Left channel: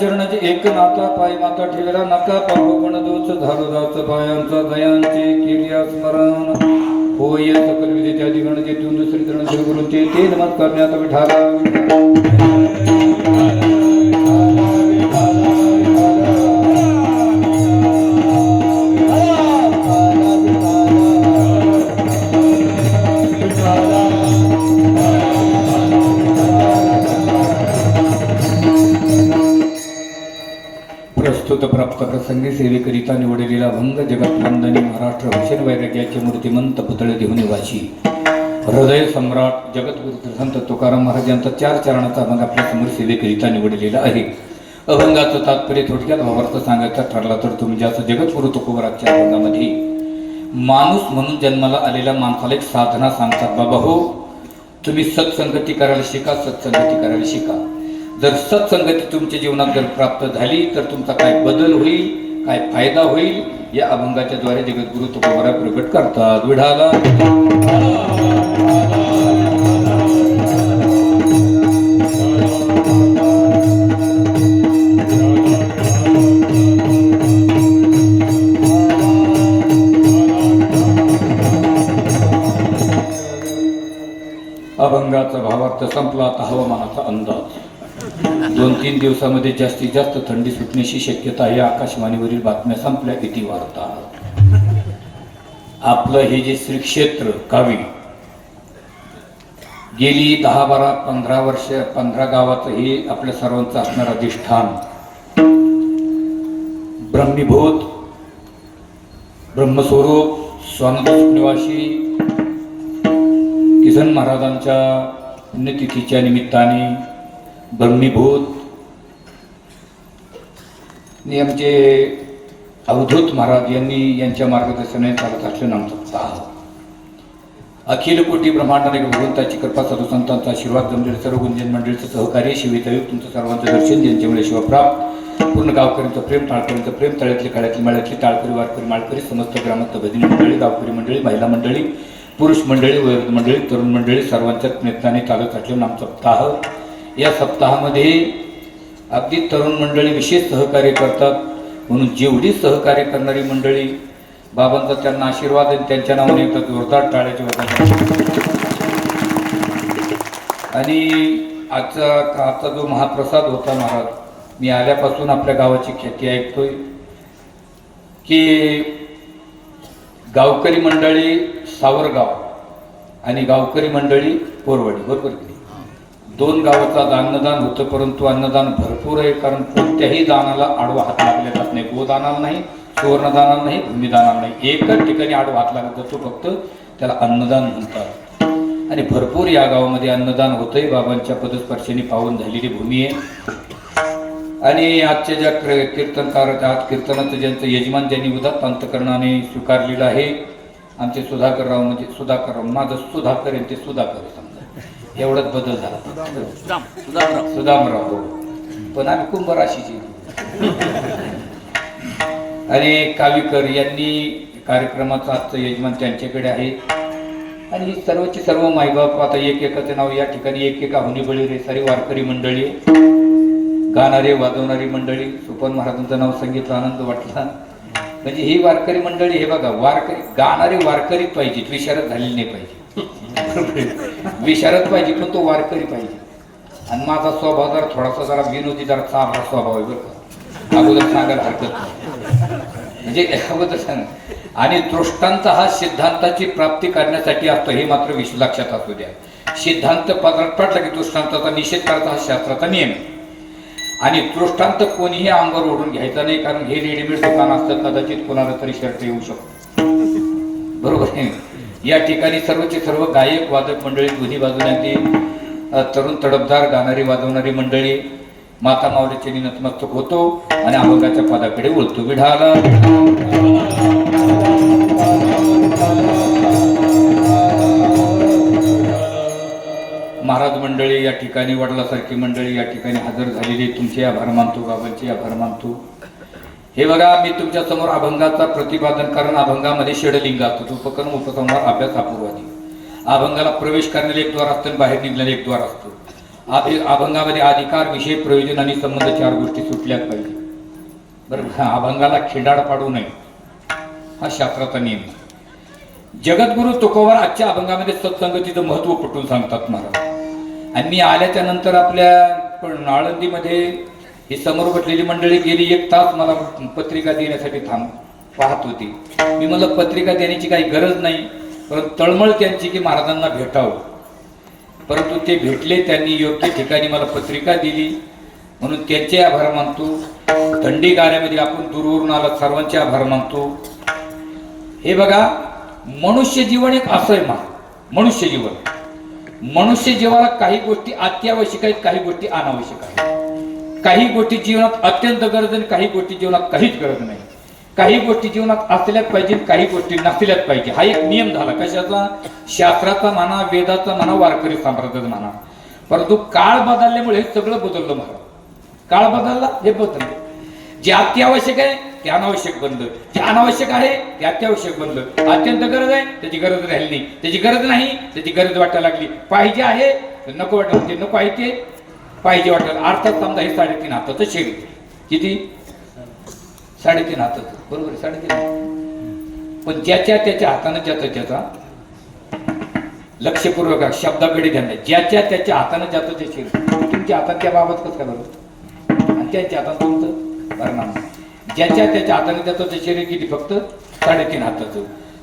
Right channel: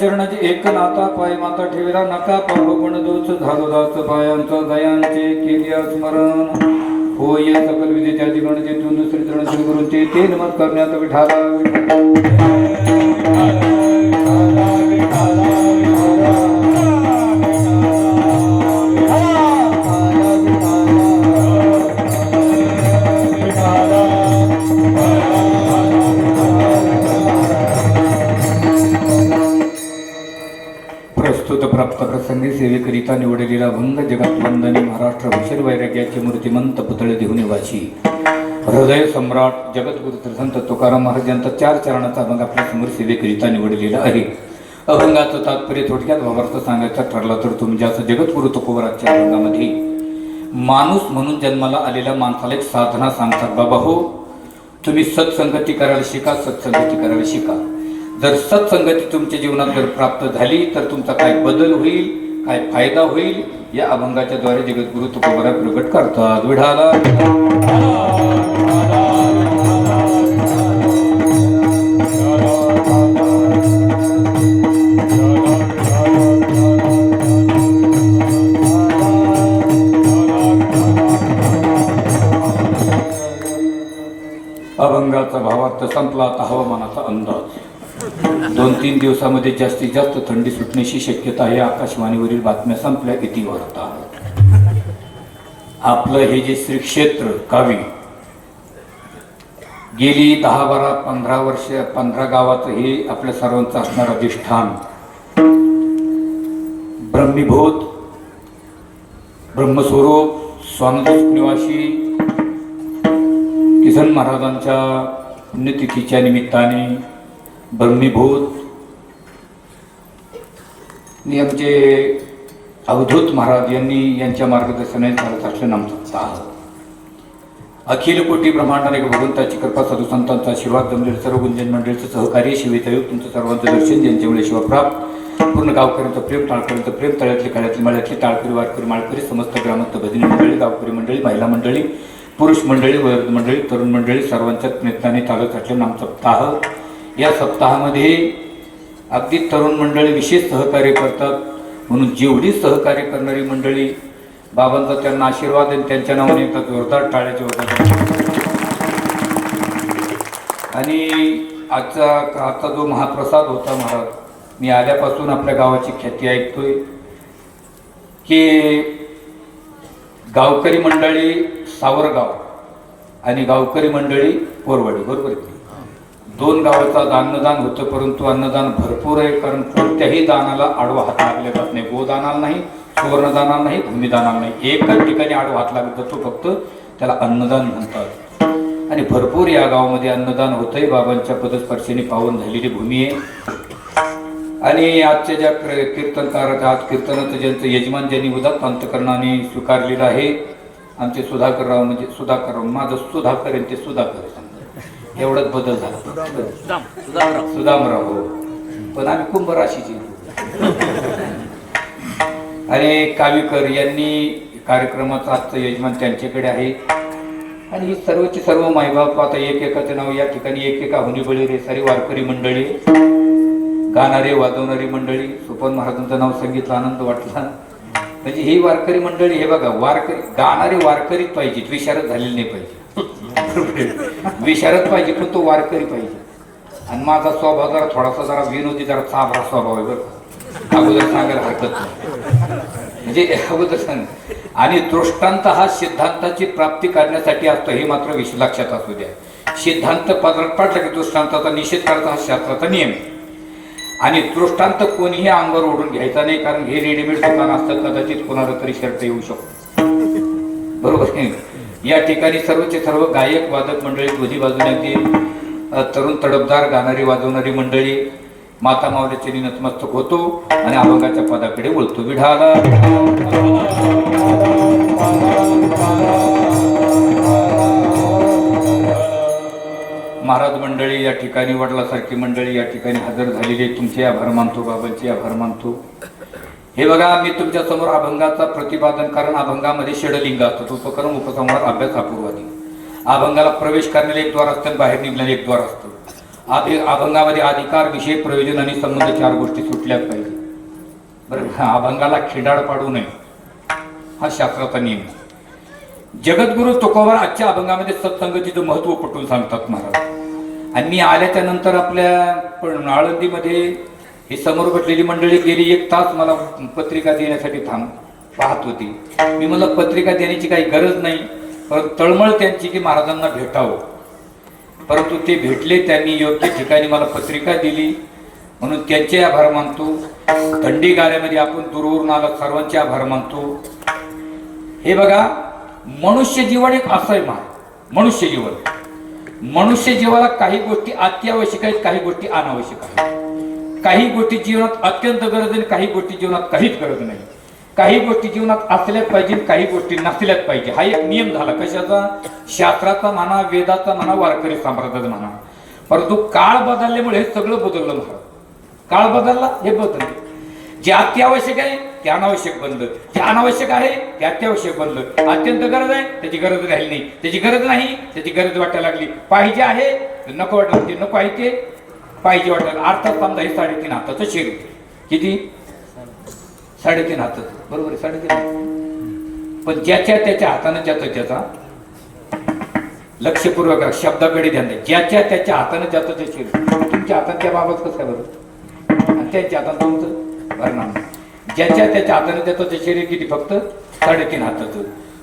चरणाचे एक नाता पाय माता ठेवला नका पापगुण दोष झालोदाच पायांचा दयांचे केल्या स्मरण होय सकल विजेच्या दिगणतेतून दुसरी तरण श्रीगुरूंचे ते नमत करण्यात विठाला प्राप्त प्रसंगी सेवेकरिता निवडलेला भंग जगत वंदनी महाराष्ट्र भूषण वैराग्याचे मूर्तिमंत पुतळे देऊन निवासी हृदय सम्राट जगद्गुरु संत तुकाराम महाराज यांचा 4 चरणाचा अभंग आपल्या समोर सेवेकरिता निवडलेला आहे. अभंगाचं तात्पर्य थोडक्यात भावार्थ सांगायचा ठरला तर तुमच्याचं जगद्गुरु तुकोबराच्या अभंगामध्ये माणूस म्हणून जन्माला आलेल्या माणसाला एक साधना सांगतात. बाबा हो, तुम्ही सत्संगती करायला शिका, सत्संगती करायला शिका. जर सत्संगती तुमच्या जीवनात जर प्राप्त झाली तर तुमचा काय बदल होईल, काय फायदा होईल, या अभंगाच्या द्वारे जगद्गुरु तुकोबरा प्रकट करतात. विढाला अभंगाचा भावार्थ संपला. आता हवामानाचा अंदाज 2-3 दिवसामध्ये जास्तीत जास्त थंडी सुटण्याची शक्यता आहे. आकाशवाणीवरील बातम्या संपल्या, किती वार्ता. आपलं हे जे श्री क्षेत्र कावी गेली 10-12-15 वर्ष 15 गावाचं हे आपल्या सर्वांचं असणारं अधिष्ठान ब्रह्मीभूत ब्रह्मस्वरूप स्वानंद निवासी किसन महाराजांच्या पुण्यतिथीच्या निमित्ताने ब्रह्मीभूत आमचे अवधूत महाराज यांनी यांच्या मार्गदर्शनाने चालत असलेला आमचा अखिल कोटी ब्रह्मांडाने भगवंताची कृपा साधू संतांचा आशीर्वाद जमलेले सर्व गुंजन मंडळीचं सहकार्य शिवितयोग तुमचं सर्वांचं दर्शन ज्यांच्यामुळे शिवप्राप्त पूर्ण गावकऱ्यांचं प्रेम, टाळकऱ्यांचं प्रेम, तळ्यातली काळ्यातली माळ्यातली टाळकरी वारकरी माळकरी समस्त ग्रामात भजनी मंडळी, गावकरी मंडळी, महिला मंडळी, पुरुष मंडळी, वयोवृद्ध मंडळी, तरुण मंडळी सर्वांच्या प्रयत्नाने चालत असलेला आमचा सप्ताह. या सप्ताहामध्ये अगदी तरुण मंडळी विशेष सहकार्य करतात. म्हणून जेवढी सहकार्य करणारी मंडळी बाबांचा त्यांना आशीर्वाद आहे, त्यांच्या नावाने एकदा जोरदार टाळ्याचे होतात. आणि आजचा जो महाप्रसाद होता महाराज, मी आल्यापासून आपल्या गावाची ख्याती ऐकतोय की गावकरी मंडळी सावरगाव आणि गावकरी मंडळी कोरवाडी, बरोबर 2 गावाचा अन्नदान होतं. परंतु अन्नदान भरपूर आहे, कारण कोणत्याही दानाला आडवा हात लागले जात नाही. गोदानाला नाही, सुवर्णदानाला नाही, भूमिदानाला नाही, एकच ठिकाणी आडवा हात लागला जातो, फक्त त्याला अन्नदान म्हणतात. आणि भरपूर या गावामध्ये अन्नदान होतंय. बाबांच्या पदस्पर्शाने पावन झालेली भूमी आहे. आणि आजच्या ज्या कीर्तनकार आज कीर्तनाचं ज्यांचं यजमान ज्यांनी उदात्त अंतकरणाने स्वीकारलेलं आहे आमचे सुधाकरराव, म्हणजे सुधाकरराव, माझं सुधाकर आहे ते सुधाकर आहे, समजा एवढाच बदल झाला. सुदामराव, पण आम्ही कुंभ राशीची. आणि कावीकर यांनी कार्यक्रमाचं आजचं यजमान त्यांच्याकडे आहे. आणि ही सर्वची सर्व मायबाप आता एकेकाचं नाव या ठिकाणी एकेका हुनीबळी रे सारी वारकरी मंडळी, गाणारे वाजवणारी मंडळी. सुपन महाराजांचं नाव सांगितलं, आनंद वाटला. म्हणजे ही वारकरी मंडळी, हे बघा, वारकरी गाणारे वारकरीच पाहिजे, विशारद झालेली नाही पाहिजे. विशारद पाहिजे पण तो वारकरी पाहिजे. आणि माझा स्वभाव जरा थोडासा जरा विनोदी, जरा चाभरा स्वभाव आहे बरं. अगोदर सांगायला हरकत नाही, म्हणजे अगोदर सांग. आणि दृष्टांत हा सिद्धांताची प्राप्ती करण्यासाठी असतो, हे मात्र लक्षात असू द्या. सिद्धांत पदरात पडला की दृष्टांताचा निषेध करायचा हा शास्त्राचा नियम आहे. आणि दृष्टांत कोणीही अंगावर ओढून घ्यायचा नाही, कारण हे रेडीमेड दुकान असतं, कदाचित कोणाला तरी शर्ट येऊ शकतो, बरोबर आहे. या ठिकाणी सर्वचे सर्व गायक वादक मंडळी, दोन्ही बाजूने अगदी तरुण तडफदार गाणारी वाजवणारी मंडळी माता माऊलीचे नतमस्तक होतो आणि अभंगाच्या पदाकडे वळतो. विढाला महाराज मंडळी या ठिकाणी, वडिलासारखी मंडळी या ठिकाणी हजर झालेली, तुमचे आभार मानतो, बाबांचे आभार मानतो. हे बघा, मी तुमच्या समोर अभंगाचा प्रतिपादन, कारण अभंगामध्ये षडलिंग असतात, उपक्रम, उपसंहार, अभ्यास, अपूर्वादी. अभंगाला प्रवेश करण्याला एक द्वार असतं, बाहेर निघण्याला एक द्वार असतो. अभंगामध्ये अधिकार, विषय, प्रयोजन आणि संबंध 4 गोष्टी सुटल्याच पाहिजे, बरोबर. अभंगाला खिंडाळ पाडू नये, हा शास्त्राचा नियम. जगद्गुरु तुकोबार आजच्या अभंगामध्ये सत्संगतीचं महत्व पटवून सांगतात महाराज. आणि मी आल्याच्या नंतर आपल्या आळंदीमध्ये ही समोर बसलेली मंडळी गेली 1 तास मला पत्रिका देण्यासाठी पाहत होती. मी मला पत्रिका देण्याची काही गरज नाही, पण तळमळ त्यांची की महाराजांना भेटावं. परंतु ते भेटले, त्यांनी योग्य ठिकाणी मला पत्रिका दिली, म्हणून त्यांचे आभार मानतो. थंडी गाऱ्यामध्ये आपण दूरवरून आलात, सर्वांचे आभार मानतो. हे बघा, मनुष्य जीवन एक असं आहे मनुष्य जीवनाला काही गोष्टी अत्यावश्यक आहेत, काही गोष्टी अनावश्यक आहेत. काही गोष्टी जीवनात अत्यंत गरज आहे, काही गोष्टी जीवनात काहीच गरज नाही. काही गोष्टी जीवनात असल्याच पाहिजे, काही गोष्टी नसल्याच पाहिजे. हा एक नियम झाला. कशाचा? शास्त्राचा म्हणा, वेदाचा म्हणा, वारकरी संप्रदायाचा म्हणा. परंतु काळ बदलल्यामुळे हे सगळं बदललं महाराज. काळ बदलला, हे बदललं. जे अत्यावश्यक आहे ते अनावश्यक बनलं, जे अनावश्यक आहे ते अत्यावश्यक बनलं. अत्यंत गरज आहे त्याची गरज राहिली नाही, त्याची गरज नाही त्याची गरज वाटायला लागली. पाहिजे आहे नको वाटलं, ते नको आहे ते पाहिजे वाटायला. अर्थात समजा हे 3.5 हाताचं शरीर, किती? 3.5 हाताचं, बरोबर आहे, 3.5 हात. पण ज्याच्या त्याच्या हाताने ज्याचा लक्षपूर्वक शब्दाकडे ध्यान द्या. ज्याच्या त्याच्या हाताने ज्याचं ते शरीर. तुमच्या हातात त्या बाबत कसं काय बरोबर, आणि त्यांच्या हातात तुमचं भरणार. ज्याच्या त्याच्या हाताने त्याचं ते शरीर किती? फक्त 3.5 हाताचं.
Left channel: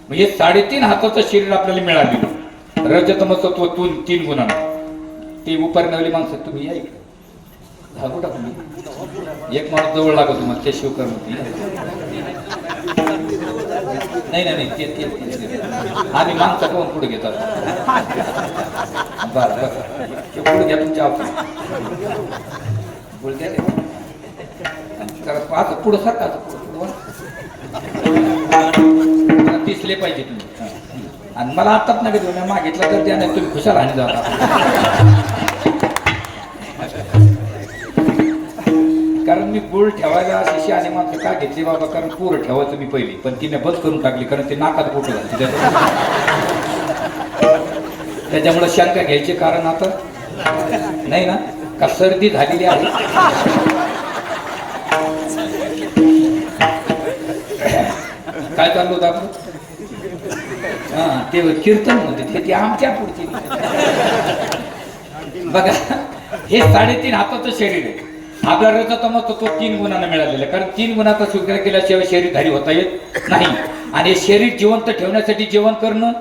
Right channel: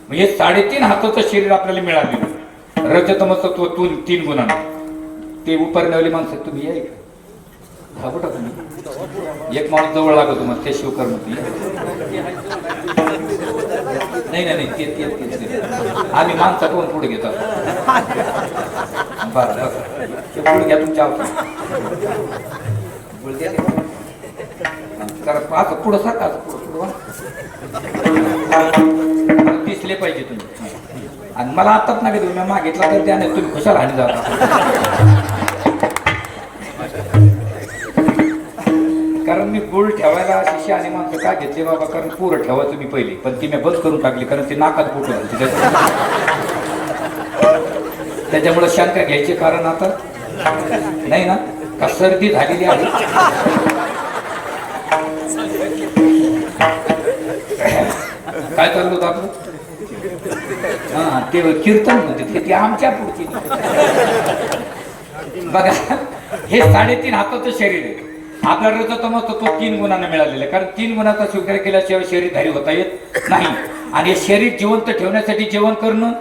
म्हणजे 3.5 हाताचं शरीर आपल्याला मिळालेलं. रजतमसत्व 3 गुणांना. ते उपरण्यावाली माणसं तुम्ही या घाबरू टाका. एक माणूस जवळ लागतो तुम्हाला, ते शिवकर नाही ते आम्ही माणसाकडून पुढे घेतात. बरं पुढे घ्या तुमच्या पुढे घ्या. असं पुढं सारखं पुढं दिसले पाहिजे तुम्ही. आणि मला आताच नाही का तुम्ही मागितला तर त्याने तुम्ही खुशाल आणि जाता. कारण मी गुळ ठेवायला शिशी आणि माणसं का घेतले बाबा, कारण पुरं ठेवायचं मी पहिली, पण ती मी बंद करून टाकली, कारण ते नाकात फुटू झाली. त्याच्यामुळे शंका घ्यायचे कारण आता नाही ना, का सर्दी झालेली आहे. काय चाललं होतं आपण? हा, ते कीर्तन होते, ते आमच्या पुढची. बघा, हे 3.5 हाताचं शरीर आहे. आपल्या रजतमस्तत्व तो 3 गुणांना मिळालेलं, कारण 3 गुणाचा स्वीकार केल्याशिवाय शरीरधारी होता येत नाही. आणि शरीर जिवंत ठेवण्यासाठी जेवण करणं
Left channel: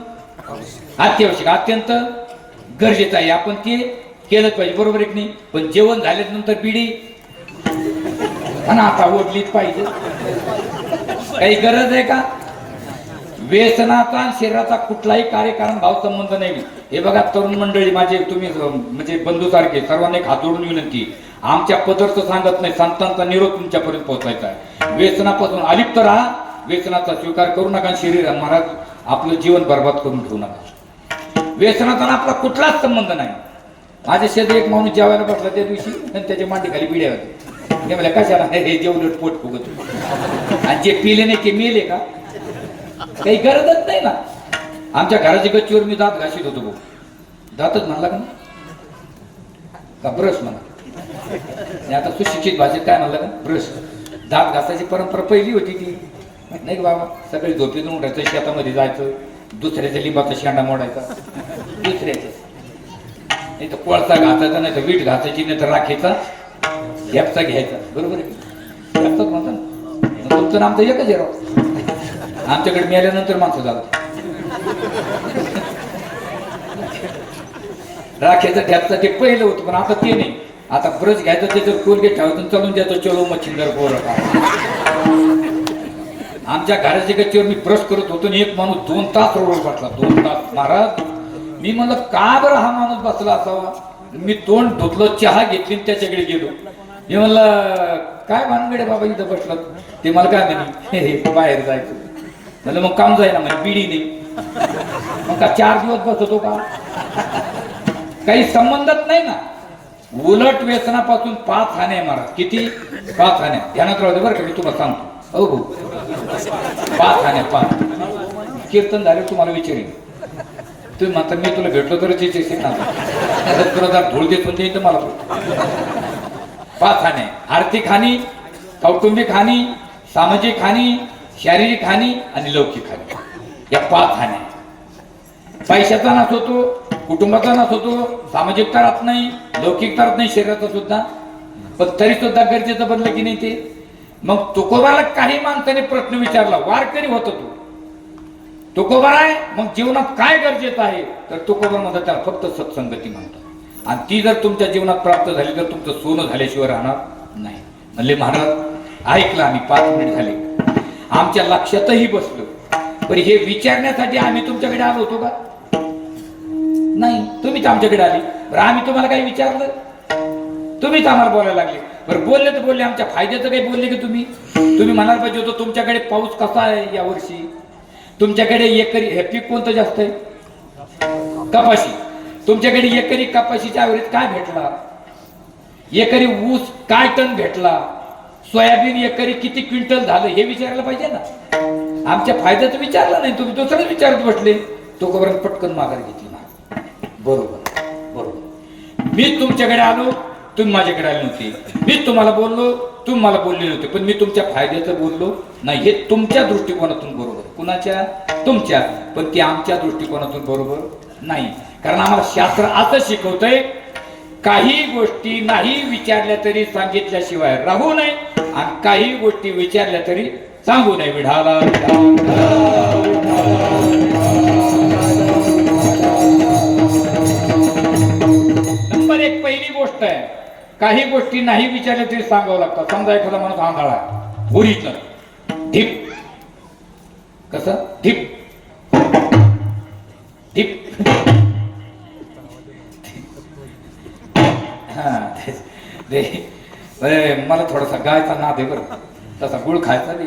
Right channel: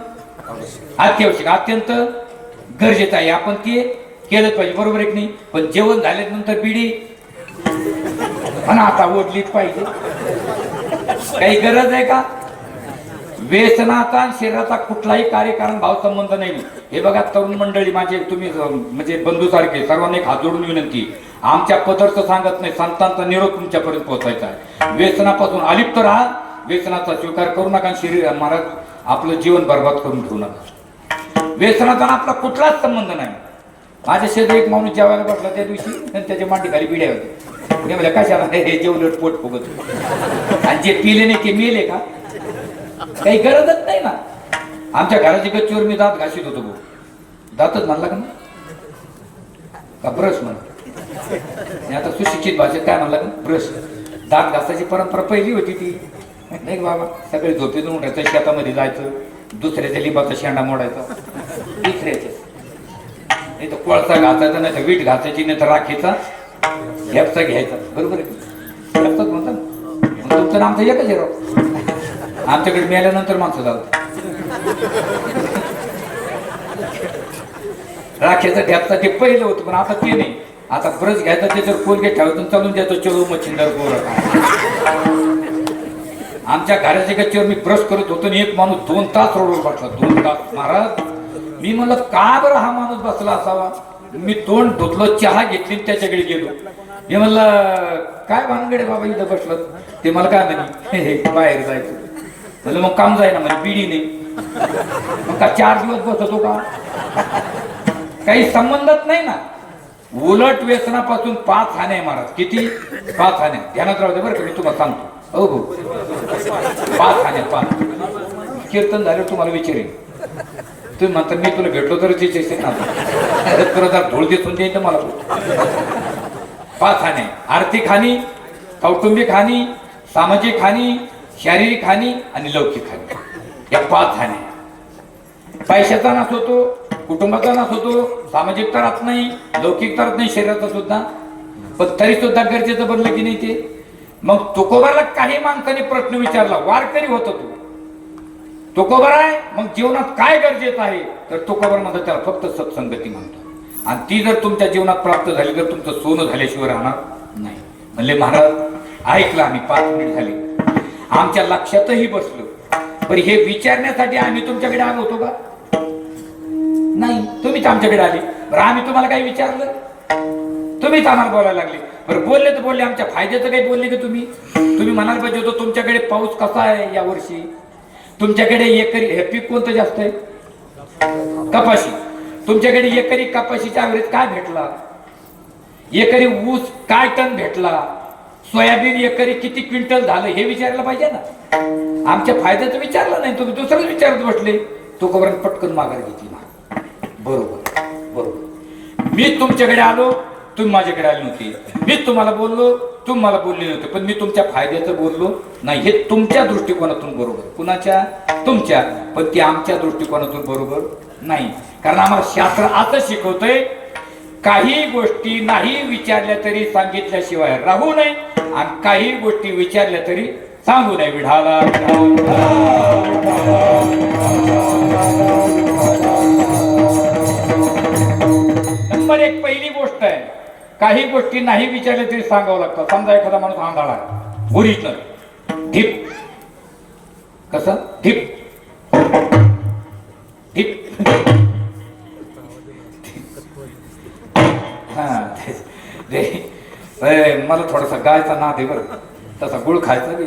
अत्यावश्यक, अत्यंत गरजेचं आहे. आपण ते केलंच पाहिजे, बरोबर आहे की नाही? पण जेवण झाल्यानंतर बिडी पण आता ओढलीच पाहिजे. काही गरज आहे का? व्यसनाचा शरीराचा कुठलाही कार्यकारण भाव संबंध नाही. हे बघा तरुण मंडळी माझे, तुम्ही म्हणजे बंधूसारखे, सर्वांना एक हात जोडून विनंती, आमच्या पदार्थ सांगत नाही, संतांचा निरोप तुमच्यापर्यंत पोहोचायचा आहे. व्यसनापासून अलिप्त राहा, व्यसनाचा स्वीकार करू नका. शरीर महाराज आपलं जीवन बर्बाद करून ठेवू नका. व्यसनाचा आपला कुठलाच संबंध नाही. माझ्या शेजारी एक माणूस जेवायला बसला त्या दिवशी, आणि त्याच्या मांडी खाली बिड्या होत्या. मी म्हणलं कशाला? हे जेवलं पोट फुगत, आणि जे पिले नाही ते मेले का? काही गरजच नाही ना. आमच्या घराच्या गच्चीवर मी दात घाशीत होतो भाऊ, दातच म्हणला का ब्रश म्हणा. आता सुशिक्षित भाषेत काय म्हणला का? ब्रश. दात घासायची परंपरा पहिली होती ती, नाही का बाबा? सगळे झोपेतून उठायचं, शेतामध्ये जायचं, दुसऱ्याच्या लिंबाचा शेंडा मोडायचा, दुसऱ्याच्या नाही तर कोळसा घासायचा, नाही तर वीट घासायची, नाही तर राखेचा हेपचा घ्यायचा, बरोबर आहे? तुमचं नाम तर एकच आहे राव. आमच्याकडे मेल्यानंतर माणसं जातात. राख्याचा ठ्यापचा ते पहिलं होतं, पण आता ते नाही. आता ब्रश घ्यायचा, त्याच्यावर कोलगेट ठेवायचं, चालून द्यायचं, चलो मच्छिंदर बोल. आमच्या घराच्या गच्चीवर मी ब्रश करत होतो आणि एक माणूस 2 तास रोडवर बसला. 2 तास. महाराज, मी म्हणलं का बरं हा माणूस बसला असावा. मी तोंड धुतलं, चहा घेतली, त्याच्याकडे गेलो. मी म्हणलं काय भानगडे बाबा इथं बसलं. ते मला काय म्हणे, बाहेर जायचं. म्हणलं मग काम जाय ना. म्हणजे बिडी नाही. मग का 4 दिवस बसतो का? काही संबंधच नाही ना. उलट व्यसनापासून 5 हाने महाराज. किती? 5 हाने. ध्यानात राहू दे बरं का, मी तुम्हाला सांगतो. हो हो, 5 हाने. 5 कीर्तन झाले तुम्हाला विचारेन. तुम्ही म्हणता मी तुला भेटलो तर तिचे ना तुला जर धूळ देतून दे तर मला 5 हाने. आर्थिक हानी, कौटुंबिक हानी, सामाजिक हानी, शारीरिक हानी आणि लौकिक हानी. या 5 हानी. पैशाचा नाश होतो, कुटुंबाचा नाश होतो, सामाजिक तरात नाही, लौकिक तरात नाही, शरीराचा सुद्धा. पण तरी सुद्धा गरजेचं बनलं की नाही ते. मग तुकोबाला काही माणसाने प्रश्न विचारला. वारकरी होता तुकोबा आहे, मग जीवनात काय गरजेचं आहे? तर तुकोबा मध्ये त्याला फक्त सत्संगती म्हणतो. आणि ती जर तुमच्या जीवनात प्राप्त झाली तर तुमचं सोनं झाल्याशिवाय राहणार नाही. म्हणले महाराज ऐकलं आम्ही, 5 मिनिट झाले, आमच्या लक्षातही बसलं. पण हे विचारण्यासाठी आम्ही तुमच्याकडे आलो होतो का? नाही, तुम्हीच आमच्याकडे आले. बरं आम्ही तुम्हाला काही विचारलं? तुम्हीच आम्हाला बोलायला लागले. बरं बोलले तर बोलले, आमच्या फायद्याचं काही बोलले की तुम्ही? तुम्ही म्हणायला पाहिजे होतं तुमच्याकडे पाऊस कसा आहे या वर्षी, तुमच्याकडे एकरी हे पीक कोणतं जास्त आहे? कपाशी. तुमच्याकडे एकरी कपाशीचा ॲव्हरेज काय भेटला? एकरी ऊस काय टन भेटला? सोयाबीन एकरी किती क्विंटल झालं हे विचारायला पाहिजे ना. आमच्या फायद्याचं विचारलं नाही, तुम्ही दुसरंच विचारत बसले. तो खबर पटकन माघार घेतली ना. बरोबर बरोबर. मी तुमच्याकडे आलो, तुम्ही माझ्याकडे आले नव्हते. मीच तुम्हाला बोललो, तुम्ही मला बोलले नव्हते. पण मी तुमच्या फायद्याचं बोललो नाही. हे तुमच्या दृष्टिकोनातून बरोबर. कुणाच्या? तुमच्या. पण ती आमच्या दृष्टिकोनातून बरोबर नाही. कारण आम्हाला शास्त्र असं शिकवतंय, काही गोष्टी नाही विचारल्या तरी सांगितल्याशिवाय राहू नये, आणि काही गोष्टी विचारल्या तरी सांगू नये. विढाला नंबर 1 पहिली गोष्ट आहे, काही गोष्टी नाही विचारल्या तरी सांगावं लागतं. समजा एखादा माणूस आंधळा, ओरिजिनल ढीप. कसं ढीप? ढीप. मला थोडासा गायचा नाद आहे बरं, तसा गुळ खायचा नाही.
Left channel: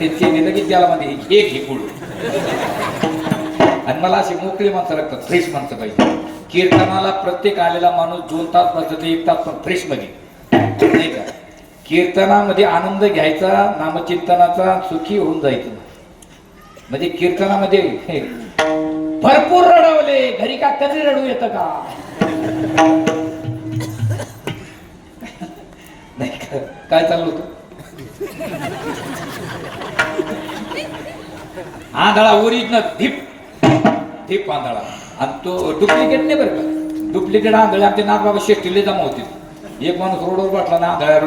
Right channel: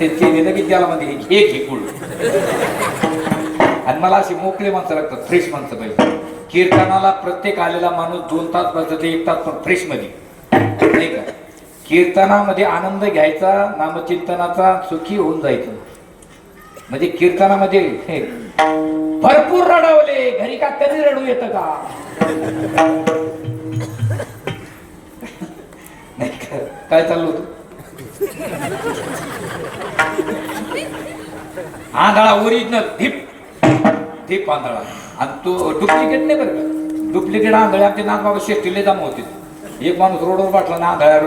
ते चेने की त्याला मध्ये घे गुळ. आणि मला अशी मोकळी माणसं लागतात, फ्रेश माणसं पाहिजे. कीर्तनाला प्रत्येक आलेला माणूस 2 तास बसतो, 1 तास पण फ्रेश मध्ये नाही का. कीर्तनामध्ये आनंद घ्यायचा, नामचिंतनाचा, सुखी होऊन जायचं. म्हणजे कीर्तनामध्ये भरपूर रडवले, घरी का कमी रडू येतं का? नाही का? काय चाललं होतं? आंधळा ओरिजिनल ढीप ढीप आंधळा. आणि तो डुप्लिकेट नाही बरं का. डुप्लिकेट आंधळे आमचे नाथबाबा शेष्टीले जमा होते. एक माणूस रोडवर बाटला ना, आंधळ्या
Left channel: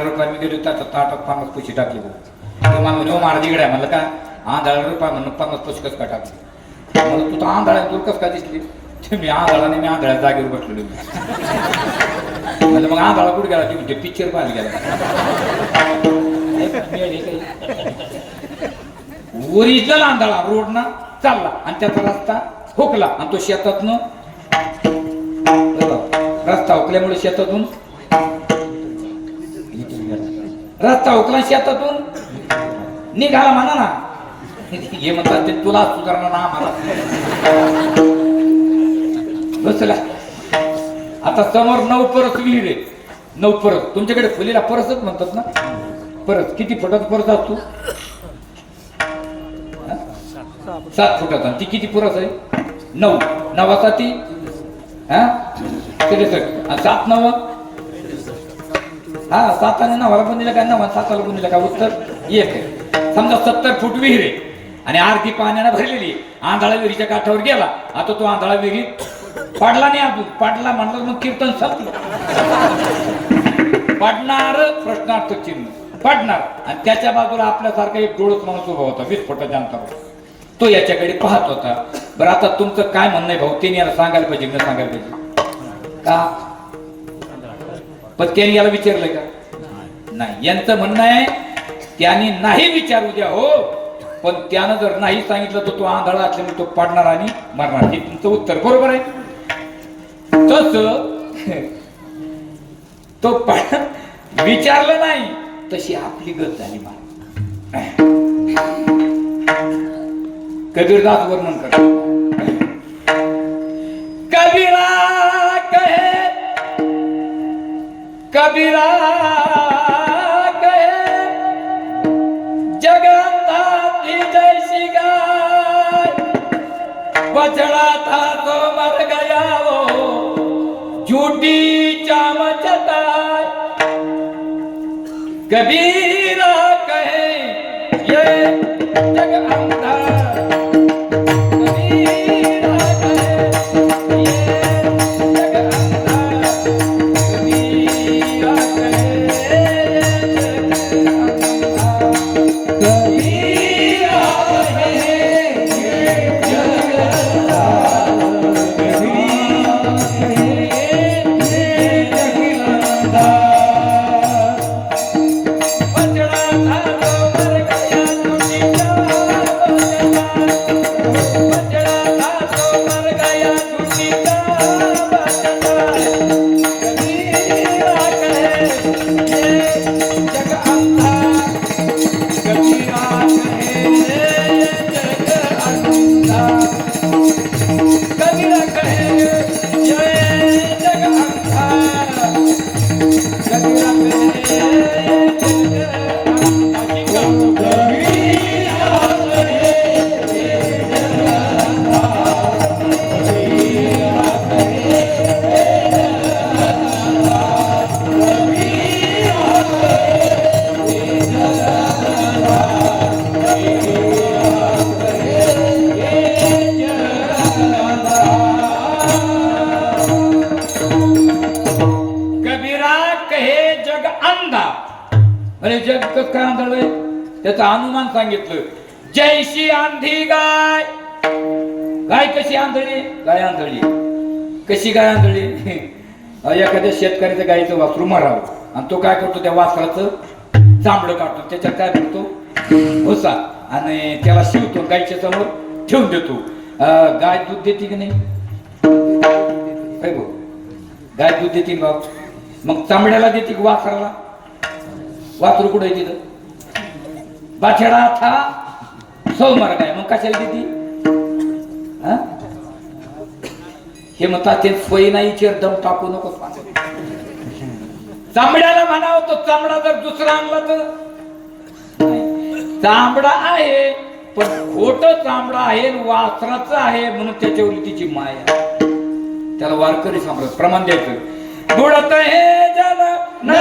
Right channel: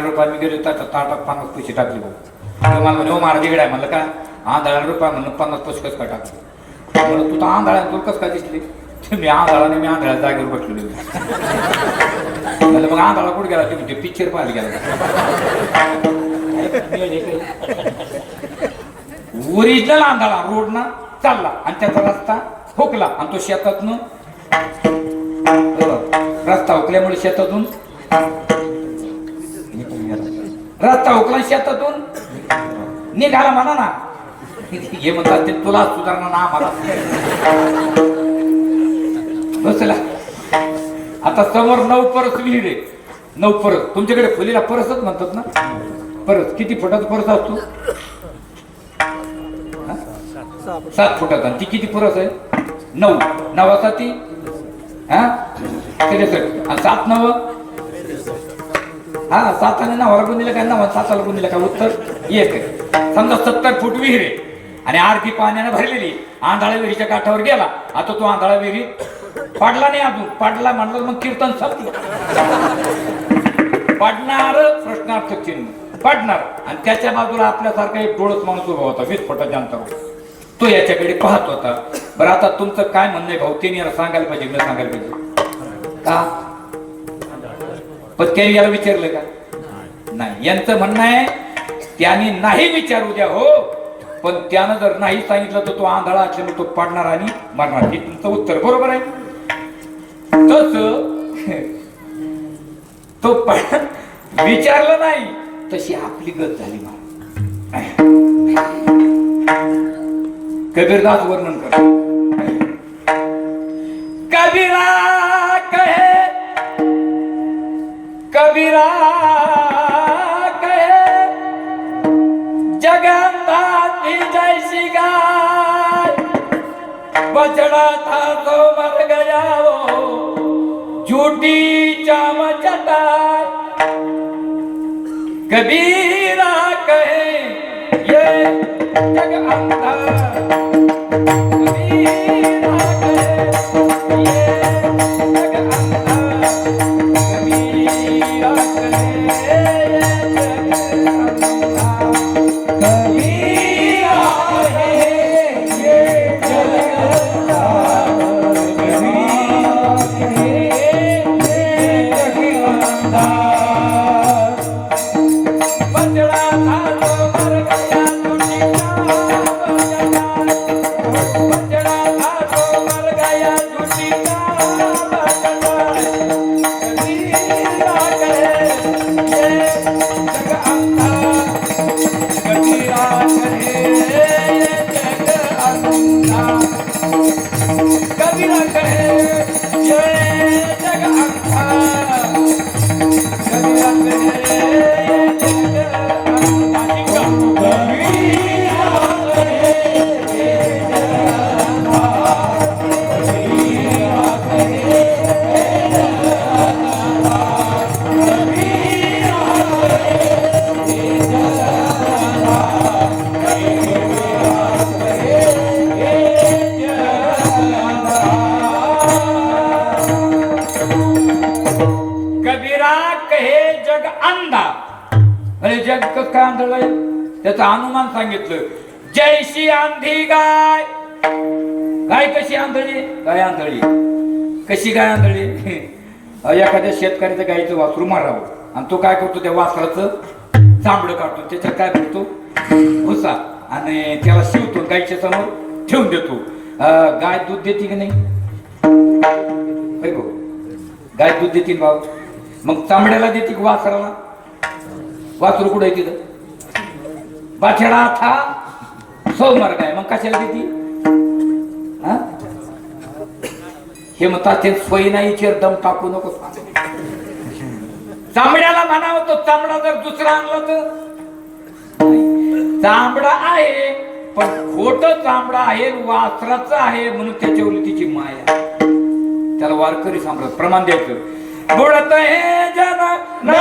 रुपये मी गेलो त्याच्या ताटात 50 पैसे टाकले. भाऊ मला म्हणे महाराज इकडे आहे. म्हणलं काय? आंधळ्या रुपये म्हणून 50 पैसे कसं काय टाकले? म्हणून तू तर आंधळ्या, तुला कसं काय दिसली? मी आंधळाने मी आंधळ्या जागेवर बसलेलो. म्हणलं मग आंधळा कुठे गेला? तुम्ही पिक्चर पाहायला गेला. ओरिजिनल आंधळा रोड ना चालला आणि त्याचा रस्ता हुकला आणि तो शेतातून, रस्ता हुकल्यामुळे शेतातून रस्ता हुकला, शेतातून निघाला म्हणा ना. हे म्हणतात ते तुला सुधारणा ना आम्हाला. बसला आता समोर 9 परस विहीर आहे. 9 परस. तुमच्याकडे फुलीला परसच म्हणतात ना. परस किती फुटाचा परस असतो? 7 फुटाचा. ती किती परस आहे? 9. 9 ती 63. 7 9 7 आणि 9 पण दिलं काय? 9 7 पण दिलं का? उत्तर 1 आहे. समजा 70 फूट विहीर आहे आणि अर्धी पाण्यानं भरलेली. आंधळा विहिरीच्या काठावर गेला. आता तो आंधळा विहिरीत पडला नाही. अजून पडला म्हणलं मग कीर्तन संपलं. पडणार प्रश्नार्थक चिन्ह पडणार आणि त्याच्या बाजूला आपल्यासारखा एक डोळस माणूस उभा होता 20 फुटाच्या अंतरावर. तो याच्याकडे पाहत होता. बरं आता तुमचं काय म्हणणं आहे भाऊ? त्यांनी याला सांगायला पाहिजे न सांगायला पाहिजे का? पण त्यांनी याला विचारलं का? नाही. यांचं म्हणणं आहे त्याने नाही विचारू द्या हो, पण त्यानं जर नाही सांगितलं तर तो आंधळा असल्यामुळे तो पडणार आणि मरणार. हे तुमचं उत्तर बरोबर आहे. तस तो विचारलं नाही तशी आपली गत झाली. कबीरदास वर्णन कर. कबीरा कहे कबीरा कहे जगन्नाथ जैसी गाय बछड़ा था तो मर गया वो झूठी चाम चटाई. कबीरा कहे ये जग अंधा. कबीरा कहे ये जग अंधा. कबीरा कहे ये जग अंधा. कबीरा कहे ये जग अंधा. कबीरा कहे ये जग अंधा. बछड़ा था तो मर गया झूठी बछड़ा था तो मर गया झूठी कबीरा कहे ये जग अंधा. कबीरा कहे ये जग अंधा. कबीरा कहे ये जग अंधा. कबीरा कहे जग अंधा. म्हणजे जग कसं काय आंधळय त्याचं अनुमान सांगितलं. जैशी आंधी गाय. गाय कशी आंधळी? गाय आंधळी. कशी गाय आंधळी? एखाद्या शेतकऱ्याच्या गायचं वासरू मारावं आणि तो काय करतो? त्या वासराचं चांबडं काढतो, त्याच्यात काय करतो? भुसा, आणि त्याला शिवतो, गायच्या समोर ठेवून देतो. गाय दूध देते की नाही? काय भाऊ? गाय दूध देते भाऊ. मग चांबड्याला देते की वासराला? वासरू कुठे तिथं? बछड़ा था सो मर गया. मग कशाला देते? हे म्हणतात ते सोयी नाही चेर दम टाकू नको. चांबड्याला म्हणावं तो चांबडा जर दुसरा आणला तर चांबडा आहे पण खोट चांबडा आहे, वासराचं आहे म्हणून त्याच्यावर तिची माया. त्याला वारकरी सांभाळ प्रमाण द्यायचं. बुडत हे जन न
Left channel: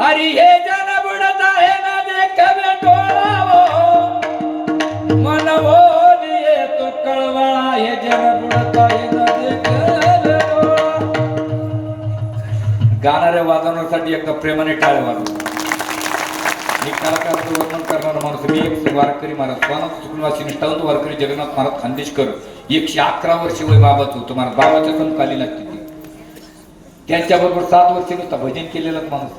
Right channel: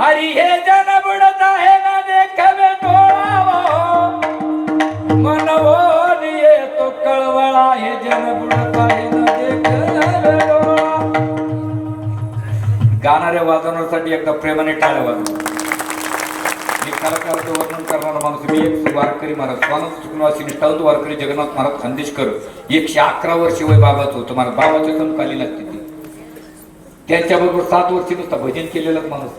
हरी हे जन बुडत आहे ना देखवे डोळावो मनवो लिए तो कळवळा. हे जन बुडत आहे ना देखवे डोळा. गाणाऱ्या वाजवण्यासाठी एकदा प्रेमाने टाळ्या वाजव. मी कलाकाराचं वर्णन करणारा माणूस. मी एक वारकरी महाराज स्वानंद सुखनिवासी निष्ठावंत वारकरी जगन्नाथ महाराज खानदेशकर 111 वर्ष वय बाबाच होतं. महाराज बाबाच्या समकालीन लागते ती. त्याच्याबरोबर 7 वर्ष नुसता भजन केलेलं माणूस.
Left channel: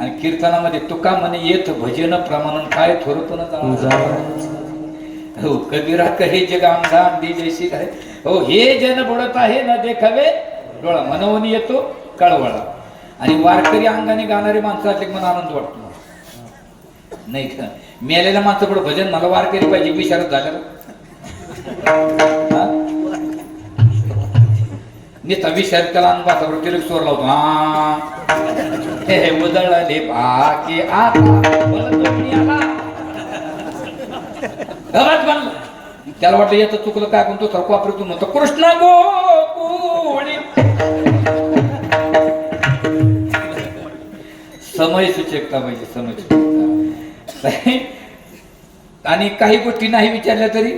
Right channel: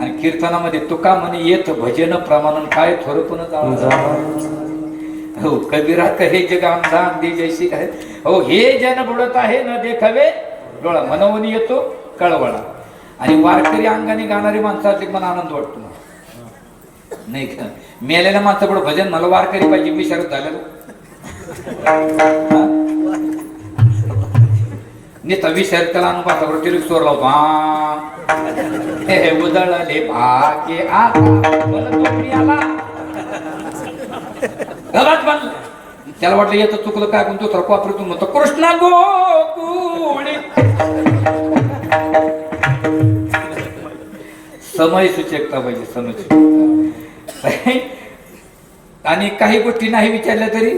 आणि कीर्तनामध्ये तुका म्हणे येत भजन प्रमाण काय थोरपण हो. कबीरा कहे जग अंधा अंधी जैसी आहे. हो हे जन बुडत आहे न देखावे डोळा मनवून येतो कळवळा. आणि वारकरी अंगाने गाणारी माणसाचे मन आनंद वाटतो. नाही का मेलेल्या माणसापुढे भजन मला वारकरी पाहिजे विचारत झालं. नेता विचार केला अनुभातावर तिला चोर लावतो. हे उजळले भाके आता मला आला गवत बनलं. त्याला वाटलं याचं चुकलं काय कोणतो तर वापरतून म्हणतो कृष्णा गोकुळे. समय सूचकता पाहिजे, समय सूचकता. आणि काही गोष्टी नाही विचारल्या तरी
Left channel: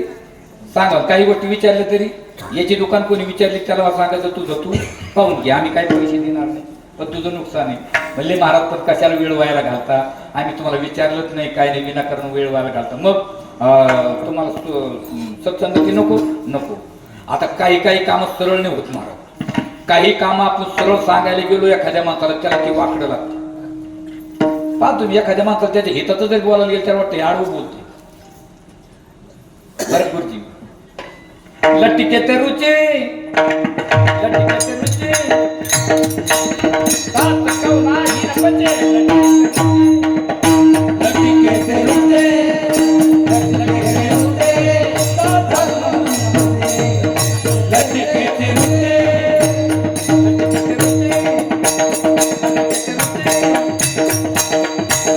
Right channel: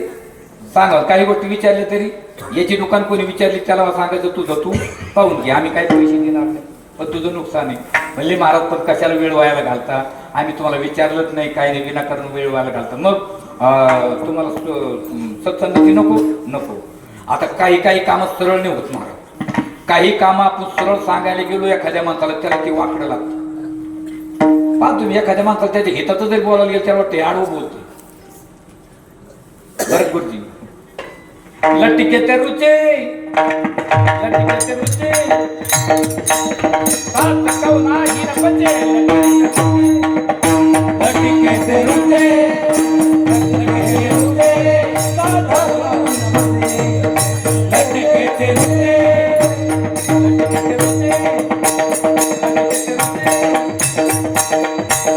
सांगा, काही गोष्टी विचारल्या तरी याची दुकान कोणी विचारली त्याला सांगायचं तुझं तू पाहून घे, आम्ही काही पैसे देणार नाही, पण तुझं नुकसान आहे. म्हणले महाराज पण कशाला वेळ व्हायला घालता, आम्ही तुम्हाला विचारलंच नाही, काही नाही, विनाकारण वेळ व्हायला घालता, मग तुम्हाला सत्संगती नको नको. आता काही काही कामं सरळ नाही होत महाराज, काही कामं आपण सरळ सांगायला गेलो एखाद्या माणसाला त्याला ते वाकडं लागतं. पहा तुम्ही एखाद्या माणसाला त्याच्या हिताचं जरी बोलायला गेलं त्याला वाटतं आडवं बोलते. गुरुजी लटिके ते रुचे, लटिके ते रुचे, बात कौना ही न बचे, लटिके ते रुचे, लटिके ते रुचे,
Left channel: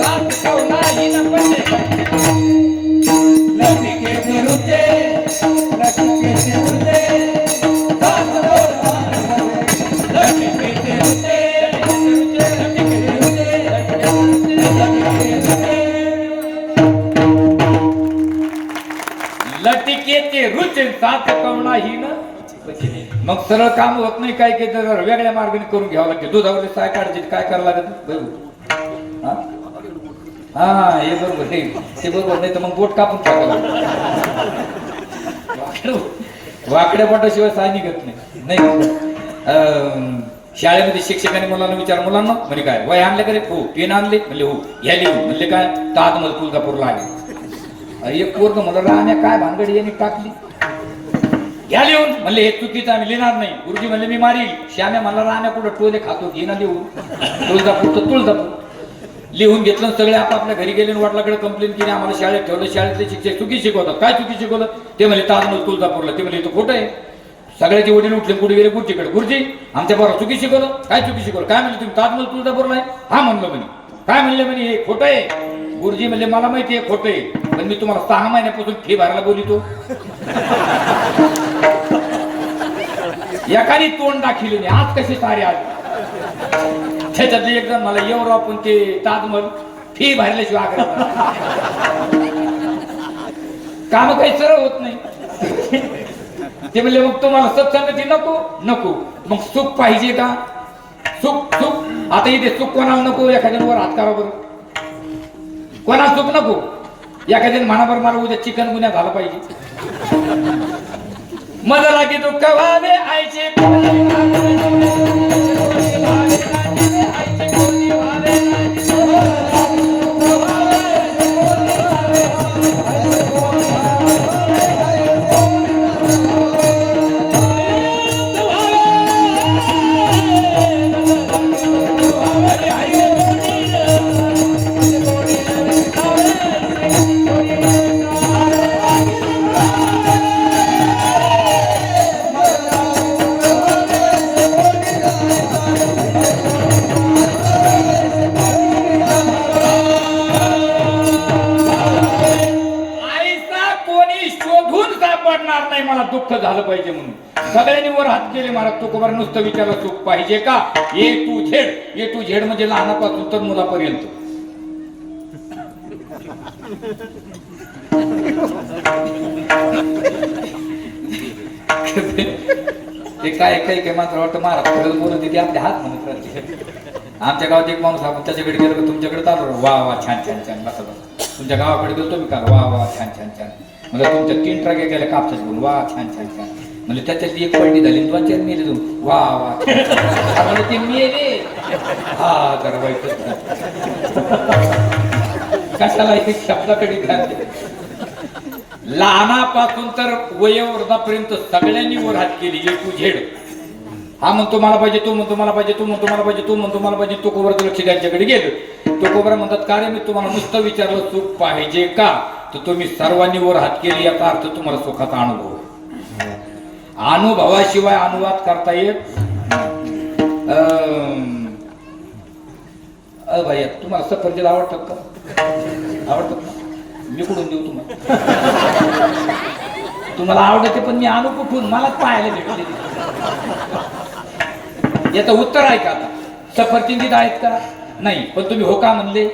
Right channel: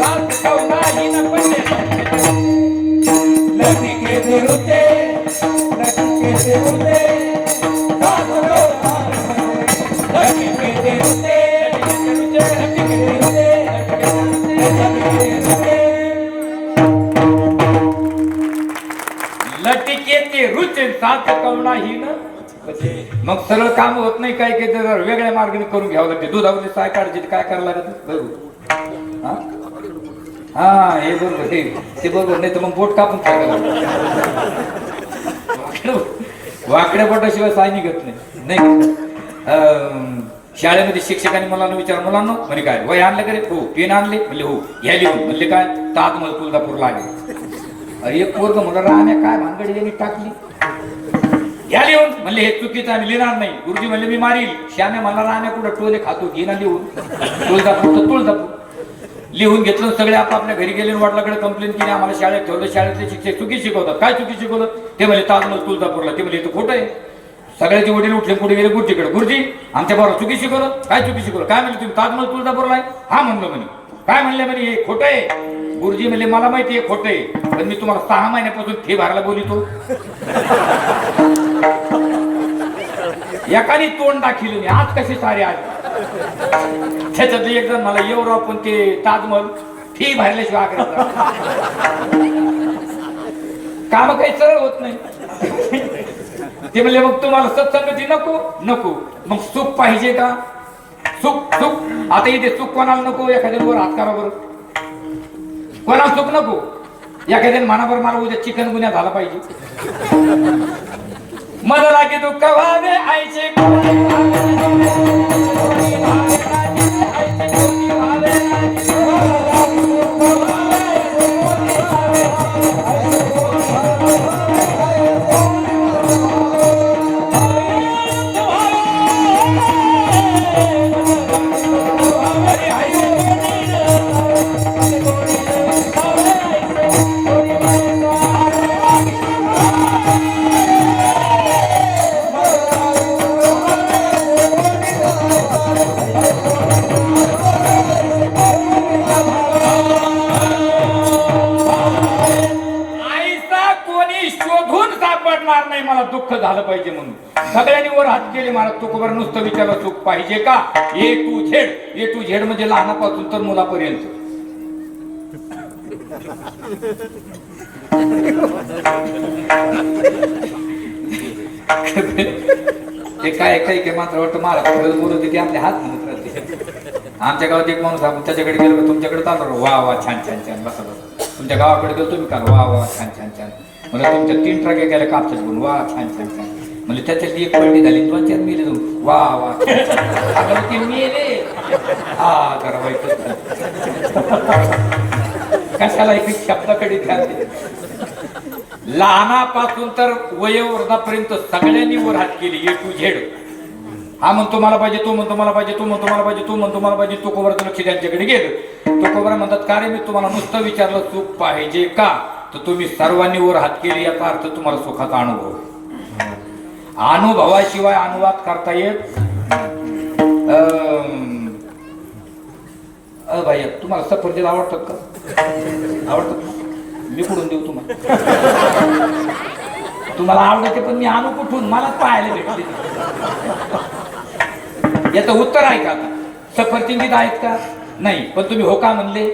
बात कौना ही न बचे, लटिके ते रुचे. मग सरळ काम होत नाही, काय काय वेगळ्या मार्गाने करून घ्यावं लागते. दुधावरली साय काढायची, काय करायला लागत बरोबर. हा हे बरोबर, ते बरोबर, नाही तर मग बोट कापून टाकायला. वाकड्या पटाशिवाय साय निघत नाही. शाळेमध्ये शिक्षकांनी मुलांना विचार, मुलांना म्हणजे काय वय आणले का रे? हो. पेन आणले? म्हणले हो. घ्या लिहून. म्हणले काय? ताजमहल तुळजापूरला आले. एक वर्ग म्हणलं राहण्या काय भानगडी यांनी टाकली, घ्या लिहून. म्हणले हे चुकीचं, आम्ही लिहिणार नाही. गुरुजी म्हणले मी मारील. श्याम्या म्हणला राहण्या कुठं टोले खातो, घे ना लिहून. तुळजापूर तर तुळजापूर लिहून घेतलं. सगळे आपापल्या घरी गेले, वडिलांकडे कंप्लेंट केली, आम्हाला शाळेत ठेवलं. शाळेतले शिक्षक चुकी शिकवतात. काय चुकी शिकवलं? ते म्हणले ताजमहल तुळजापूरला. ते म्हणले तो खोटं आहे. सगळ्याचे वडील उठले, पुढे गेले गुरुजीकडे. गुरुजी आमच्या पोराला चुकी शिकवलं. काय चुकी शिकवलं? काय म्हणले तुम्ही ताजमहल तुळजापूरला आहे? हा म्हणलं म्हणे. काय म्हणले म्हणे? हे खोटं आहे. गुरुजी म्हणले मला माहिती आहे खोटं आहे, पण मी तुम्हाला 6 महिन्यापासून फी भरायला बोलितो. एकाने तोंड दाखिलं नाही, आज कशी सारे आले. त्याच्यात एक जण मला एवढं पण ते ताजमहल फी भरल्याशिवाय आग्रह, काम काही सरळ होत नाही. ते म्हणले मग तुम्हाला सत्संगती नको नको, मग सुख पाहिजे का? सुख सुख आता इथे सुख कोणाला नको? एखाद्यावर हात करा बरं. कोणाला सुख नको? एखाद्याने मनावर मला उद्या चिकन गुन्हा झाला पाहिजे. मला लागे दुःख व्हावे आईचे, मला दुःख झालं पाहिजे म्हणून सगळ्यांनी वर हात केले. महाराज तुकोबार नुसतं विचारलं सुख पाहिजे का? A to Z. A to Z म्हणजे लहानापासून तर मुलापर्यंत. ते काय काही मात्र वाटतं महाराज बोलत ते आपले हात म्हणत राहते. आमच्या गावात एक माणूस आपण त्याच्याकडे गेलो का तुमच्याकडे चालू वा वा छान छान छान बसा बसा. तुमच्या गावाकडे गेलो तुम्ही का वा वा छान छान छान. म्हणजे तुमच्या 3 ट्रक गेल्या कापसात बोल वा छान छान छान. म्हणजे त्याच्यात एक पलटी झाली 2-4 मेले तू वा वा. आता ते मेले हा जरा वाईट कशाला एक शब्दाकडे ध्यान दे. लहानापासून तर वयोवृद्धापर्यंत सगळ्यांनी वर हात केली. ए टू झेड. हा म्हणतो मला पाहिजे, तो म्हणतो मला पाहिजे, तो म्हणतो मला पाहिजे, तो म्हणतो मला पाहिजे. तो कोबराचं लक्ष त्यांच्याकडे गेलं. तो कोबरा म्हणतात का रे मी तुम्हाला नुसतं विचारलं सुख पाहिजे का? तर तुम्ही सर्वांनी वर हात केले याचा अर्थ तुम्हाला सुखाचा अनुभव. अनुभवाशिवाय अनुवाद करता येत. भाई तुम्हाला सफरचंद आवडतात का? आवडतात ना? मी कुठून देऊ तुम्हाला? तुम्हाला आवडते पण मी आणू कुठून, मला पाहायला भेटले. याचं उत्तर आहे का आता? सफरचंदीत आहेत का? नाही. पण तुम्ही हो का म्हणले?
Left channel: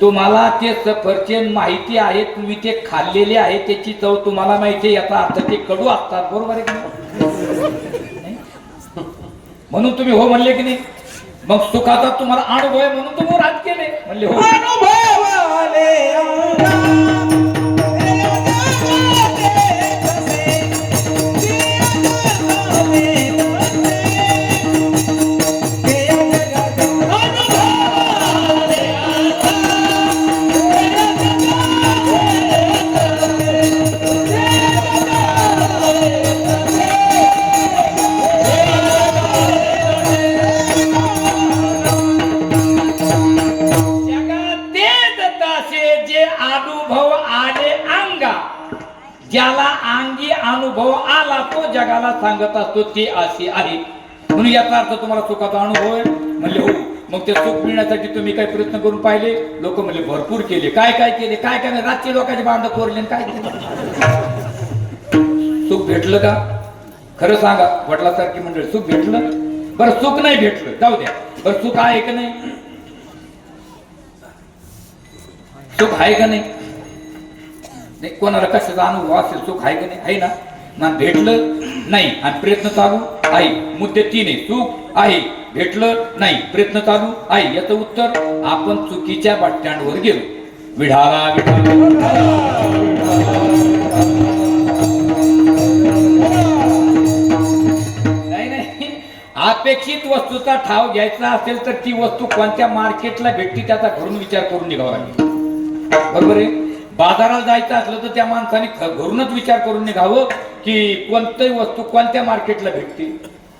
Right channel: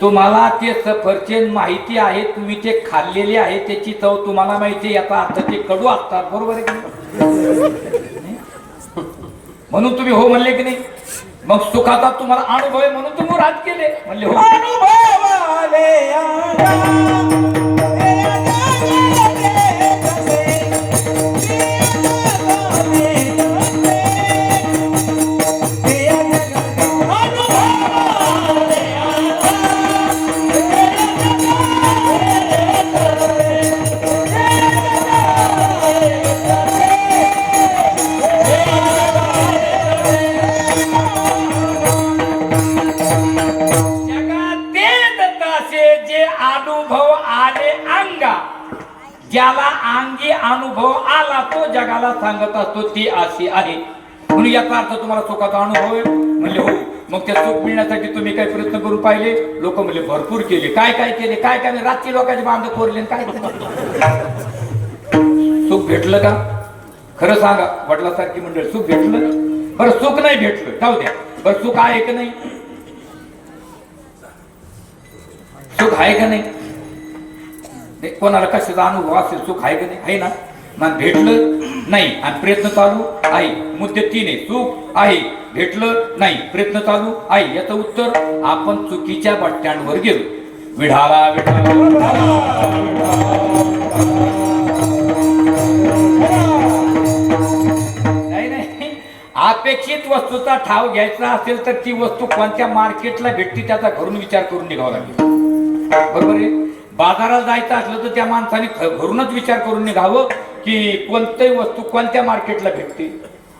तुम्हाला ते सफरचंद माहिती आहे, तुम्ही ते खाल्लेले आहे, त्याची चव तुम्हाला माहिती आहे, याचा अर्थ ते कडू असतात. बरोबर आहे की नाही? म्हणून तुम्ही हो म्हणले की नाही? मग सुखाचा तुम्हाला अनुभव आहे म्हणून तुम्ही राज केले म्हणले हो. ज्याला अंगी अनुभव आला तो जगाला सांगत असतो ते असे आहे. म्हणून याचा अर्थ तुम्हाला सुखाचा अनुभव आहे म्हणले हो. मग ते सुख मिळण्यासाठी तुम्ही काय प्रयत्न करून पाहिले? लोक म्हणले भरपूर केले. काय काय केले? काय काय रात्री लोकांचे बांध कोरले काय सुख भेटलं का? खरं सांगा वडिलासारखी मंडळ, सुख भेटलं? बरं सुख नाही भेटलं जाऊ द्या. बरं सुख आहे का नाही? सुख आहे का नाही? कोणाला कशाचा अनुभव असेल सुख आहे का नाही? आहे ना. मग भेटलं नाही आणि प्रयत्न चालू आहे. मुद्दे 3 आहे. सुख आहे, भेटलं नाही, प्रयत्न चालू आहे. याचं उत्तर आपण चुकीच्या बट्ट्यांवर गेलो. विढाला नाही. अपेक्षित वस्तूचा ठाव घ्यायचा असेल तर ती वस्तू कोणत्या मार्केटला भेटते त्याचा घरून विचार करून निघावा लागेल. बरोबर आहे. बाजारात जायचं असलं तर त्या माणसाने घरूनच विचार करून निघावं की कोणती वस्तू कोणत्या मार्केटला भेटते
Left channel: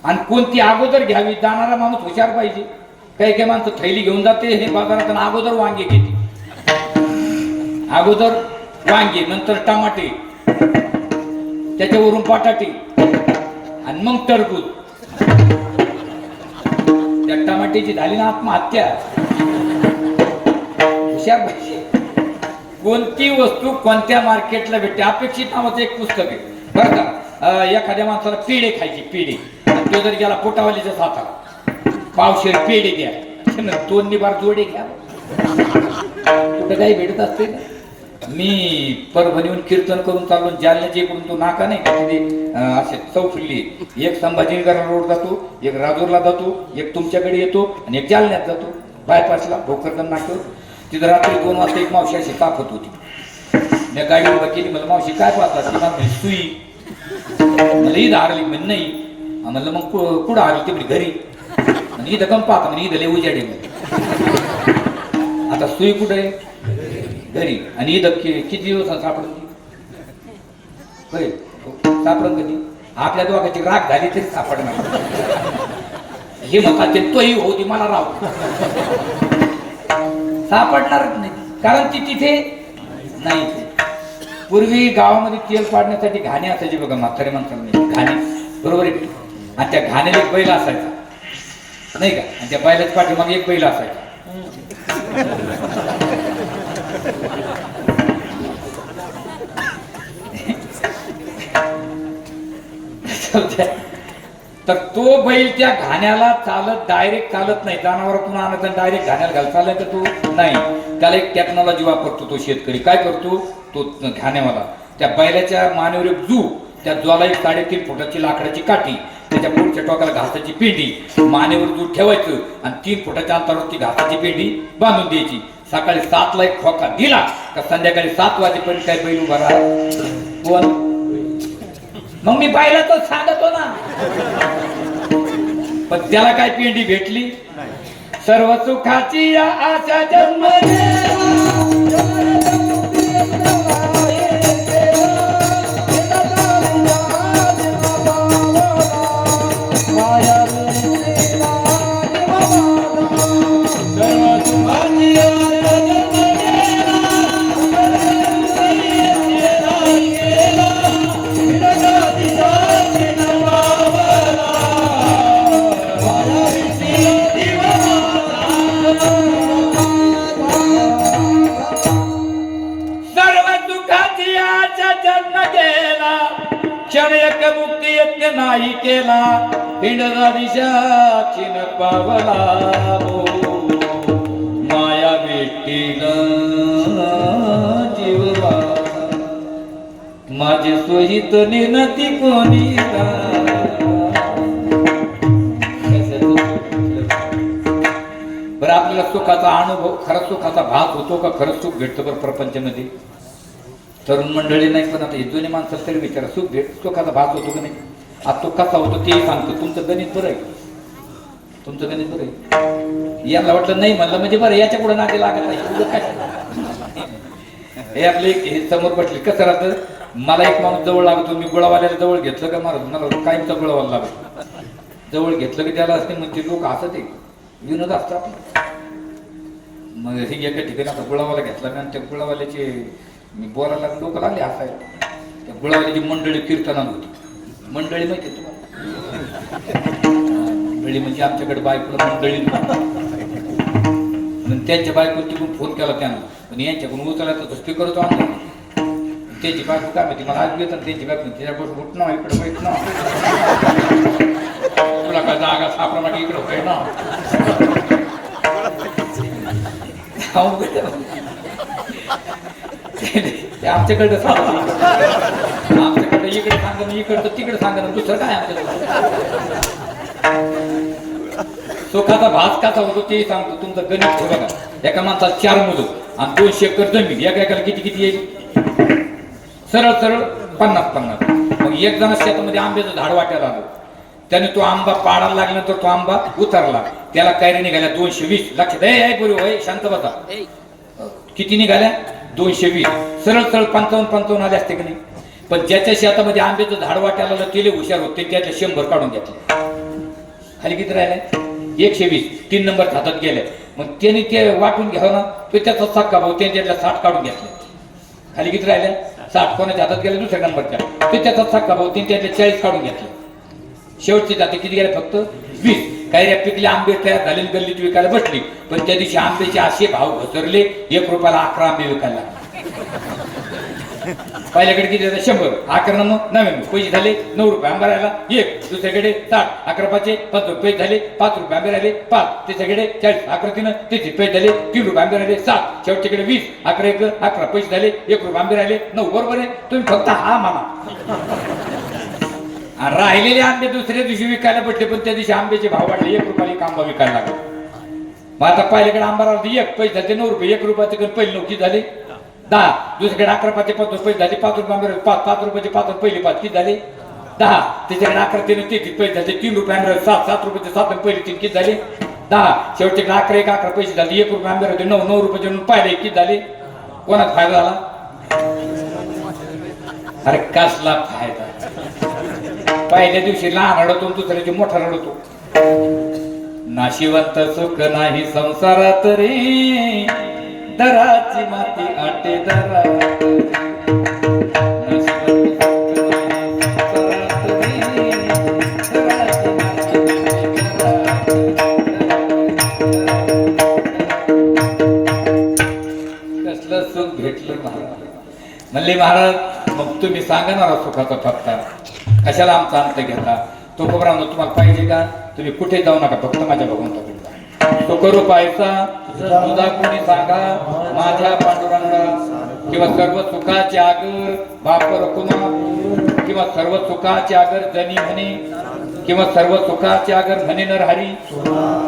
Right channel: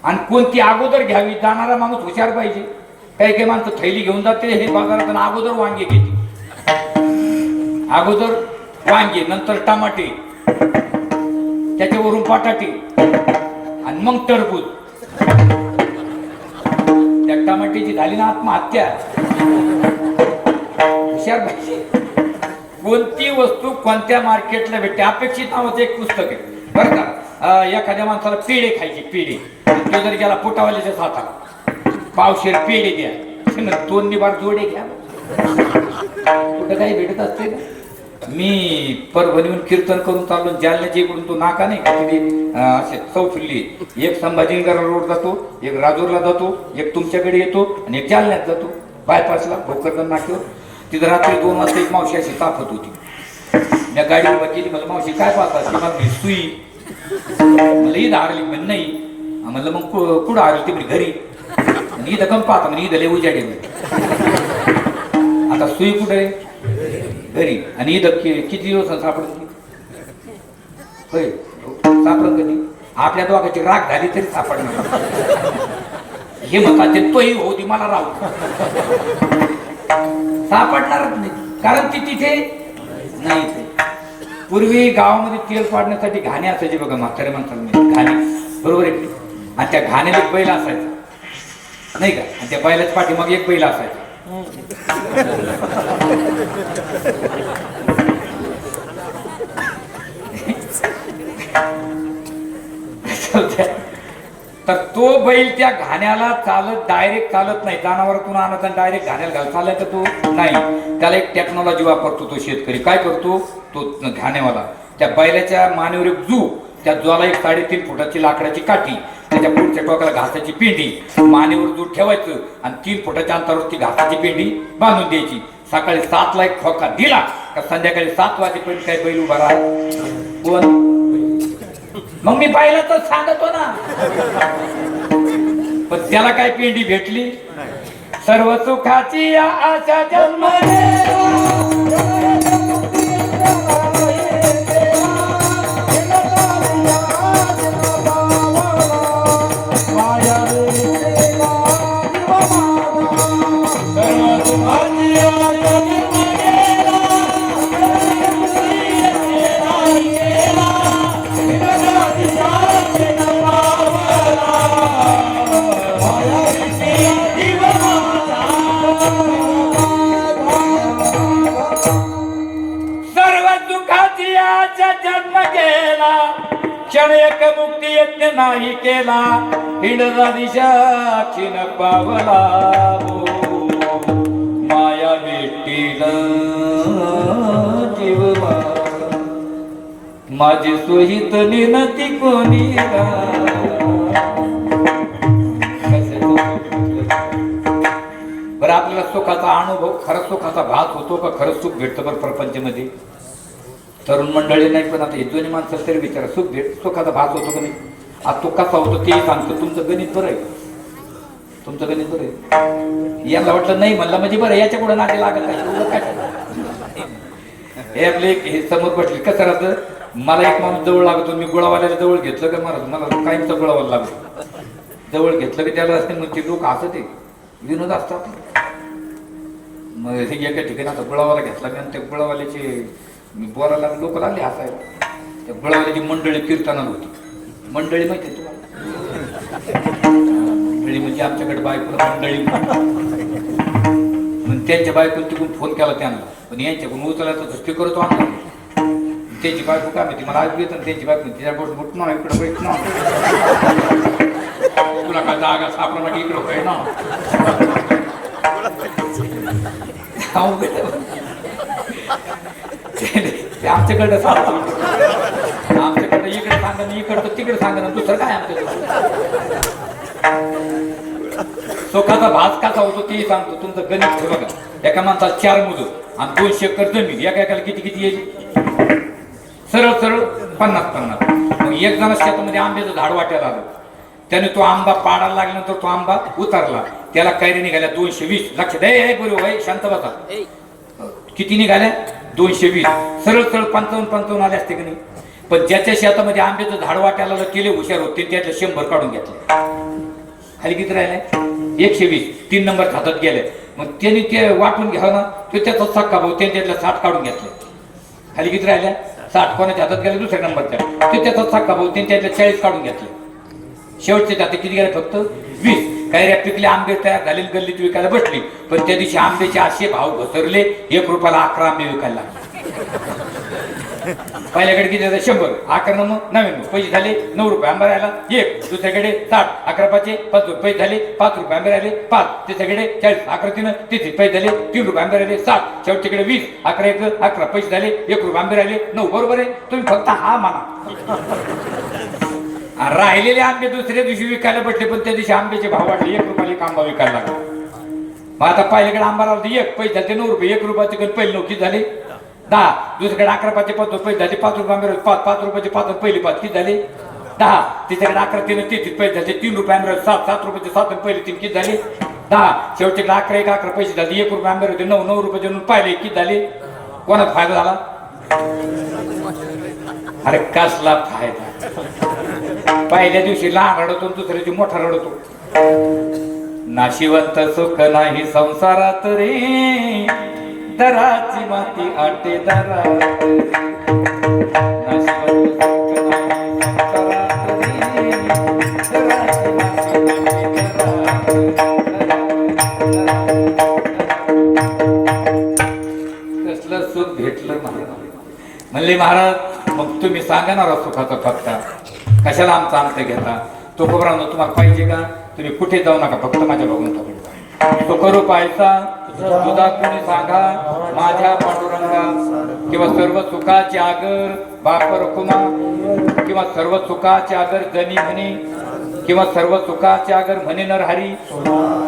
आणि कोणती अगोदर घ्यावी. जाणारा माणूस हुशार पाहिजे. काही काही माणसं थैली घेऊन जाते हे बाजारात आणि अगोदर वांगे घेते. अगोदर वांगे, नंतर टमाटे, त्याच्यावरून बटाटे आणि मग टरबूज. त्या टमाट्याची झाली ना आत्महत्या. हुशार पाहिजे. कोणती वस्तू कोणत्या मार्केटला भेटते. अपेक्षित नावाचं एक पुस्तक आहे बरं का. एखाद्या माणसाला पेढे खायचे, पेढे, तो जर गेला पोटावाल्याच्या हाताला पावशेर पेढे द्या, 2 निबार जोडे घ्या. कुठं काही भेटत असते ना. मी परभणीहून कीर्तन करून चालून जालन्याच्या इकडून तो नाका नाही का तिथे असे चौफिल्ली, एक संभाजीनगर रोड जातो, एक राजूरला जातो, एक तुमच्याकडे येतो आणि एक जालन्यात जातो बायपासला भोकरदन नाक्यावर. तिथं रात्री 2 वाजता एक मावशी अशी तापत होती. मी गाडी उभा केली. मला मावशी काय पाहता? ती मग सुई मला इथं हरली म्हणजे नाही. म्हणलं मग कुठं हरली? ते घरी. आणि इथं कम पाहता म्हणजे इथं लय उजाडे. आता सुई कुठं आहे? घरी. आणि इथं किती दिवस सापडत? सापडत कधी? आपल्या दोघांची राग झाली तरी सापडणार. हे म्हणतात ते तोही होती मला राव सापडणारच नाही. कारण ती तिथे नाही. पूर्वी गावामध्ये तेल पाडण्यासाठी घाणे असायचे बघा म्हातारे माणसांनी. घाणे बरोबर आहे. आणि त्या घाण्याला एक बैल असायचा नाही का. आणि त्या बैलाच्या पाठीमाग एक बैल असायचा. तर तो बैल त्या घाण्याला चालत डायरेक्ट चालत नाही. जनावरातून आणत आणि डायरेक्ट घाण्याला घाल चालत तर तो नाही. त्याला एक टेक्नॉलॉजी वापरतो तो शेतकरी. काय करतो तो घाण्यावाला? त्या बैलाच्या मानेवर एक जू, त्या जोला एक 3.5 फुटाची लाकडाची काठी, त्याच्या पुढच्या टोकाला घासाची पेंडी, मानेवर जू ठेवायचं आणि 3 फुटाच्या अंतरावर ती घासाची पेंडी बांधून द्यायची. सकाळी 7ला एक खोका दिला का संध्याकाळी 7 वाजेपर्यंत काय बैल उभा राहा. कोण? मग मी पाहिलं तर सांगतो ना. पण त्याला काय पेंडी भेटली? सर्व सुखाची या आशा जन्म स्तुती यज्ञ नाही केला हिंडला दिशाक्षी न पावला हो. माया भेटीला जीव माझी सुहित निनती कोणी बरं. आपल्याला सुखाचा अनुभव खरा सुखाचा भास होतो का खरंच सुख भेटतं बरं प्रपंचामध्ये? तरुण मंडळी नाही पण आता हे दोन्ही माणसाला तरी विचारा सुखाचा भास होतो का नाही? आज तो कसा होतो तेही सांगतो. तुमचं गणित बरं आहे, तुमचं गणित बरं आहे. याला वाटलं नाही म्हणलं म्हणजे बरं, याच्या पुढे नाते लागत नाही. हे आपले हे समोर बसले कसं राहतं, मला एक माणूस जवळ लागतो, मी गुळावाल्याला जवळ घेतलं का मला कायमचा गुळावाला लागतो. जवळ घेतलं की त्याला असते मग ते लोक हसत आहे, विनोद असतो आपला. मग हे एका ठिकाणी आता गुळावाला घेतला मी आणि त्या गुळावाल्याचे मी बोलायला लोक लागले हसायला. त्या गुळावाल्याची मंडळी कीर्तनाला होती. मंडळी माहिती आहे तुम्हाला? मंडळी म्हणजे आमच्याकडे बायकोला मंडळी म्हणून त्यांच्या बायकोला तिकडून फोन केला त्यांना, पण यांच्याकडून उचलला तर स्पीकर होतो आणला. त्यांची बायको काय माहिती मला आज येतं, त्यांची बायको तिच्या बोट बुट ना इकडं बैठ ना, तुला काय जागा सापडा की इकडं काय ना. आमच्याकडं सांगतो, आमच्याकडे इकडे सांगा इकडं तिकडे सांगा दुसरं काय आमच्याकडे. सुखाचा भास कसा होतो तेही सांगतो. तुमचं गणित ठेवा का, एका माणसाला 4 मुलं आणि 200 एकर जमीन, एका किती येईल? सरळ सरळ 50-50. मग एक जण शेतामध्ये आंब्याचं झाड वाटायला आलं, त्याने तो आंबा पाडायला लागल्यानंतर तो आंबा उतरला, त्याला कैरी निघाल्या 220. लक्षात आहे गुरु भाई, शांत बसा. किती निघाल्या? 220. सरळ सरळ 55 आले असते की नाही? पण ज्याच्या शेतामध्ये आंब्याचं झाड वाटायला आलं ते हुशार होते, त्यातले 100 काढून घेतले. खाली किती राहिल्या? 120. 3 नंबर हातात गेले. मग त्यांनी ते वाटून घ्यावं ना, तो त्याचा सक्का भाऊ त्यातल्या 60 काढून घेतले. खाली किती राहिल्या? 60. कोणाच्या हातात गेल्या? दुसऱ्या नंबरच्या. ते त्याचा सक्का भाऊ त्यातल्या 40 काढून घेतले. शेवटचे जाते किती गेले? फक्त 20. कैऱ्या पिकले, आंबे तयार झाले, गल्लीत विकायला बसली. पण त्या दिवशी आंब्याचे असे भाव घसरले, 1 रुपयाला 11 आंबे विकायला लागले. पहिल्याकडे किती झाले? 100. 11 मग 99. पैसे झाले 9 रुपये. आंबा राहिला 1. दुसऱ्याकडे 60. 11 पाचे 5 रुपये झाले 5 रुपये. आंबे राहिले 5. त्याच्याकडे 40. 11 3 30 पैसे झाले 3 रुपये. आंबे राहिले 7. शेवटच्याकडे 20. 11 1 11 पैसे झाले 1 रुपये. आंबे राहिले 9. बरोबर आहे? तुम्ही फक्त हा म्हणा. राहिलेले आंबे दुसऱ्या दिवशी विकायला भेटले, पण त्या दिवशी आंब्याचे भाव वाढले, 1 रुपयाला 1 आंबा विकायला लागला. मग आता पहिल्याकडे आंबा राहते 1 पैसे झाले 9 रुपये. 1 रुपयाचे पहिले 9 किती झाले? 10. दुसरीकडे 11 पाचे 5 रुपये झाले 5 रुपये. आंबे 5 रुपयाचे 5 पहिली 5 किती झाले? 10. तिच्याकडे 11 3 30 पैसे झाले 3 रुपये. आंबे 7 रुपयाचे 7 पहिली 3 किती झाले? 10. शेवटच्याकडे 11 1 11 पैसे झाले 1 रुपये. आंबे होते 9 रुपयाचे पाहिले किती झाले? कोणाचा फायदा झाला? अरे कसला फायदा? पहिल्या दिवशी लहान रडतो, दुसऱ्या दिवशी मोठा रडतो. नाशिवंत सुख नाही संसारात रे, दराची माती आटे दरात. नाशिवंत सुख नाही संसारात रे, दराची माती आटे दरात. कसलं सुख भेटलं नाही म्हणले महाराज. मग तुम्ही सांगा ना सुखाचा फटका, कशाला आमचा अंत घेता? तो खबरांनो तुम्हाला पाहिजे का? तुम्ही कुठे जाऊ नका, फक्त माझ्या भगवंताकडे जा. तो करू पायचा तुझा कोणी सांगा माझ्या पांडुरंगा, किंवा सर्व सुखाचे आगर बापर कुणा, किंवा सर्व सुखाचे आगर जनी म्हणे, किंवा सर्व सुखाचे आगर म्हणे नरहरी,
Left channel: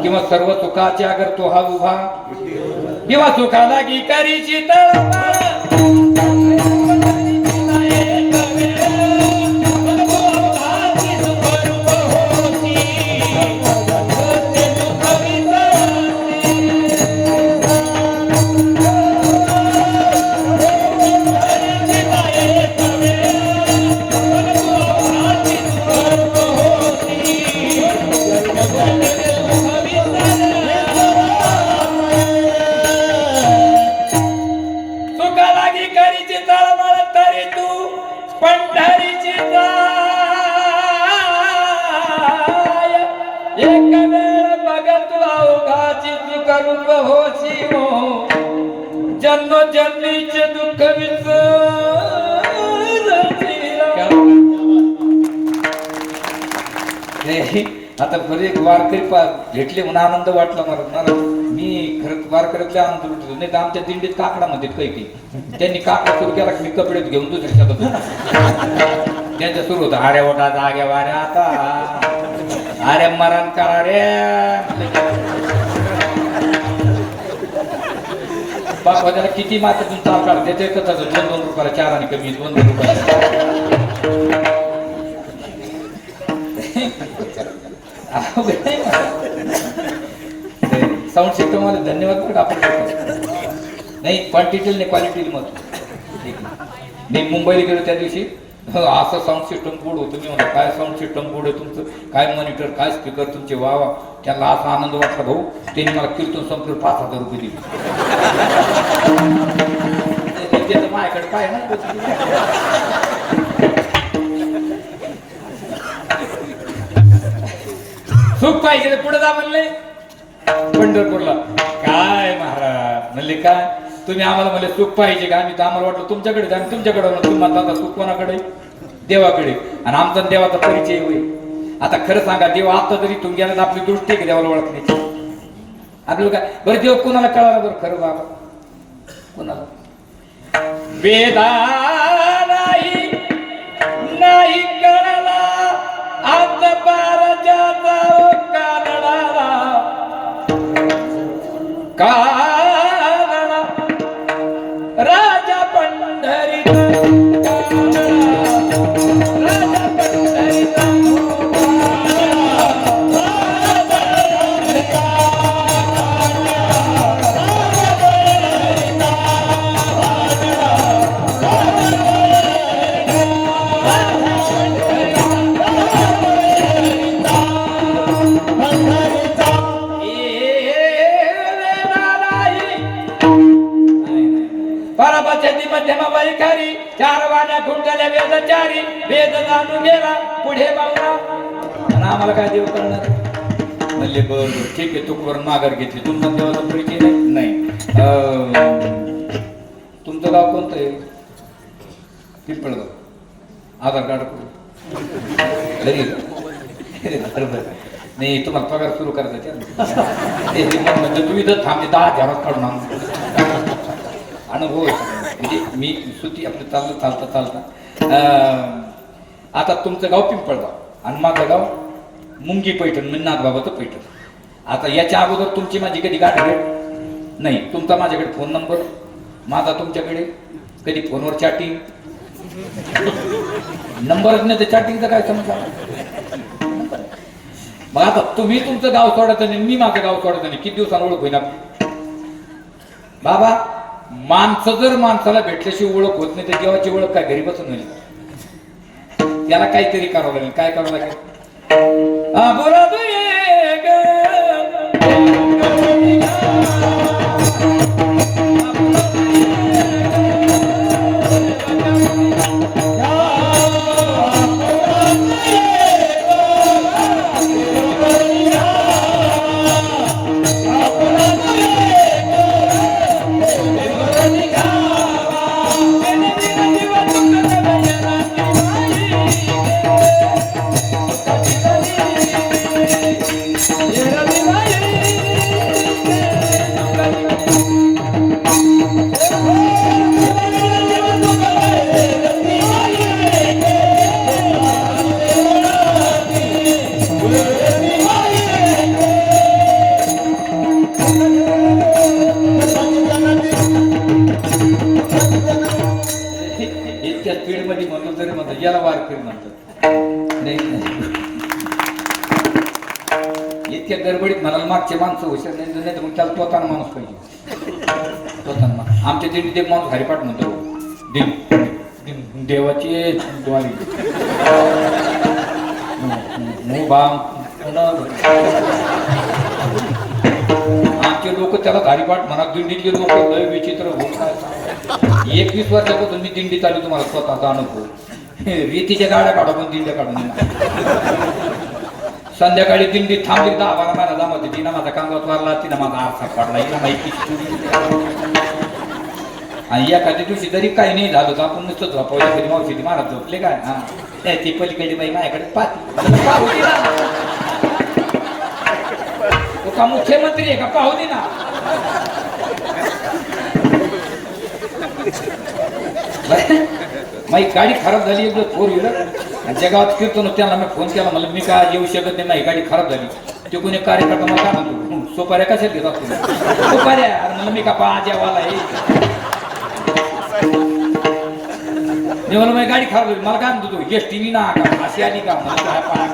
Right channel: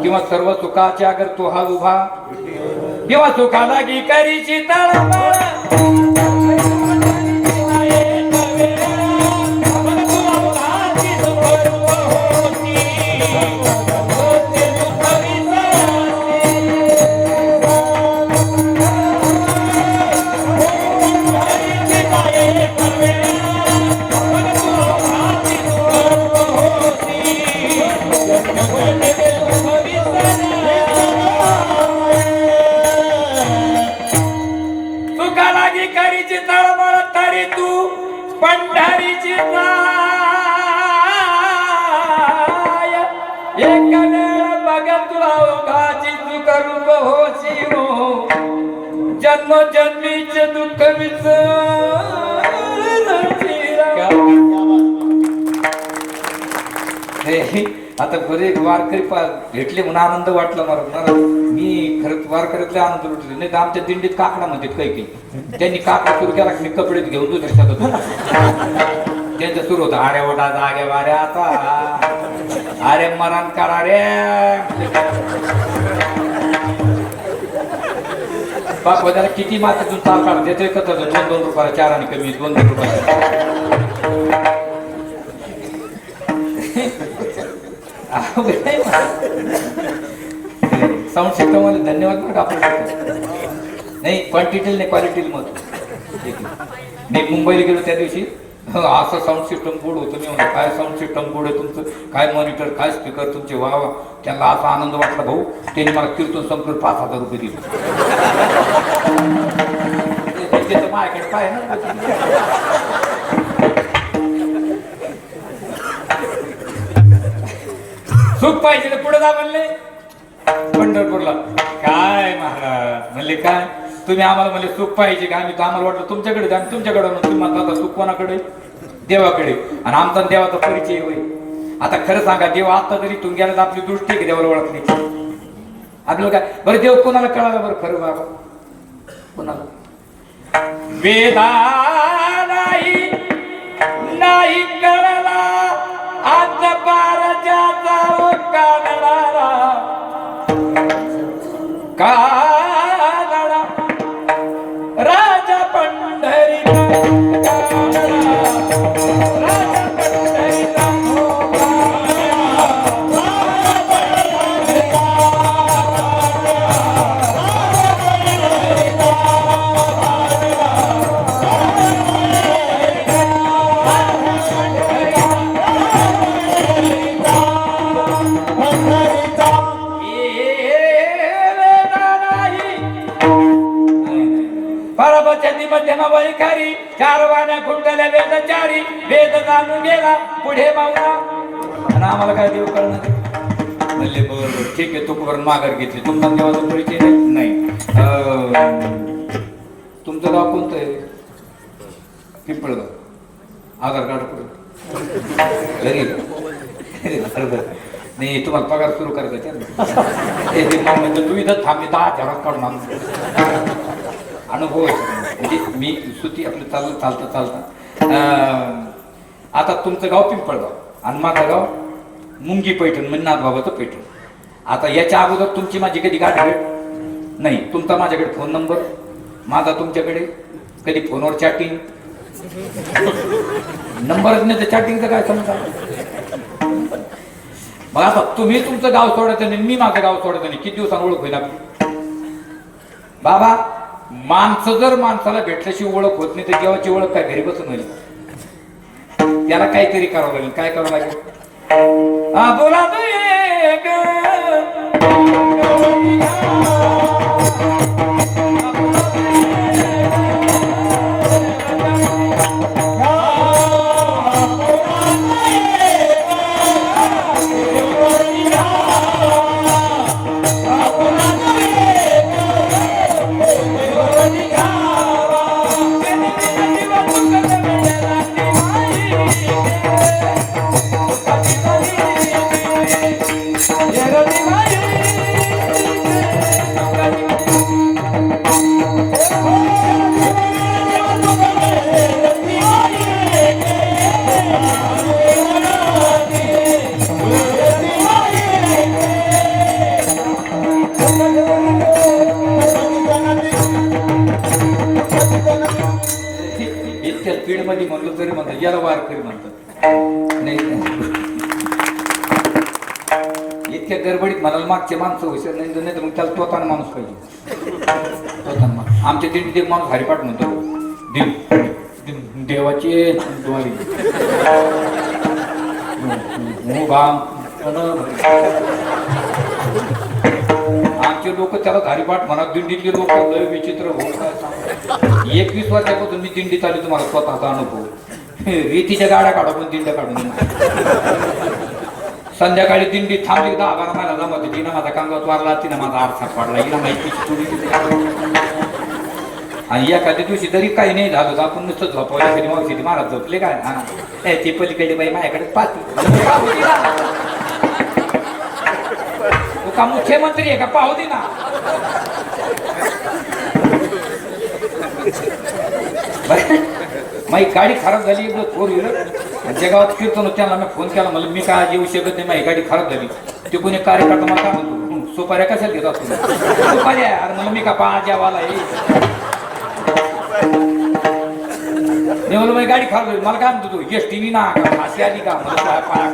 किंवा सर्व सुखाचे आगर तो हा उभा, किंवा सुखाला गी करीची तळमळ. पंढरीची एक वेळ बघत अवघाची चुक रूप होशी हो, जन्मोजन्मीचे दुःख विसर. आता बरे वारकरी भेटले म्हणून आनंद वाटला मला. मी खरंच वारकरीतले आनंद लुटले नाही तर आमच्या दिंडीत काकडा म्हणतात काही काही. त्यांनी काकडा सुरू केला की मी कपडे घेऊन दुसऱ्या होतो. त्यांचं सुरू होतं अरे वडा जाग्या वाऱ्या आता अरे मरण करा रे. बाबा त्याला किती मात्र चाल काढ देते कसं 2-2 रुपयाला 4 आणि कमी 2-2 रुपयाला. साऊंड सिस्टम मध्ये धन्यवाद बरं आपण नाही क्वांटिटी नाही क्वालिटी मत. मी मुंबईला गेलो त्या दिवशी असं साऊंड सिस्टम गुड होतं. मी म्हणतो काय साऊंड सिस्टम गुड आहे तुमचं, काय मॉनिटर काय स्पीकर तुमचे वा वा. त्याला असा आनंद वाटला भाऊ. त्यांनी मला कीर्तन संपलं 5,000 रुपये दिले. माझ्याकडे काय ना सुख पाहिजे पुढे जा म्हणले पंढरपूरला. काय महाराज म्हणले काय तुम्ही आम्हाला म्हणले सुख पाहिजे का. आम्ही आम्हाला वाटलं तुमच्याकडे जा तुमच्याकडे तुम्हाला आता सुख कोणाकडे देवाकडे. आणि आमचा देवाचा परिचय होईल. आता खरं सांगा देव आता तरी तुम्ही गेला आपली दृष्टी आहे देवाला ओळखण्याची. आपल्याला काय बरं देव कोणाला कळाला बरं खरं बाबा कोणाला. वेदा नाही कळला आज पारजाचा कानडा कानडा राजा पंढरीचा राजा पंढरीचा मध्यमावळीकारी 4 वाड्या खुंटल्या वेदचारी वेद जाणून गेला पुढे मावला. आणि आम्हाला काय देव करणार म्हणले बरं ठीक आहे तुकवरून माघार घेतली. तुमचा देवाचा परिचय नाही. तुमचं गाव कोणतं आहे. पिंपळगाव. आधार कार्ड नाही तुम्हाला पगार सुरू करायचा तू इथं थांबले 10,000 काढून आणून अनुभव म्हणजे मी सुती आपलं चालता आता तुमचं गाव पिंपळगाव आणि माझं गाव मुंगी पैठण म्हणजे नाथबाबाचं पैठण. आता याच्या अगोदर तुमची माझी कधी गाठ भेट नाही. तुमचा माझ्याकडे फोन नंबर माझा तुमच्याकडे कधी फोनवर चॅटिंग नंबरच नाही तर चॅटिंगचं काय समजा. मग आता तुम्ही तुमचं गाव सोडायचं नाही मी माझं गाव सोडायचं नाही किती दिवसांनी ओळख होईल आपली. बाबा माणसं जर माणसाला भेटल्याशिवाय ओळख होत नाही तर देवाची ओळख काय घरी बसून झाली. त्याला काहीतरी करावं लागेल. काय करावं लागेल. हा बोला मध्ये म्हणलं तरी म्हणतात याला वारकरी म्हणतात. इतक्या गडबडीत म्हणाला मागचे माणसं हुशार नाही तर मग त्याला तोताना माणूस पाहिजे. आमच्या दिंडीत एक माणूस हरिपाठ म्हणतो देवाची आमचे लोक त्याला हरिपाठ म्हणा. दिंडीतले लोक लय विचित्र होत. 21 वर्षापासून मी दिंडीत आली तुम्हाला स्वतःचा अनुभव. रीतीच्या गाड्या काढा पण दिंड्या काढून संध्याकाळी दिंडी थांबली 10-12 महिना जमवते. तिनं माझा कांगावत मारला तिनं माझा आरसा पडला हिला माहिती. आणि एखाद्या दिवशी जरी काही नाही झालं तर आपण नुसतं झोपवलं तरी मावशी महाराज झोपले काय. हा ती पलीकडे बाई माझ्याकडे पाहते का मुख्यमंत्री आहे का पाहू दे ना. माझी गाडी खराब झाली एक 4 व्हीलर आणि ज्या गावात कीर्तन त्यांना मी फोन केला मला मी काय येऊ शकत नाही माझी गाडी खराब झाली. ते कोणी कार्यकर्ता मला काय म्हणतो सुपाऱ्या कशाला घेत असतो सुपाऱ्या अरे मला मी का पाजावाला आहे म्हणलं माझी गाडी खराब झाली मला काय म्हणतो तू एस टी ना का फाशी आली का मला काय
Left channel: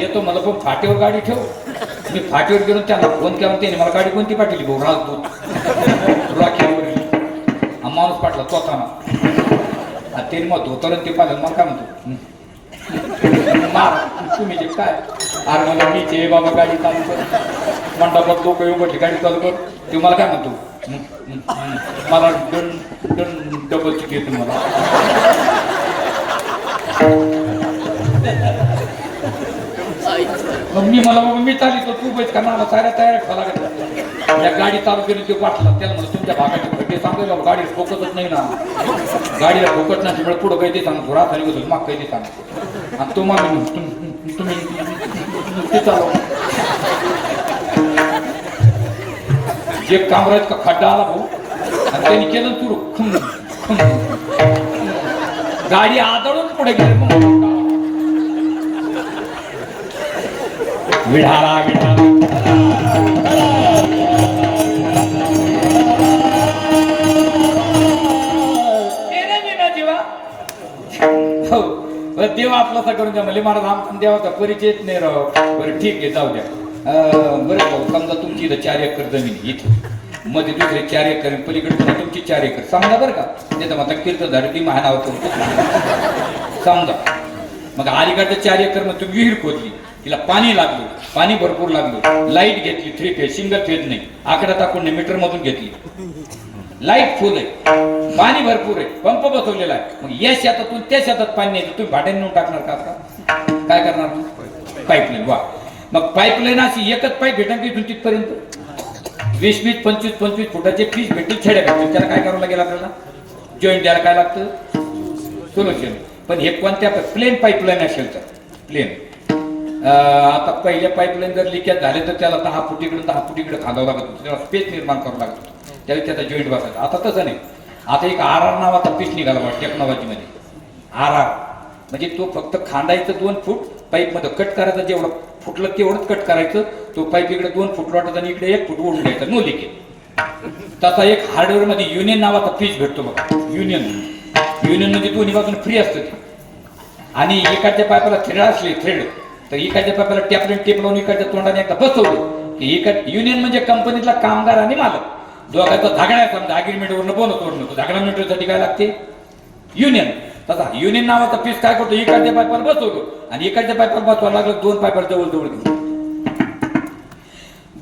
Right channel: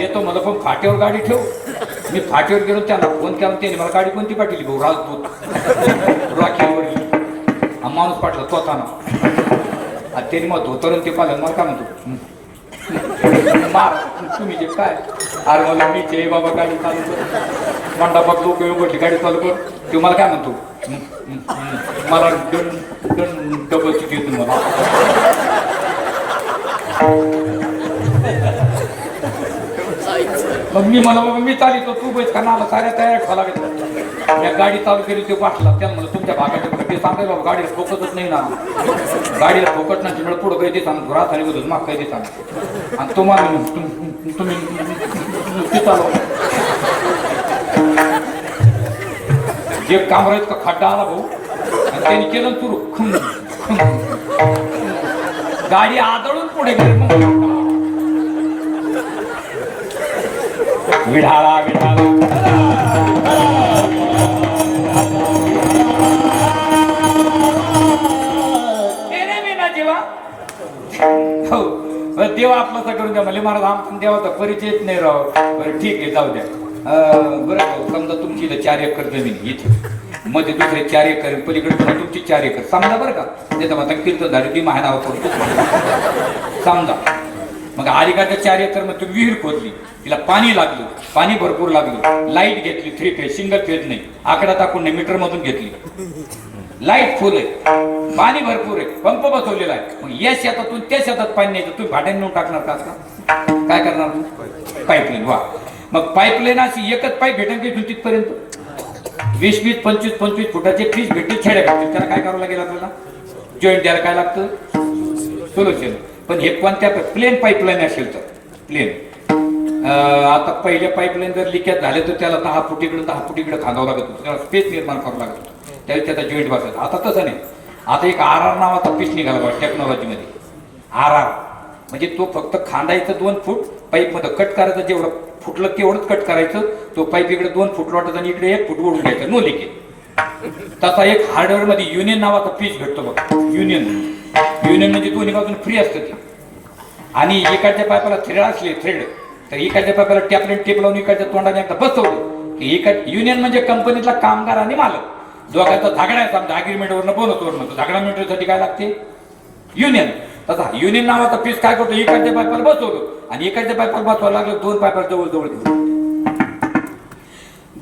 येतो मला पण फाट्यावर गाडी ठेव. मी फाट्यावर गेलो त्यांना फोन केला त्याने मला गाडी कोणती पाठवली भाऊ राजपूत राखीवर माणूस पाठला स्वतःना त्याने मग धोतर ते पाहिलं मला काय म्हणतो मार तुम्ही जे काय अरे मला मी जे बाबा गाडी चालू कर मंडपात लोक उघडली गाडी चालू कर ते मला काय म्हणतो मला डबल तिकीट मला मग मी मला बाबा मी चालितो तू बैठ का मला साऱ्या तयार खोला या गाडी चालू केली ते पाठला त्याला म्हणलं तुमच्या भागाच्या ते सांगायला गाडीला ठोकतच नाही ना गाडीला ठोकत नाही त्यामुळे पुढं काही ते सांगतो रात झाली होती माग काही ते सांगतो आणि तो मला तुम्ही ते चालव जे कामराज का खड्डा आला भाऊ आणि त्यांनी केलं सुरू गाडी आदळून पुढे गेली विढाला विढाला देवा आपलं करून द्या म्हणजे मला देवाचा परिचय नाही राव बरं ठीक आहे जाऊ द्या बरं समजा तुमची इथं 4 एकर जमीन इथे मध्ये दुसरे 4 एकर पलीकडे तुमची 4 एकर समजा बरं का नाही तर मग कीर्तनधारी ती महानावर समजा मग अलीकडच्या 4 एकर मध्ये तुम्ही विहीर खोदली तिला पाणी लागलं पाणी भरपूर लागलं लाईट घेतली 3 फेज सिंगल फेज नाही आकडा टाकून नाही मीटर मधून घेतली लाईट फुल आहे पाणी भरपूर आहे पंप बसवलेला आहे मग या शेतातून त्या शेतात पाणी नाही तुम्ही भाड्याने नेऊन टाकणार का काय करणार पाईपलाईन वा मग पाईपलाईन अशी एकच पाईप भेटेल की तिथपर्यंत 20-20 25-25 फुटाचे पीस भेटतील खेड्या भेटतील त्याला काय करावं लागेल आपल्याला जॉईंट द्यायला काय लागतं सोल्युशन पण हे कोणत्या प्लेन पाईपलाईन असेल तर प्लेन आता पहिल्या पाईपलाईन जर लिकेज झाले तर त्याला 10 फूट इकडे 10 फूट इकडे खांदावं लागत होतं त्याला स्पेस निर्माण करावं लागत होतं त्यावेळी त्याचा जॉईंट बसायचा आता तसं नाही आता एक RR नावाचा पीस निघाला बघा टेक्नॉलॉजीमध्ये RR म्हणजे तो फक्त खांदायचं 2 फूट पाईपमध्ये कट करायचं जेवढं फुटलं तेवढंच कट करायचं तो पाईप इकडे 2 फूट लोटायचा आणि इकडे 1 फूट ओढून घ्यायचा नो लिकेज तसा एक हार्डवेअर मध्ये युनियन नावाचा पीस भेटतो बघा युनियन म्हणजे दोन्ही बाजून फ्री असतं ते आणि एकाच्या पाईपाला थ्रेड असले थ्रेड तर एकाच्या पाईपाला टेप लावून एकाच्या तोंडाने एकदा बसवलं की युनियन म्हणजे कंपनीतला कामगार आणि मालक दोघांचा झगडा समजा अग्रीमेंटवरनं बोनसवरनं तर झगडा मिळण्यासाठी काय लागते युनियन तसा युनियन नावाचा पीस काय करतो एकाच्या पाईपाला बसवतो आणि एकाच्या पाईपाला बसवायला लागलं 2 पाईपाला जवळ घेऊन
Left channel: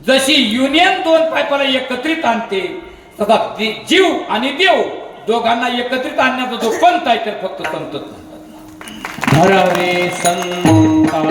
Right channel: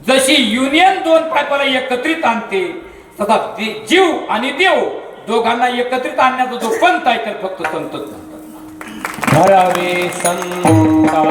जशी युनियन 2 पाईपाला एकत्रित आणते तसा जीव आणि देव दोघांना एकत्रित आणण्याचा जो पंथ आहे तर फक्त संतच म्हणतात धरावे संता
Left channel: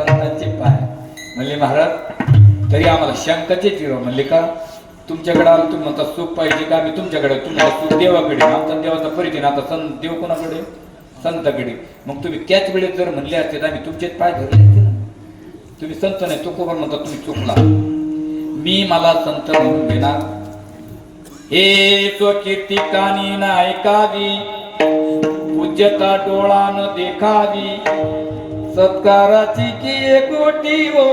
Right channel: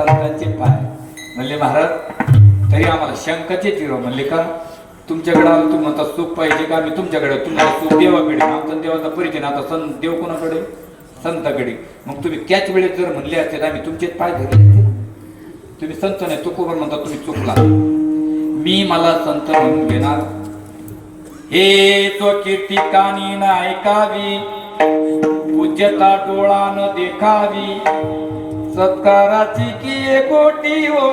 संतांचे पाय. म्हणले महाराज तरी आम्हाला शंकाचे चिरो. म्हणले का तुमच्याकडे आलं तुम्ही म्हणता सुख पाहिजे का? मी तुमच्याकडे तुम्हाला सुख देवाकडे. आमचा देवाचा परिचय ना आता संत देव कोणाकडे? संताकडे. मग तुम्ही त्याच वेळेत जर म्हणले असते आम्ही तुमचेच पाय धरले असते ना. तुम्ही संत नाही तुकोबर म्हणता तुम्ही चुकला. मी मला संत म्हणून घेणार. हे स्वकीर्ती कानी न ऐकावी, पूज्यता डोळा न देखावी, सत्काराची की कोटी हो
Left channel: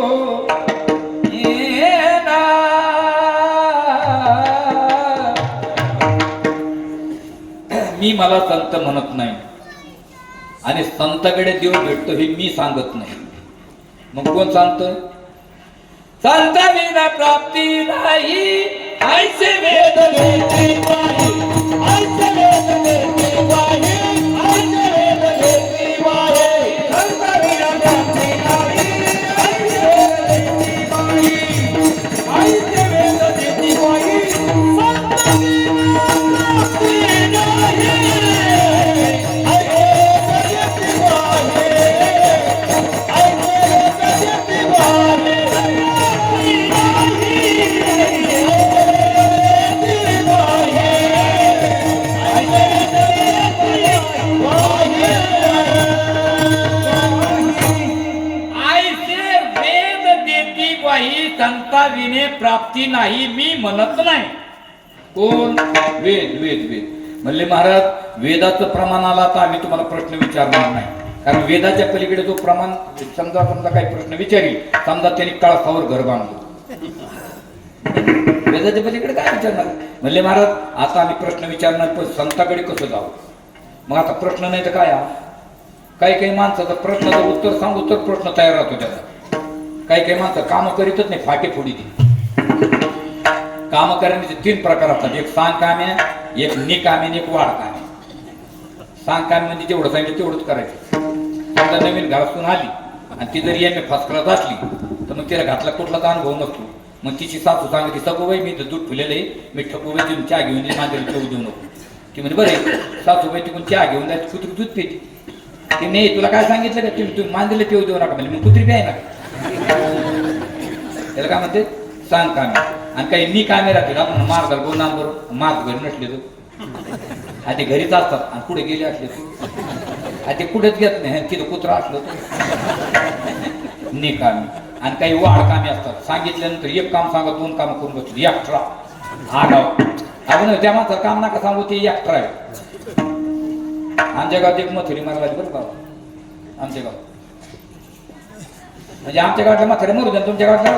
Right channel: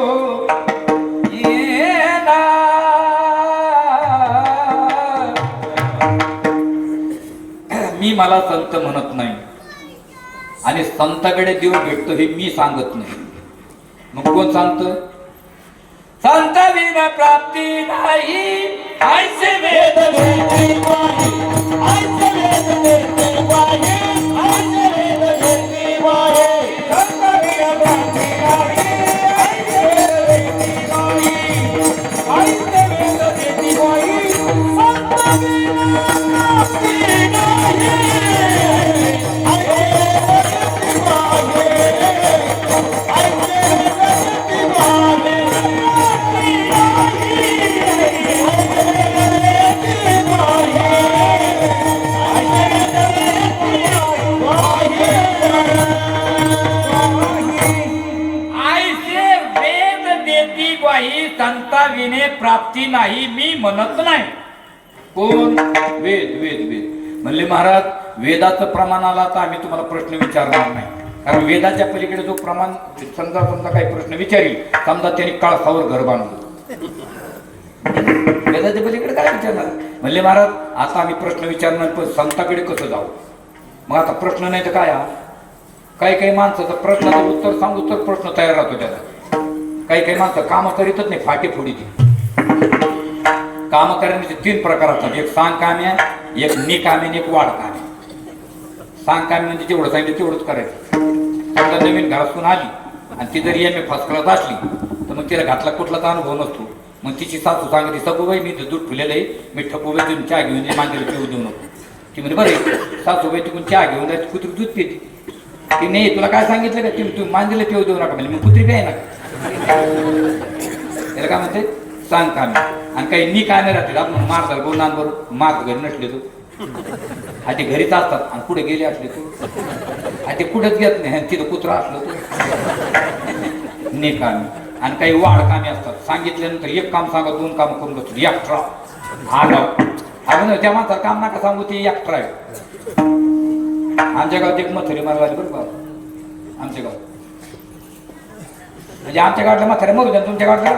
मी मला संत म्हणत नाही आणि संताकडे देव भेटतो हे मी सांगत नाही. मग कोण सांगतं? संत विना प्राप्ती नाही ऐसे वेद वेद वाहे, ऐसे वेद वेद वाहे, ऐसे वेद वेद वाहे. संत विना प्राप्ती नाही ऐसे वेद वेद वाहे, ऐसे वेद वेद वाहे. संत विना प्राप्ती नाही संता विने प्राप्ती नाही मी म्हणत नाही. कोण? वेद वेद वेद. म्हणले महाराज वेदाचं प्रमाण आला तर आम्ही तुम्हाला प्रश्न विचारणार नाही, कारण वेदाच्या पलीकडे जो प्रमाण समजा काही प्रश्न विचारील, समजा त्यांनी काळसावर घर बांधलं, वेदाच्या पलीकडे काय विचारणार? म्हणले महाराज आता आम्ही प्रश्न विचारणार पण संताकडे कसं जाऊ? मग आता प्रश्न नाही तर काय? काही काही माणसाचं प्रश्नाचं उत्तर सांगू तर प्रश्न तयार राहतो त्याचा. काही काही माणसं कामं करीतच नाही, फाटी फोडी ती. कामं करण्याचे 3 प्रकार असतात. एक सांग काम्या, एक निकाम्या आणि एक वाढ काम्या. सांग काम्या म्हणजे जेवढं सांगितलं तेवढंच करायचं. समजा नवीन घरातून आली आणि ती जरी एम ए फर्स्ट क्लास असली तर मग तिला घातला कुठलाच अनुभव नसतो. मग तिची सासू सांगते सगूबाई मी दूध फुलेलं आहे, मी ठपूबाई देऊन चहा घेऊन मांजरीला पिऊ देऊ नको. ती म्हणजे बरं सासूबाई तिकडून चहा घेऊन जायची, कुत्री दूध पिते. ती नाही तुला काय सांगितलं का तुम्ही मांजरीला पिऊ देऊ नका. म्हणजे मग कुत्री प्याय ना त्याला काय म्हणते? सांग कामे. आणि काही नी कामे राहतील आपण मार्गाला बोलणार बरोबर मार्ग घरी नसले तू आधी घरीच असतात आणि कुठे गेले असले तू आधी कुठेच घेत नाही तिथं कुत्रा असलं तू नी कामे. आणि काही वाढ कामे असतात. सांगितल्यानंतर एक काम सांगा 2 काम करून बसतो. एक्स्ट्रा आगाव अजून त्या माणसा काम नका सांगू ते एक्स्ट्रा आहे. आमच्या गावात एक मथुरी मारायला बरं का आमच्या गावात. म्हणजे आमच्या गावातल्या म्हाताऱ्या मरू द्या तुमच्या गावातल्या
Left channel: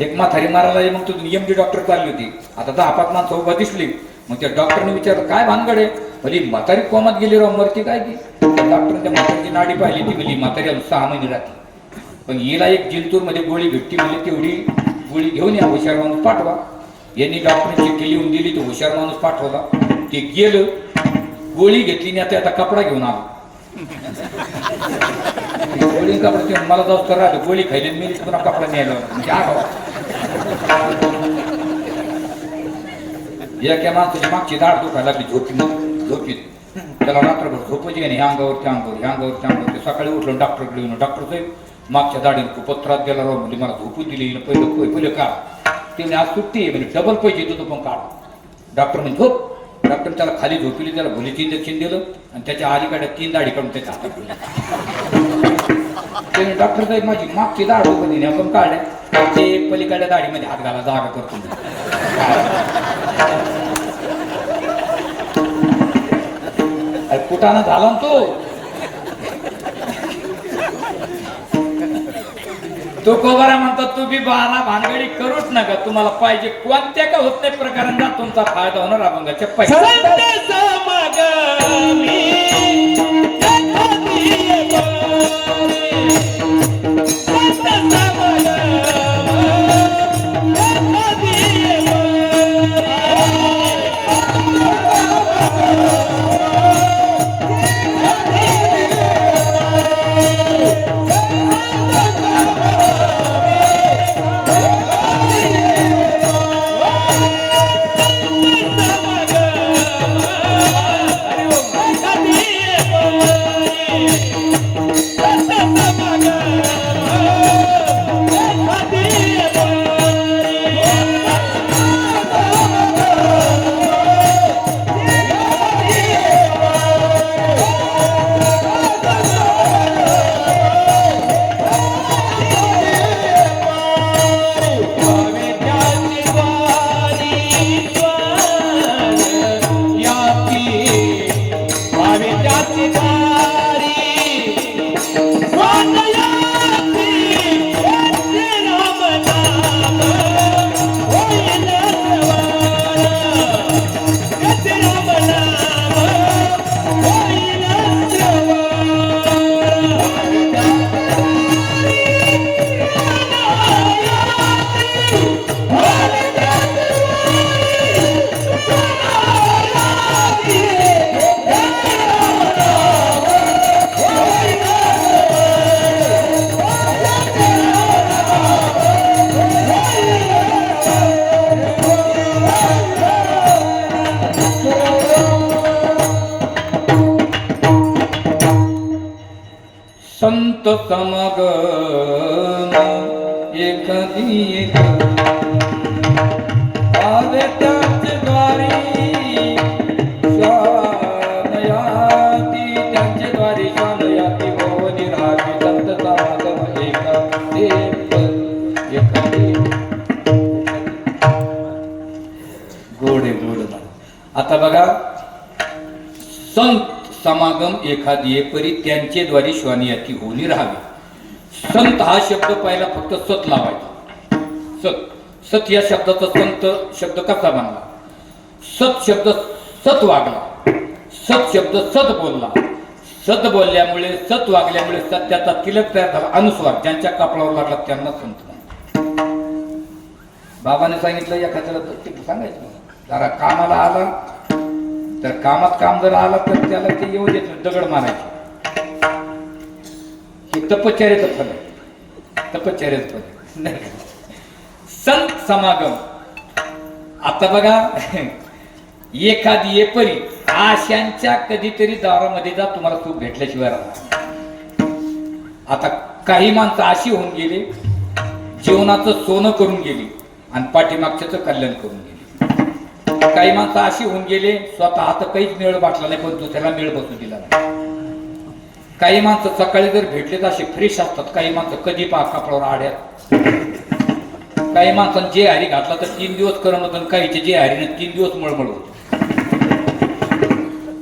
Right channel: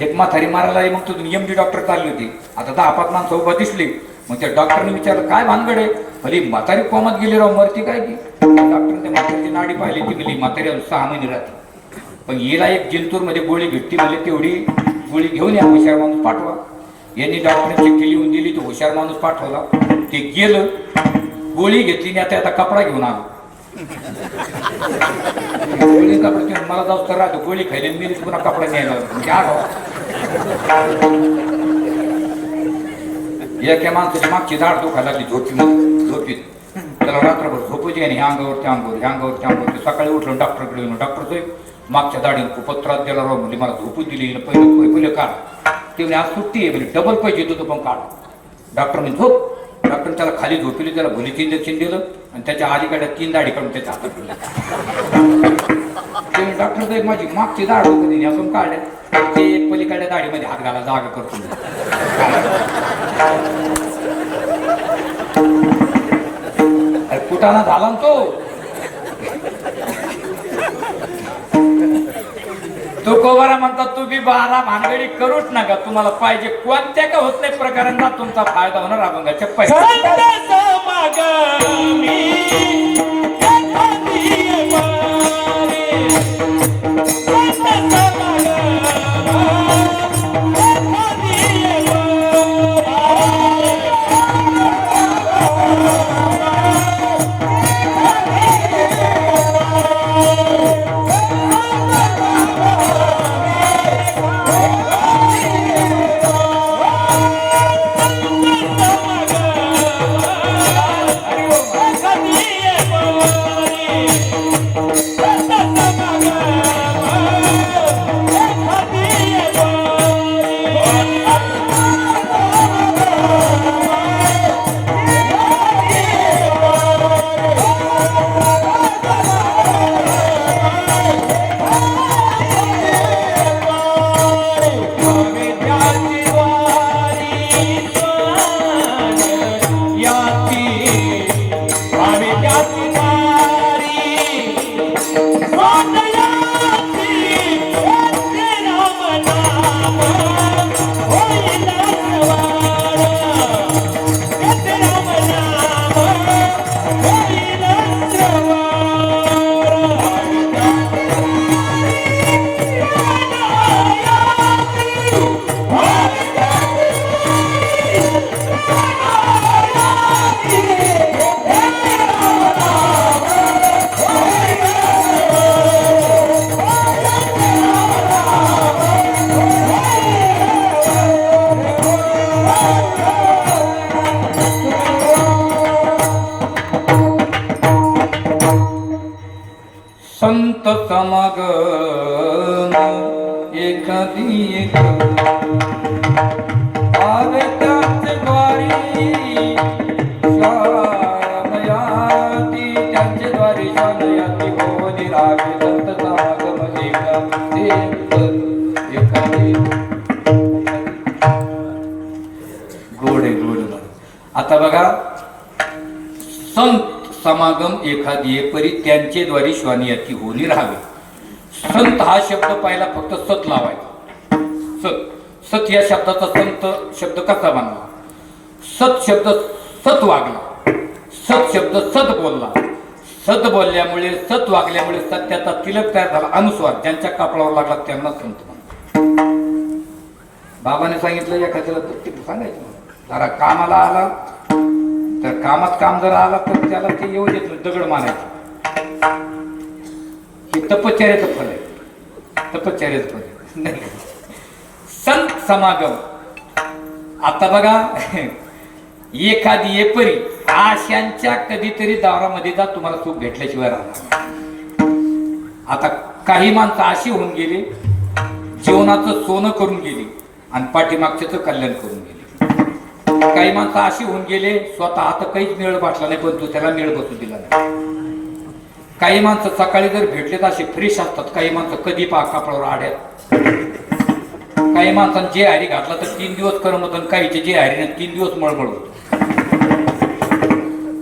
एक म्हातारी मारायला मग तुम्ही MD डॉक्टर चालली होती. आता 10-5 माणसं उभं दिसली. मग त्या डॉक्टरने विचारलं काय भानगड आहे? म्हणजे म्हातारी कोमात गेली राव मरती काय की? डॉक्टरने त्या म्हातारीची नाडी पाहिली ती गेली म्हातारी 6 महिने राहते. पण हिला एक जिंतूरमध्ये गोळी भेटती म्हणजे तेवढी गोळी घेऊन या हुशार माणूस पाठवा. यांनी डॉक्टरने चिठ्ठी लिहून दिली तो हुशार माणूस पाठवला. ते गेलं गोळी घेतली नाही आता कपडा घेऊन आलो. गोळी कपडा मला जाऊ तर राहतो गोळी खायली मी पुन्हा कपडा न्यायला एका माणसाची मागची झाड दुखायला लागली झोपीत त्याला रात्रभर झोपायची आणि ह्या अंगावर त्या अंगावर ह्या अंगावर त्या अंगावर. सकाळी उठलो डॉक्टरकडे येऊन डॉक्टर साहेब मागच्या दाढीने खूपच त्रास दिला राव. म्हणजे मला झोपू दिली पहिलं काढ. ते म्हणजे आज सुट्टी आहे म्हणजे डबल पैसे देतो पण काढ. डॉक्टर म्हणजे झोप. डॉक्टर त्याला खाली झोपली त्याला भुलीचं इंजेक्शन दिलं आणि त्याच्या अलीकडे 3 दाढी काढून त्याच्या हातात ते डॉक्टर साहेब माझी मागची दाढ होती आपण काढल्या ते पलीकडल्या दाढीमध्ये हात घाला जागा करतो. कुटाणा झाला ना तो कोबारा म्हणतात तू बी 12 भानगडी करूच नका. तुम्हाला पाहिजे कोणत्या का होत नाही प्रकारांना तुमचा फायदा होणार. अभंगाच्या पैसे संत समागम एखादी एक आवे त्याच द्वारी शानयाती त्यांचे द्वारी शानयाती भवनी राजे संत समागम एखादी गोड आहे गोड. आता बघा संत समागम एखादी परी त्यांचे द्वारी श्वानियाती होनी राहावे. संत हा शब्द पाहिला फक्त सत लावायचा. सत सत या शब्दाचा संत शब्द कसा बनला? सत शब्द सत वागला, सत शब्द सत बोलला, सत बोलल्यामुळे सत वागल्यामुळे सत्याचा तिलक तयार झाला. अनुस्वार ज्यांच्या कपडावर लागला त्यांना संत म्हणतात. बाबाने सांगितलं एखाद्याला सांगायचं जरा कामाला आला तर कामात काम जर आला तर त्याला ते येऊ देत दगड मारायचे. हे तपश्चर्याचं फल आहे, तपश्चर्याचं फल नाही. संत समागम आता बघा एखादी परी आशांच्या कधीतरी दारामध्ये जा तुम्हाला सुख भेटल्याशिवाय राहणार. आता काही माणसं अशी होऊन गेली जीवनाचं सोनं करून गेली आणि पाठीमागच्याचं कल्याण करून गेली. काही माणसं अशी होऊन गेले स्वतः आता काहीच मेळ वाटला नाही पण दुसऱ्याला मेळ बसू दिला नाही. काही माणसं सकाळी जर भेटले तर असे फ्रेश असतात. काही माणसं कधी पा कपडावर आड्यात. काही माणसांनी जे हरी घातला तर 3 दिवस करमत आणि काहीचे जे हरीने 3 दिवस मळमळ होत.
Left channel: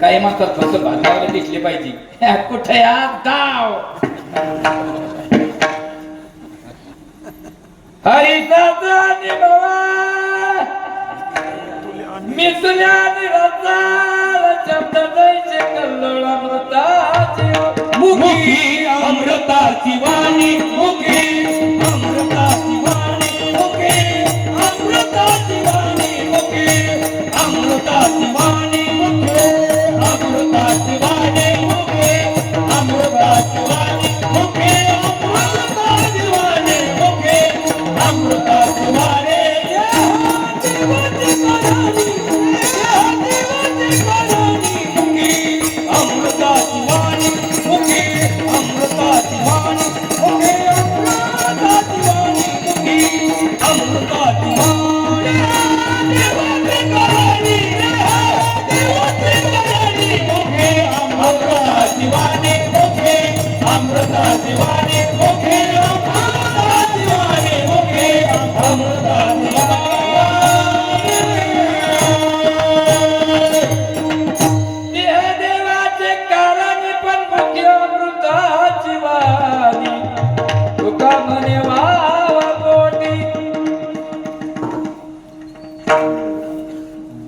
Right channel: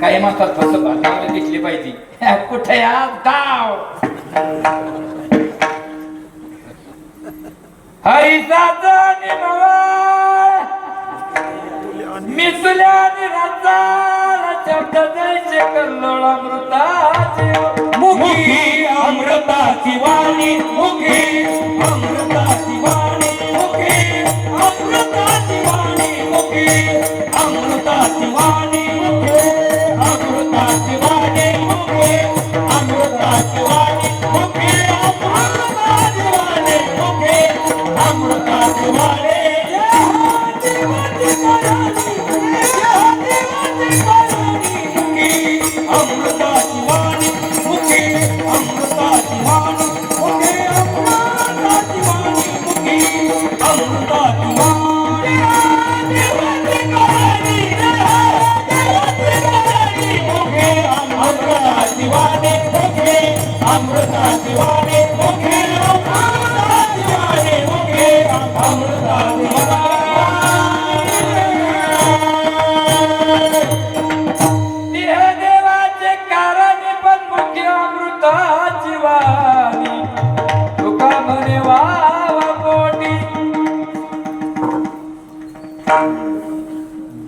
काही माणसात फक्त घालायला दिसले पाहिजे कुठे या गाव हरीचा मी तुला निराचा शब्द द्यायचे कल्लोळामृताचे मुखी अमृताची वाणी मुखी अमृताची वाणी मुखी अमृताची वाणी मुखी अमृताची वाणी मुखी अमृताची वाणी मुखी अमृताची वाणी मुखी अमृताची वाणी मुखी अमृताची वाणी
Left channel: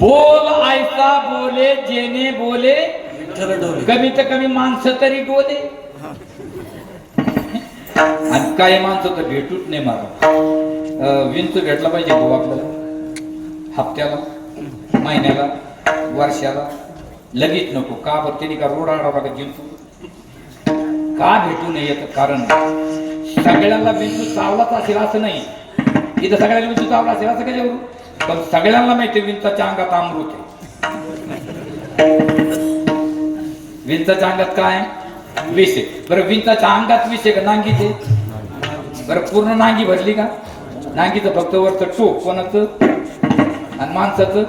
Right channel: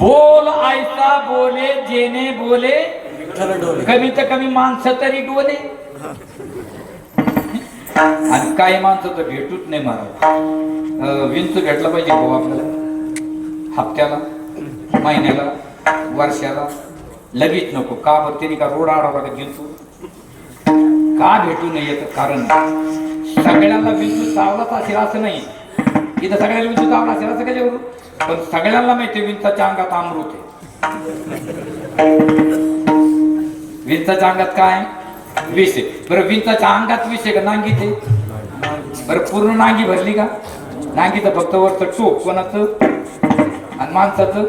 बोल ऐसा बोले जेने बोले कमीत कमी माणसं तरी डोले. आणि काही माणसं तर भेटूच नाही महाराज. विंच भेटला पाहिजे भाऊ आपल्याला हप्त्याला महिन्याला वर्षाला लगेच नको. का बरं त्यांनी का रोड आडावा का जिंतू का भेटू नये याचं कारण सगळ्यांना विंचू चावलाच असेल असं नाही. इथं सगळ्यांना विंचू चावला असेल असं कशावरून पण सगळ्यांना माहिती विंचाच्या अंगात अमृत आहे. विंचाच्या अंगात काय विष आहे. बरं विंचाच्या अंगात विष आहे का नांगीत आहे? बरं पूर्ण नांगी भरली का? नांगीचं फक्त वरचं टोक कोणाचं आणि माणसाचं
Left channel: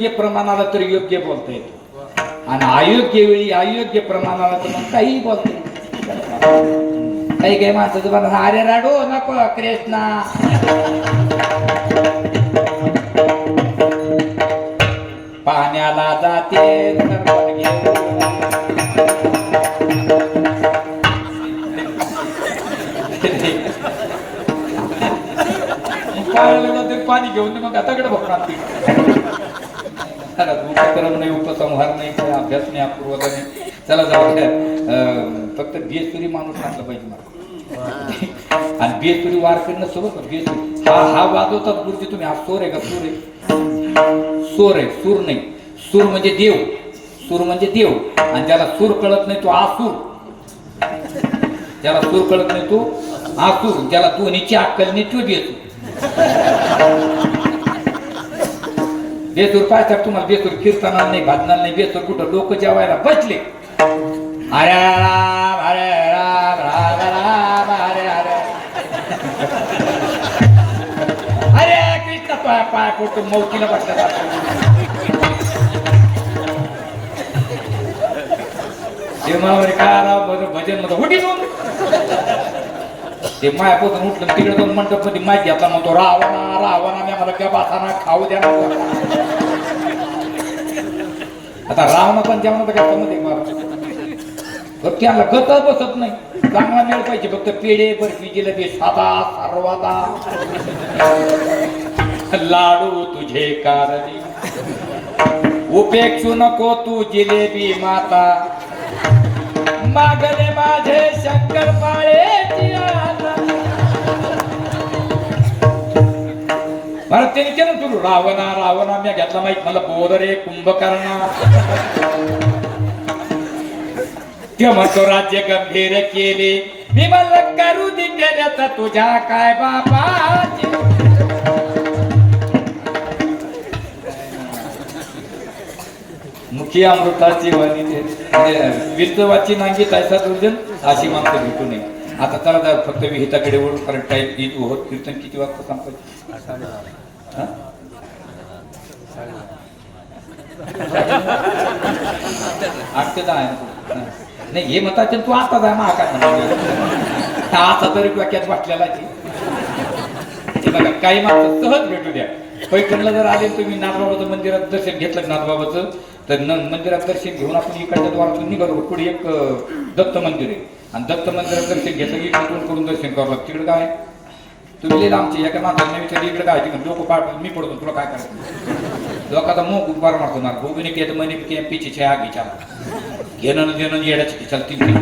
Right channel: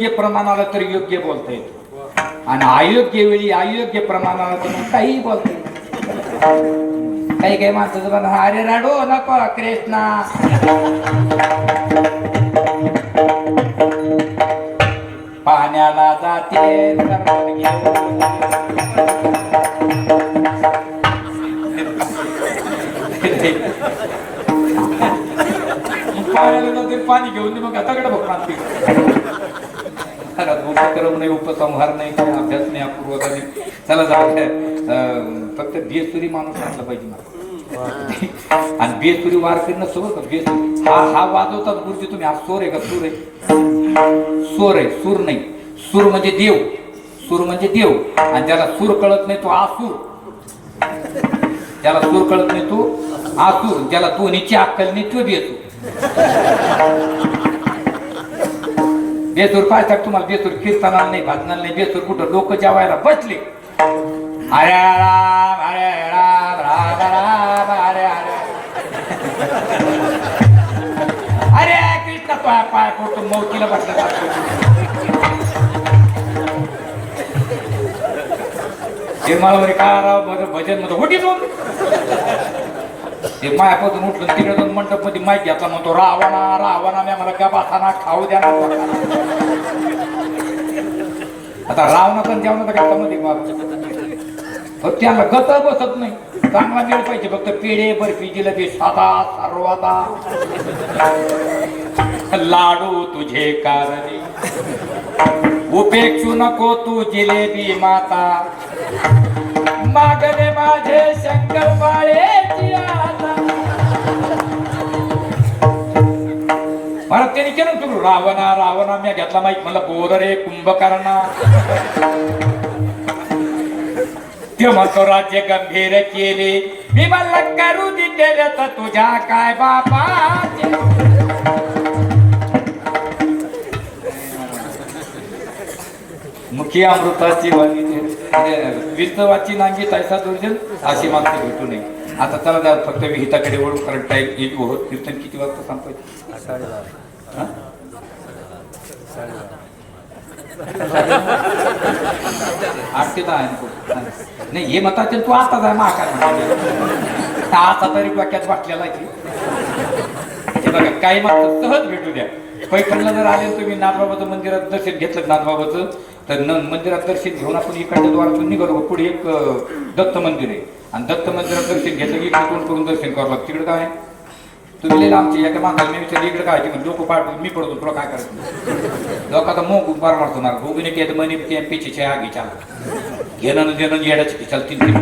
योग्य प्रमाणाला तर योग्य बोलता येतो आणि अयोग्य वेळी अयोग्य प्रमाणाला तर मग काहीही बोलता येतो. काही काही माणसाचं बघा, अरे राडो नको कृष्णा, पाण्याला जाते पाणी घेऊन मग आताकडे बघणार उपक्रम नाही, उपसंहार नाही, अभ्यास नाही, अपूर्वता नाही. चला जाऊ द्या, फक्त बेसुरी माणूस असला पाहिजे मला. आणि बेसुरी वार करणं सोबत बेसुरी हा वाजवतात गुरुजी तुम्ही. हा सूर आहे का? सूर आहे, सूर आहे, सूर नाही. सूर म्हणजे देव, सूर म्हणजे देव. आणि ज्याला सूर कळत नाही तो आसूर, ज्याला सूर कळत नाही तो आसूर, ज्याला दोन्हीची अक्कल नाही तो बेसूर. बेसूर काय तर तुम्हाला बेसूर कीर्तनाला नाही, भजनाला नाही. बेसूर कुठं लोक जेवायला बसले, हरे राम हरे राम राम राम हरे हरे हरे कृष्ण, तो पाय पडतो मौतीला बसला. ते मला म्हणे काय राव बरं भजन मध्ये उठीतून ते मायापासून उठून तिकडे दोन मंडप मध्ये माहिती घेतला, म्हणतो रावणा रावणा मी मला गबासाना खाऊ द्या ना. आता रावणा पण जेवणाचा का मध्ये फक्त त्याला गत बसत नाही, चांगला मिळ पाहिजे. फक्त पेढे बर्फी जिलेबी साधा सारवादा लाडू तुझे कारणे, उपेक्षू नको तू जिलेबी माता, मागले माझे शंकर पाळेची आता. मला त्याने केलं सुरू, रावणा रावणा मी घेतला माहित मला बोर रे कुंभकर्णा. ते म्हणतो राज्य गंभीर केले मी मला करू दिले तर तुझ्या काय बाबा. मुखी अमृताची वाणी विस्तवाची नांगी तैसा दुर्जन अशी माणसं भेटू नये. आता चला जा फक्त विहिताकडे वळून, कारण टाईम कीर्तन किती वाजता संपायचं? 8 ते 10 नाही. हे मताचे तू आता जाय मा काय म्हणतो आता तरी वाक्यात वाटलेला की हे बघा काही माणसं सहज भेटू द्या. पैठणला जर आले तुम्ही नाथबाबाचं मंदिरात दर्शन घेतलं नाथबाबाचं, तर मंदिरात दर्शन घेऊन आपण इकडच्या द्वारातून निघालो. पुढे एक दत्त मंदिर आहे आणि दत्त मंदिरात दर्शन घेतलं की इकडून करून दर्शन करावं लागतं. तिकडे काय तुम्ही लिहिलं आमची एका माणसाने विचारलं इकडे काय लोक पाठ मी पडतो तुला काय करायचं. लोकांचा मोग उभार मारतो गोबीने केलं मनी पिछे आगीच्या घेणं देणं येण्याची खिचाल 3-3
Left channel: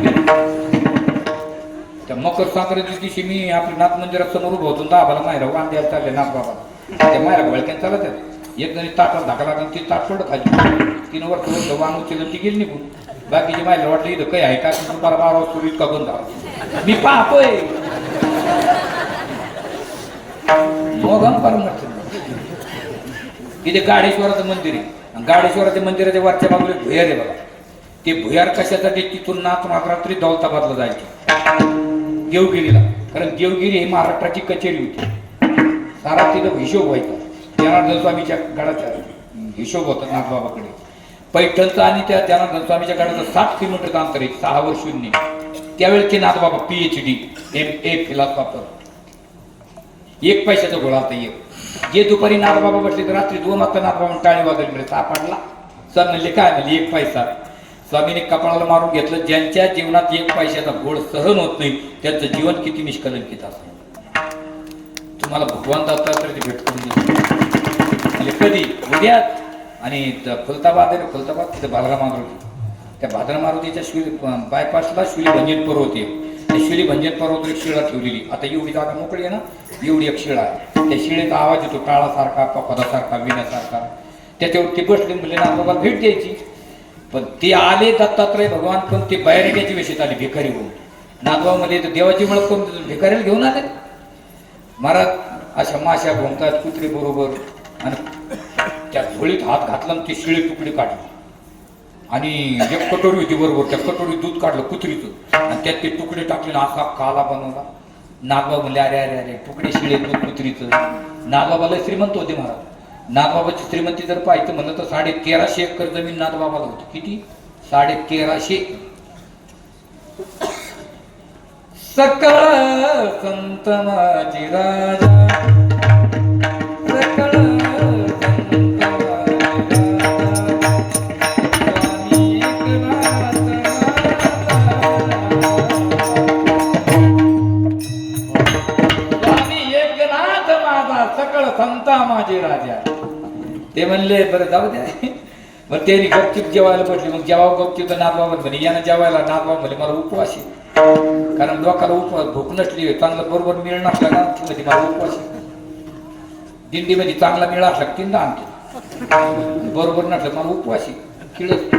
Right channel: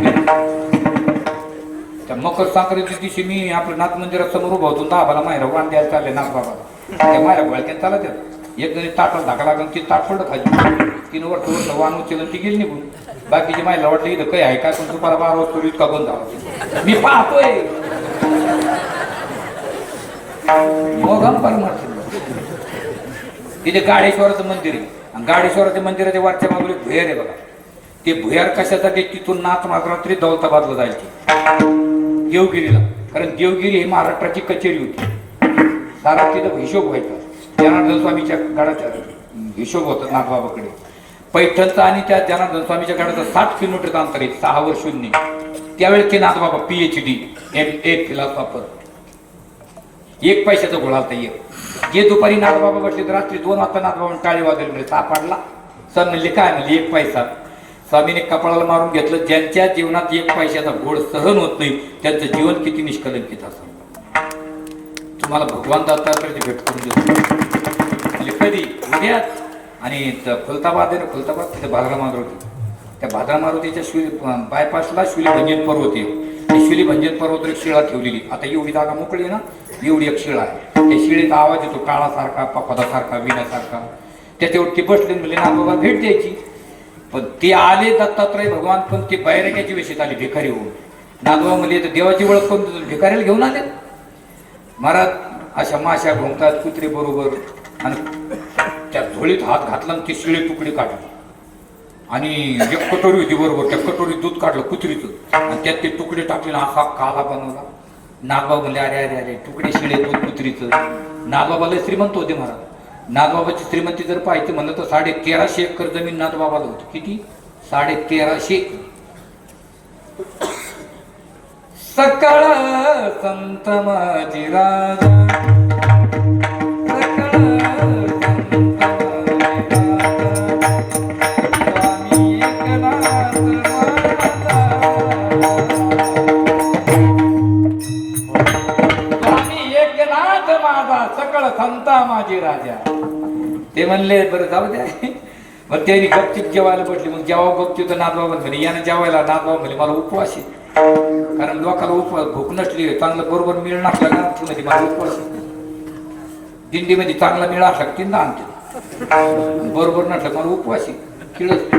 त्या मकर संक्रांती दिवशी मी आपल्या नाथ मंदिरात समोर उभा होतो. दाबाला मायरा वाण द्यायला चालले नाथ बाबा. त्या मायरा गोळ्यात चालत एक जणी ताटाला धाका लागून ती ताट पडलं खाली. 3 वर्ष वाण उचललं ती गेली निघून. बाकीची मायला वाटलं इथं काही आहे का, पण तुम्हाला 12 वाजता इतका बंद झाला. मी पाहतोय तिथे गाडेश्वराचं मंदिर आहे आणि गाडेश्वराच्या मंदिराच्या वरच्या बाजूला भुयार आहे बघा. ते भुयार कशासाठी तिथून नाथ रात्री दौलताबादला जायचे देवगिरीला, कारण देवगिरी ही महाराष्ट्राची कचेरी होती. सारा तिथं हिशोब व्हायचा. जनार्दन स्वामीच्या गडाचा हिशोब होता नाथबाबाकडे. पैठणचा आणि त्या जनार्दन स्वामीच्या गडाचं 60 किलोमीटरचं अंतर आहे. 6 वर 0. त्यावेळेस ते नाथबाबा PhD MA फिलॉसॉफर 1 पैशाचा घोळा होता. जे दुपारी नाथबाबा बसले तर रात्री 2 वाजता नाथबाबा टाळी वाजवली सापडला. सर म्हणले काय म्हणले 1 पैसा. स्वामीने कपाळाला मारून घेतलं. ज्यांच्या जीवनात 1 पैशाचा घोळ सहन होत नाही त्यांचं जीवन किती निष्कलंकित असं. तुम्हाला भगवान दत्तात्रय भेट करून देतो म्हणजे कधी उद्याच. आणि खुलताबाद आहे ना, खुलताबाद तिथे भाद्रा मारुती. त्या भाद्रा मारुतीच्या बायपासला शुली भंजन पर्वत आहे. ती शुली भंजन पर्वत एक शिळा ठेवलेली. आता एवढी जागा मोकळी आहे ना, एवढी एक शिळा आहे. त्या शिळेचा आवाज येतो टाळासारखा पदासारखा विण्यासारखा. त्याच्यावरती बसले म्हणजे नाथबाबा भेट द्यायची. पण ते आले दत्तात्रय भगवान, पण ते बैराग्याची वेशीत आले भिकारी होऊन. नाथबाबा म्हणजे देवाची ओळख करून भिकाऱ्याला घेऊन आले. महाराज अशा माश्या घुमतात कुत्रे बरोबर आणि त्या झोळीत हात घातला आणि ती शिळे तुकडे काढले आणि एक कटोरी होती बरोबर. त्या कटोरीत दूध काढलं कुत्रीचं आणि त्यात ते तुकडे टाकले ना असा काला बनवला. नागबाबा म्हणले अरे अरे अरे तुकडे शिळे दूध कुत्रीचं. नागबाबाला श्रीमंत होते महाराज. नाथबाबाची श्रीमंती जर पाहायचं म्हणलं तर 1350 एकर जमीन नाथबाबाला होती. किती? 1350. सकळ संत माझी राजा, सकळ संत माझी राजा, स्वामी एकनाथ माझा, सकळ संता माझी राजा. ते म्हणले बरं जाऊ द्या. मग त्यांनी गपचिप जेवायला बसले. मग जेव्हा गपचिप तर नाथबाबा म्हणे यानं जेवायला. नाथबाबा म्हणे मला उपवास आहे. कारण लोकांना उपवास भूक नसली, चांगलं बरोबर मिळ नसला ना मध्ये मला उपवास आहे. दिंडीमध्ये चांगला मिळ असला तीनदा आणते, बरोबर नसलं मला उपवास आहे. खिळच.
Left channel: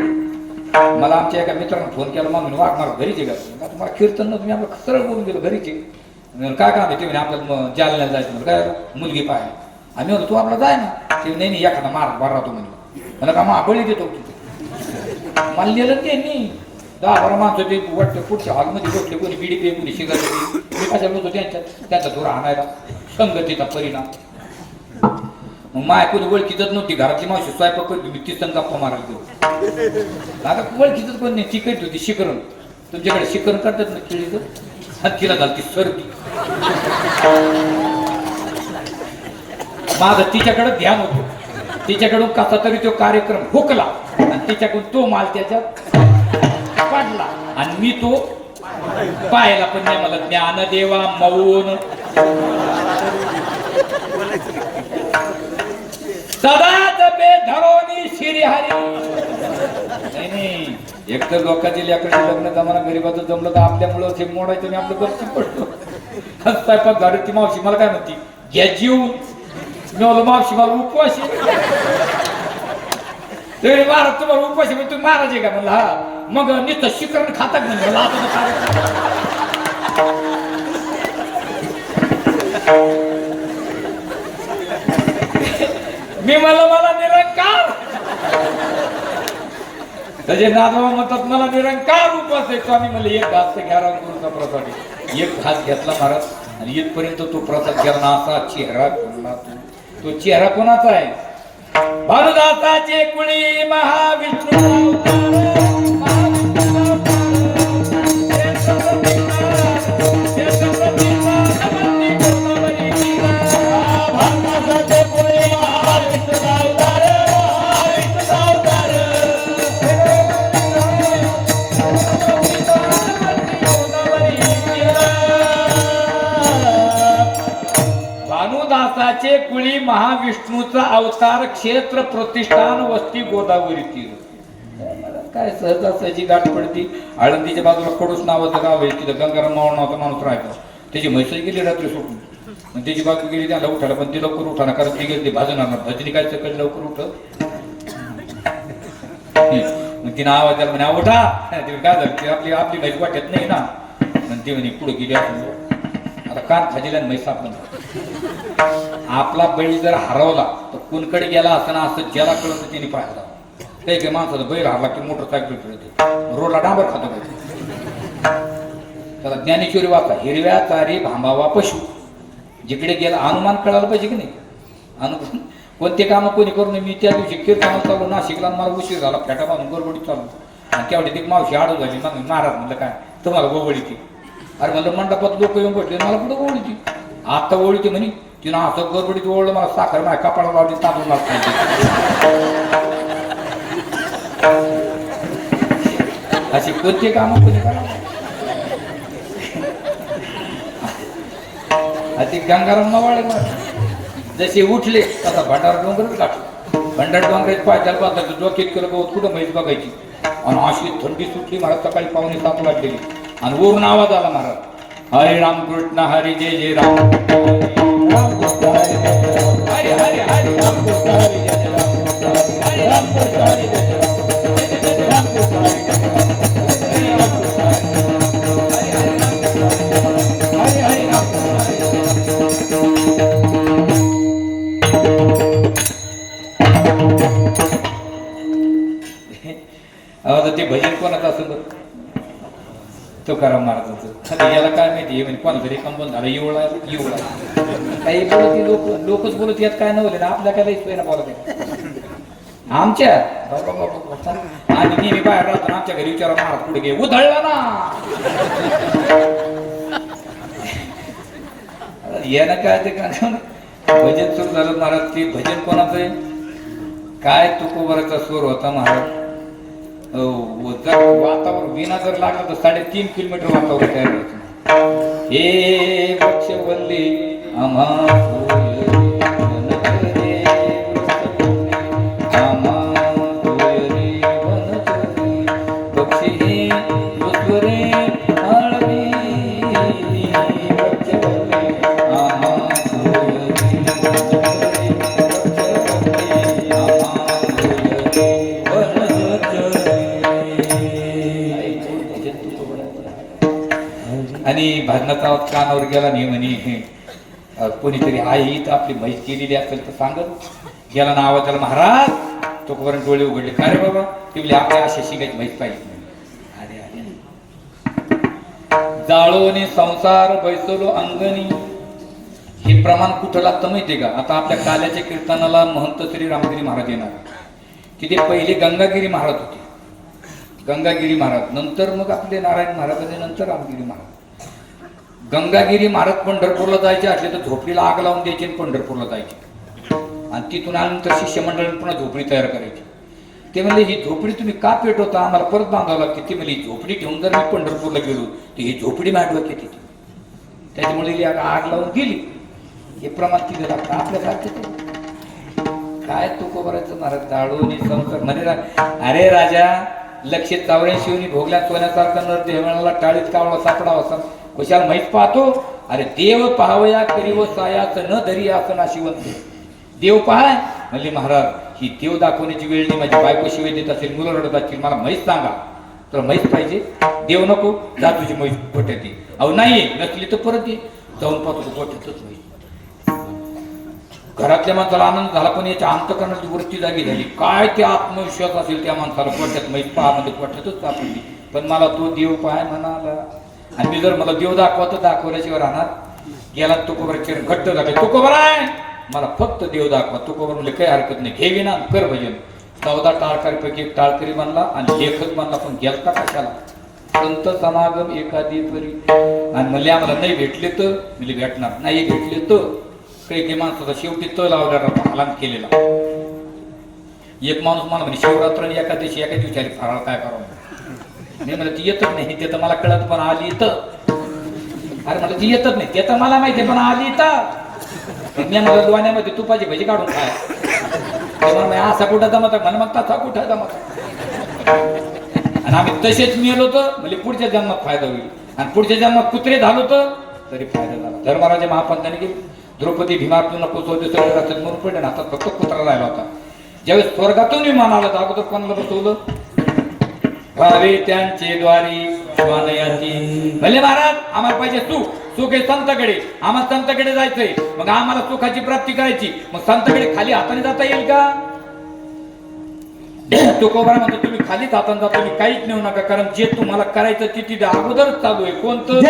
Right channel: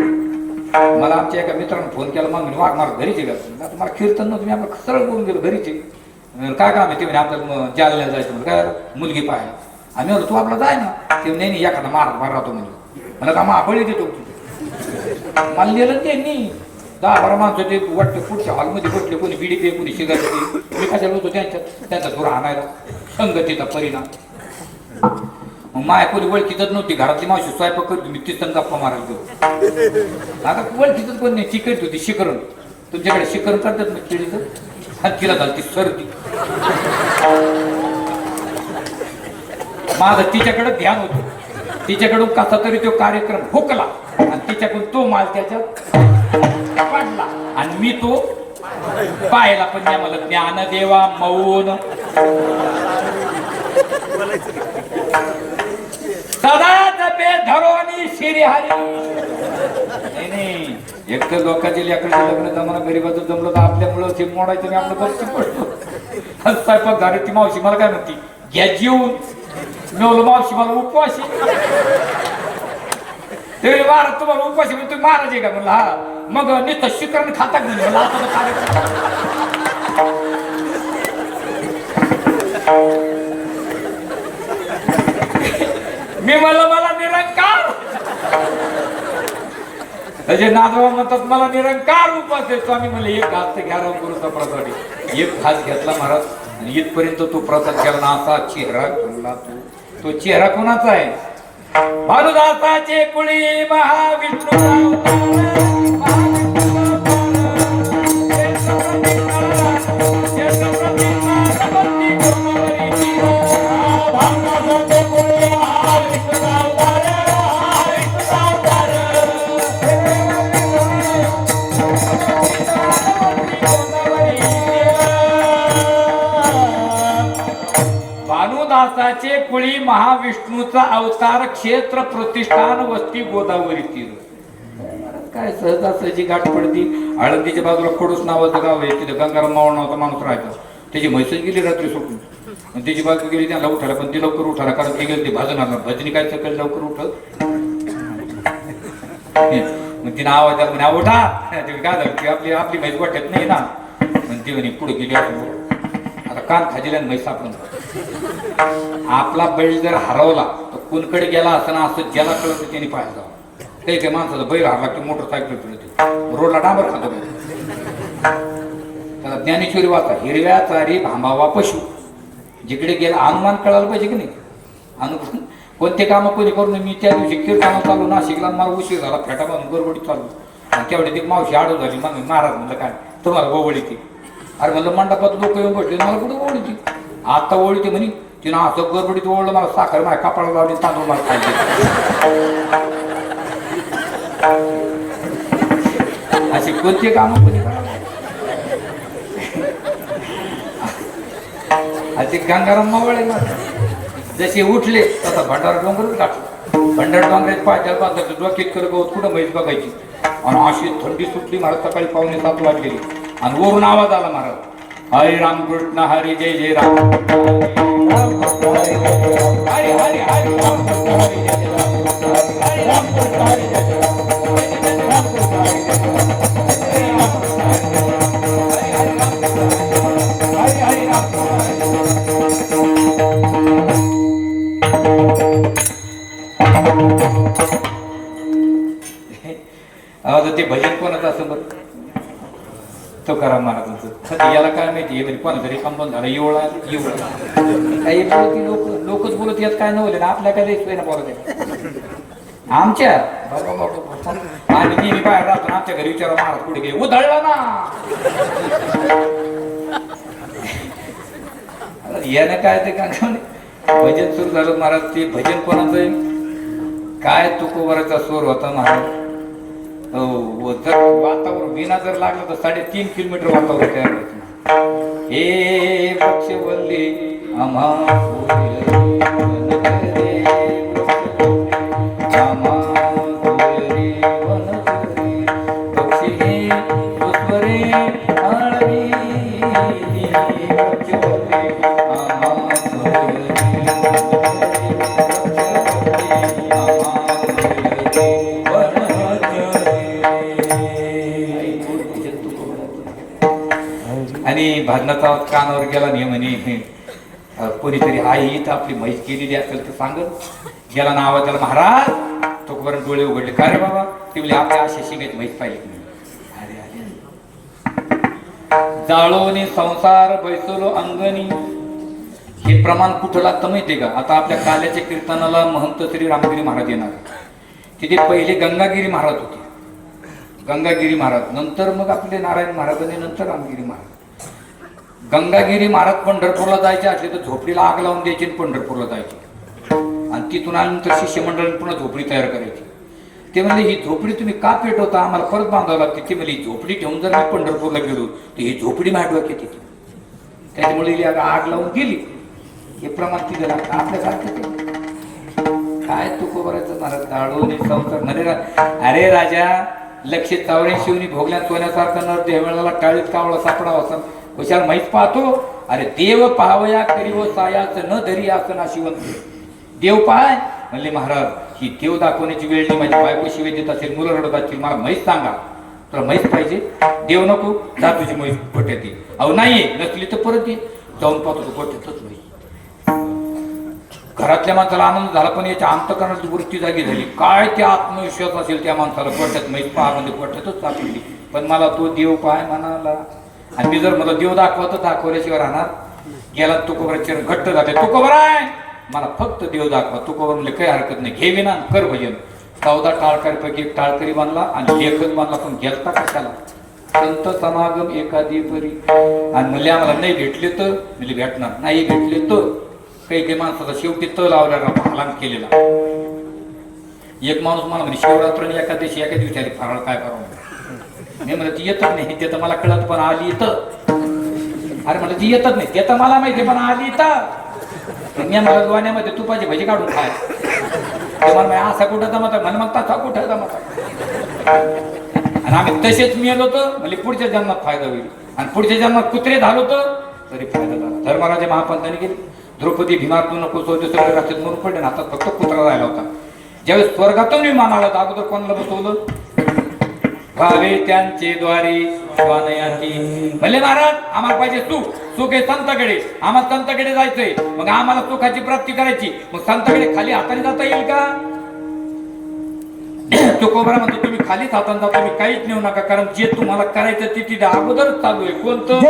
मला आमच्या एका मित्रानं फोन केला. मग म्हणे वाघ मला घरीचे का? आता मला कीर्तन नव्हतं, मी आपलं सरळ बोलून गेलो घरीचे. काय काम आहे ते म्हणे आपल्याला जालन्याला जायचं. म्हणजे काय मुलगी पाय. आम्ही म्हणलो तू आपला जाय ना. ते नाही एखादा मार राहतो म्हणजे. मला का माबळी देतो मला लिहिलं त्यांनी. 10-12 माणसं ते वाटतं पुढच्या हॉलमध्ये बसले. कोणी बिडी पे, कोणी सिगारेट. मी कशाला होतो त्यांचा थोडा आणायला. संगतीचा परिणाम. मग माय कोणी ओळखीतच नव्हती. घरातली मावशी स्वयंपाक करतो, मी ती संग गप्पा मारायला गेलो. आता ओळखीतच कोण नाही. चिकट होती शिकरण. तुमच्याकडे शिकरण करतात ना पिढीचं. आणि तिला घालती सर्दी. माझं तिच्याकडे ध्यान होतं. तिच्याकडून कसा तरी तो कार्यक्रम हुकला आणि तिच्याकडून तो माल त्याच्यात पडला आणि मी तो पाहायला. पण नाही मला ज्ञान देवा मौन सदा जपे धरोनी श्रीहरी. नाही एक तर लोकांची लेकरांची लग्न जमाना गरीबाचं जमलं तर आपल्यामुळं ते मोडायचं. मी आपलं गपचूप पडतो. स्वयंपाक झालं. ती मावशी मला काय म्हणती घ्या जीवन. मी बोल मावशी मला उपवासी. ते महाराज तुम्हाला उपवासी तुम्ही महाराज आहे का? म्हणलं हा. मग नुसतं शिकरण खातात म्हणजे मी म्हणलं मला निरंकार. त्याचे नाथबाबा म्हणतात मला निरंकार उपवास आहे. स्वामी म्हणले एक घास तर घ्या राव गुरुचा प्रसाद. एक घास घेतला महाराज आणि इथपर्यंत तो प्रसाद केला ना. असा चेहरा खोलला तो चेहरा कोणाचा आहे? भानुदासाचे कुळी महाविष्णू. भानुदासाचे कुळी महाविष्णूचा अवतार. क्षेत्र प्रतिष्ठान वस्ती गोदावरी तीर. काय सहजासहजी गाठ पडती. आळंदीच्या बाजूला कडूस नावाचं गाव आहे. तिथं गंगाराम मावळ नावाचा माणूस राहायचा. त्याची म्हैसच गेली रात्री सोडून आणि त्याची बाजू गेली त्याला उठायला. पण ती लवकर उठायला कारण ती गेली भाजणार. भजनी काय सकाळी लवकर उठत. मग तिनं आवाज द्या म्हणे उठा. काय झालं की आपली आपली म्हैस वाटत नाही ना. आणि ती म्हणे पुढे गेली. आता कान खाजीला म्हैस आपण. आपला बैल जर हरवला तर कोणकडे गेला असं ना असं ज्याला कळत त्याने पाहायला. काही काही माणसाचा बैल हरला की मोटरसायकल फिरतो. रोडला डांबर खातो. त्याला ज्ञानेश्वरी वाचा. हिरव्या चारी भांबावा पशु. जिकडे गेला अनुमान कळायला पाहिजे की नाही. अनुमान कोणते कामं कोणी करू नये. मी त्या दिवशी कीर्तनाला चालू नाशिकला. मला उशीर झाला. फेटा बांधून गडबडीत चालू आणि तेवढी ती मावशी आडू झाली. मग महाराज म्हणलं काय तुम्हाला गोवळी ती. अरे म्हणलं मंडपात लोक येऊन बसले. मला कुठं गोवळी ती. आता ओळीते म्हणे. तिनं असं गडबडीत ओळलं. मला साखर माझ्या कपाळाला लावली. तांदूळ मला खायचे. अशी कोणते कामं कोणी करा. ते गंगाराम मावळे जसे उठले तसा भंडार डोंगरच गाठला. भंडार डोंगराचे पायथ्याला बांधायचं. डोक्यात केलं गवत कुठं म्हैस बघायची. आणि अशी थंडी सुटली महाराज. सकाळी 6:45 वाजलेली आणि वरून आवाज आला महाराज. हरे राम कृष्ण हरी जय जय राम. हरे हरे हरे राम कृष्ण हरी जय जय राम. हरे राम कृष्ण हरी जय जय राम. ते भजन कोणाचं असं बघ तुकाराम महाराजांचं. याला काय माहिती आहे कोणाला तरी कंपन झालं येऊ काही बोलत लोकच बोलत यात काय नव्हते आपल्या काय सोय ना बोलत आमच्या आणि नेहमी बाहेर राहतो आमच्या घरी विचारा महाराज पुढे गे उधळला ना यानं काय ते काय भजन सुरू झालं महाराज. ते भजन कोणाचं काय तुकोबराचा स्वर होता महाराज. जर वातावरण विना जर लागलं तर 3.5 किलोमीटर वातावरण तयार व्हायचं. हे वृक्षवल्ली आम्हा आणि भाजनाचा कानावर गेला नाही म्हणे कोणीतरी आई तर आपली म्हैस केलेली असेल तर सांगत गेला ना आवाज त्याला महाराज तोपर्यंत डोळे उघडले काय रे बाबा ते म्हणजे आपल्या अशा शिंगाची म्हैस पाहिजे. अरे अरे जाळोने संसार बैसलो अंगणी हे प्रमाण कुठं लागतं माहितीये का. आता आपल्या काल्याच्या कीर्तनाला महंत श्री रामगिरी महाराज येणार. तिथे पहिले गंगागिरी महाराज होते. गंगागिरी महाराज नंतर मग आपले नारायण महाराज आणि नंतर रामगिरी महाराज. गंगागिरी महाराज पंढरपूरला जायचे असले तर झोपडीला आग लावून द्यायची पंढरपूरला जायचे आणि तिथून आल्यानंतर शिष्यमंडळाने पुन्हा झोपडी तयार करायची. ते म्हणजे ही झोपडी तुम्ही का पेटवता आम्हाला परत बांधावं लागते. ते म्हणजे झोपडी ठेवून जर मी पंढरपूरला गेलो तर ही झोपडी मांडवा की तिथे त्याच्यामुळे आग लावून गेली. हे प्रमाण तिथे लागतं आपल्यासारखं काय तुको बरायचं महाराज जाळून संसार. अरे राजा 184 भोगल्या सोन्यासारखा नर देह मिळाला 40 कावळा सापडावा असा कशाला माहीत पाहतो. अरे देव पाहवया करीव सायाच न धरी असं नाशिवंत. देव पाहाय म्हणले महाराज ही देव दाखवण्याची वेळ नाही. माझी बायको शिवाय देत असेल मुलं रडत असतील मला म्हैस सांगा. तुला म्हैस पाहिजे देव नको जा तुझी म्हैस गोठ्यात ये. अहो नाहीये नसली तर परत ये जाऊन पाहतो तू गोठ्यातच नाही. घरातल्या माणसाला आनंद झाला पण याच्या अंतकरणाची वृत्ती जागी झाली. काय ते आत्मविश्वास असेल त्या माणसाला गोठ्यात म्हैस पहा म्हणजे गोठ्यातच सापडली. पण मला तो देव पाय म्हणाला आणि मी जर मला देव दाखवा तर दाखवल्याशिवाय राहणार. गेला तुकोबराचे घट्ट झाले तुकोबर आहे मला फक्त देव दाखवा. तुकोबर म्हणजे काही हरकत नाही घेवी ना कर भजन. 14 टाळकरीपैकी एक टाळकरी बांधला आणि लेखक बांधला पण गेलता कशाला संत समागम एखादी परी. आणि म्हणले आम्हाला नाही भेटले तर म्हणजे भेटणार नाही भेटले तर काही माणसाचा शेवटी त लावल्याला फलांग केलेला. एक माणूस मला म्हणजे शिवरात्र आणि एकादशी एका दिवसाने फराळ काय करावं नाही म्हणलं ती येतच नाही ते तर मला कळत पण आली तर. अरे म्हणलं ती येतच नाही ते तर मला माहिती पण आली तर मी मला दोण्यामध्ये तुपाची भजी काढून खाय ते मला असा कुठं जमत म्हणे मग तसा कुठं जमत. आणि आम्ही तसेच मिळलो तर म्हणजे पुढच्या जन्मात फायदा होईल आणि पुढच्या जन्मात कुत्रे झालो तर तरी फायदा झाला. धर्मराजा महापंतांनी गेले द्रौपदी भीमातून नको स्वर्गात मरून पडले ना आता फक्त कुत्रा राहिला होता. ज्यावेळेस स्वर्गातून विमान आलं तर अगोदर कोणाला बसवलं भावे त्यांचे द्वारी स्वानयाची. भले महाराज आम्हाला पाहिजे सुख आहे संतकडे आम्हाला संतकडे जायचंय मग आम्हाला सुखाची प्राप्ती करायची मग संतकडे खाली हाताने जाता येईल का. तुकोबरा म्हणतो तुम्ही खालीच हाताने जाता तुम्ही काहीच नेऊ नका कारण जे तुम्हाला करायचं ते तिथे अगोदरच चालू आहे. कोणतं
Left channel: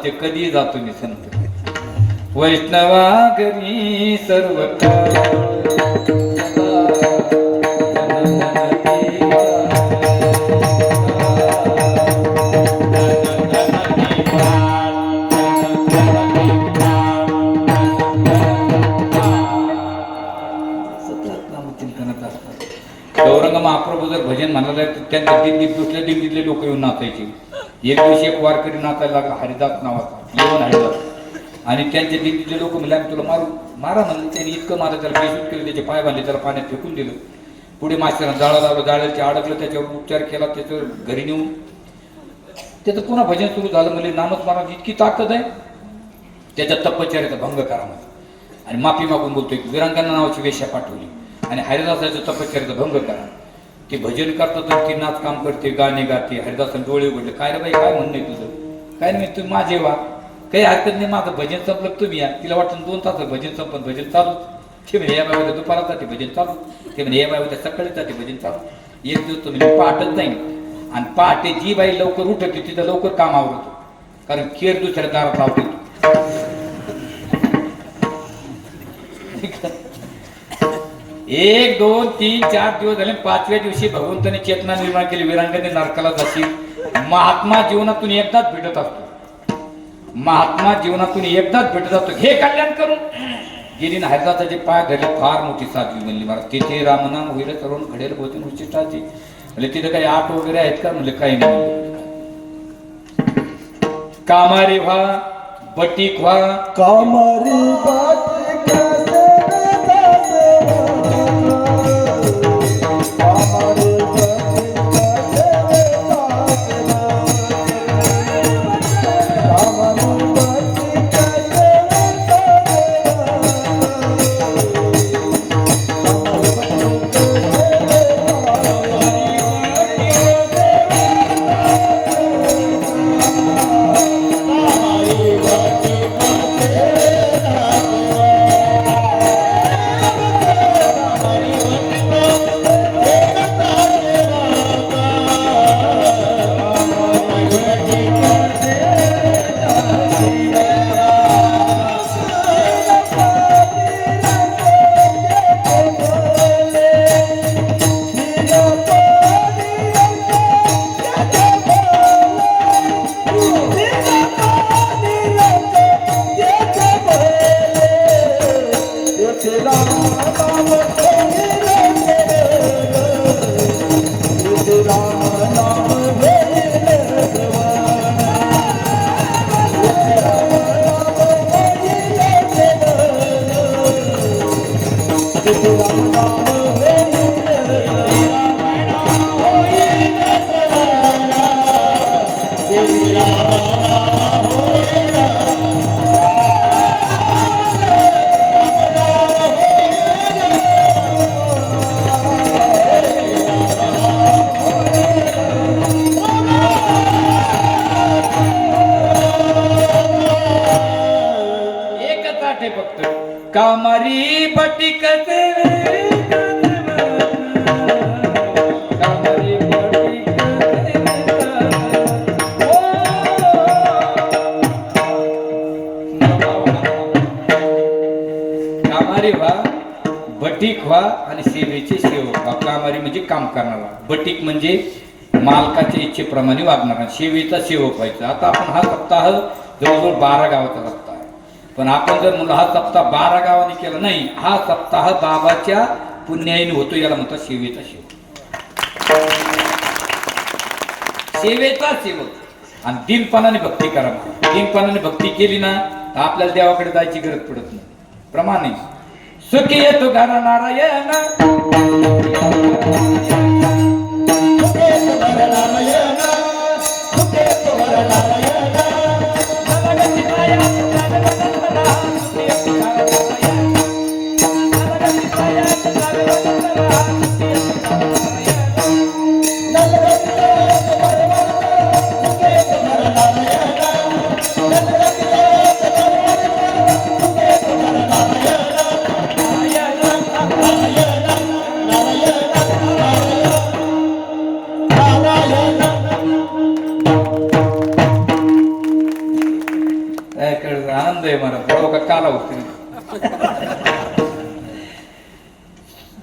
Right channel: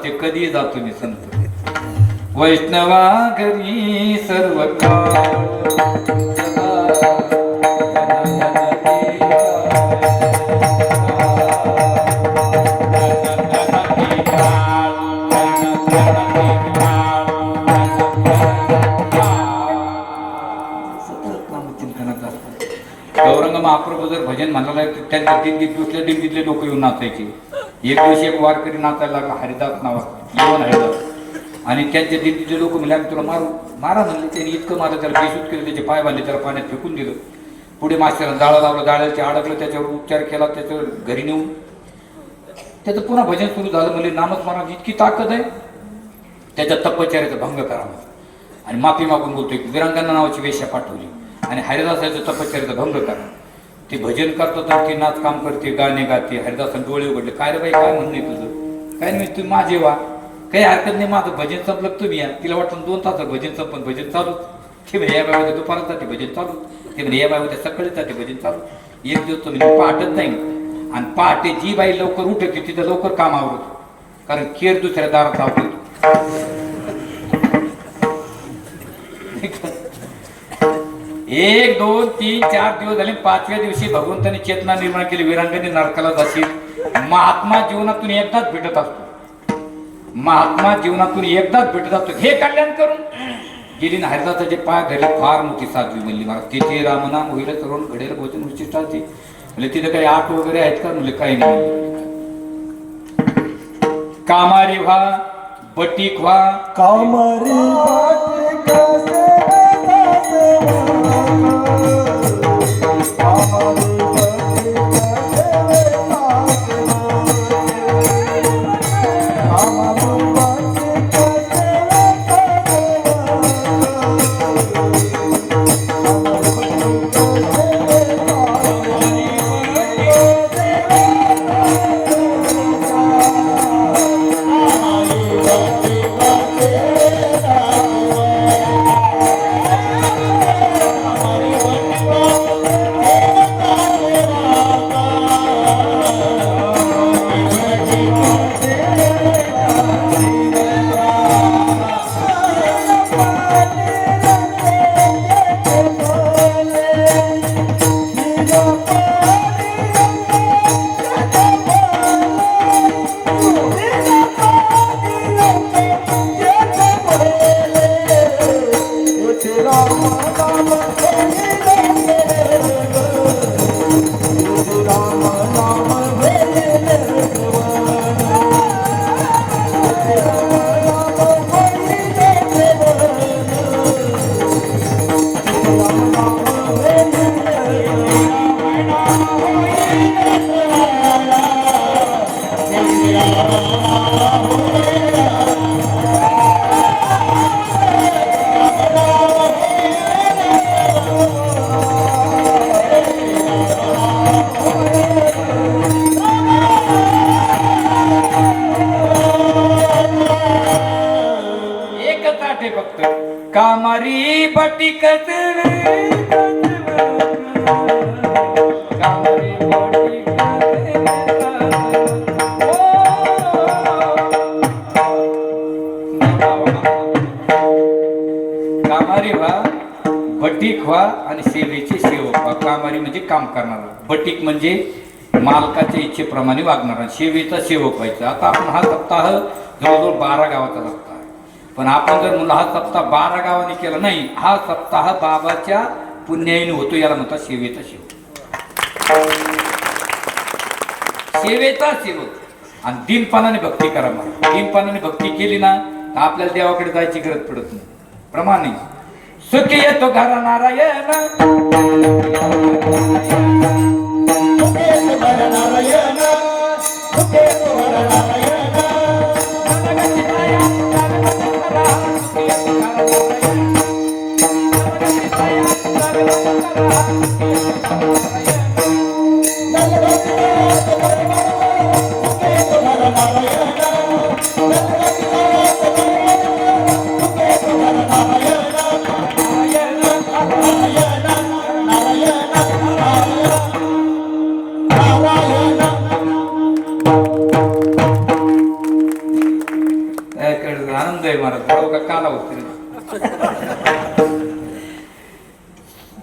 असते, कधी जातो मी संत. वैष्णवा घरी सर्व गौरंग महाप्रभू जर भजन म्हणाला तर त्यांच्या दिल्लीत दुसऱ्या दिल्लीतले लोक येऊन नाचायचे. एक दिवशी एक वारकरी नाचायला लागला, हरिदास नावाचा, येऊन हरिदास. आणि त्यांच्या दिल्लीतले लोक म्हणले आम्ही तुला मारा म्हणलं. त्यांनी इतकं मारलं, त्याला बेशूत केलं, त्याचे पाय बांधले, त्याला पाण्यात फेकून दिलं. पुढे मास्टरनं जाळं लावलं, जाळ्याचे अडकलं, त्याच्यावर उपचार केला, त्याचं घरी नेऊन त्याचं पुन्हा भजन सुरू झालं. म्हणजे नामस्मरणाची इतकी ताकद आहे, त्याच्या तपश्चर्याचा भंग करा आणि माफी मागून बोलतोय. विरंगना नावाची वेश्या पाठवली आणि हरिदासाचं तपश्चर्याचा भंग करा. ते भजन करतात तर ती नाच काम करते, गाणे गाते. हरिदासाने डोळे उघडले, काय रे बाई काय म्हणणं आहे तुझं? काय नाही, तू माझे वा, काही हरकत नाही, माझं भजन संपलं तुम्ही या. तिला वाटतं 2 तासात भजन संपन, भजन चालू. ते म्हणे या बाबा दुपारासाठी भजन चालू, ते म्हणे या बाबा सकाळीसाठी भजन चालू. एक दिवस तो म्हणजे पहाटच नाही. आणि पहाटे जी बाई लवकर उठते तिथं लवकर काम आवडतं, कारण केर दुसऱ्या दारात लावतो. 1 2 3 4 दिवस झाले. 5व्या दिवशी भगवंताने चेतना निर्माण केली. विरांगने नरकाला जाशील. महात्मा जीवनातून एकदाच भेटत असतो, महात्मा जीवनातून एकदाच भेटत असतो. हे कल्याण करून गेली ना. हरिदासाचे पाय धरले, फार मोठी साध्वी म्हणली मला. तिथे रामनाम होईल करून घडेल भोजन उच्चिष्टाची. म्हणजे तिथे काही आठ वगैरे आहेत का? म्हणजे काही नाही. कामारी व्हा, बटीक व्हा, कामारी कामारी बटीक कामारी व्हा, बटीक व्हा आणि सेवेचे सेवक व्हा. कामारी म्हणजे काम करणारा, बटीक म्हणजे मालकाच्या इच्छेप्रमाणे वागणारा, सेवेचा सेवक व्हायचा. आता आपण हा सप्ताह जवळजवळ 12 गावाचा सप्ताह आहे. पण आपण जर म्हणलं हा सप्ताह 12 गावांनी केला नाही, हा सप्ताह बाबाच्या पुण्याईने होतो. याला म्हणतात सेवेचा सेवक, सेवेचा सेवक. आणि दिनपणाने भक्ती करा. दिनपणाने भक्ती केली ना तर आपल्याला देवाकडे जायची गरज पडत नाही. प्रमाणे सुखी येतो घरा नारायण,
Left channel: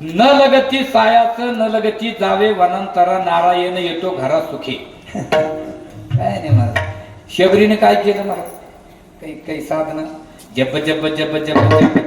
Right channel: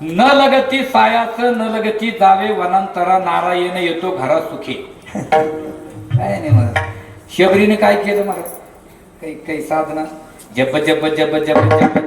न लगती सायाच न लगती जावे वनांतरा नारायण येतो घरा सुखी. काय नाही महाराज शबरीने काय केलं महाराज काही काही साधना जप जप जप जप जप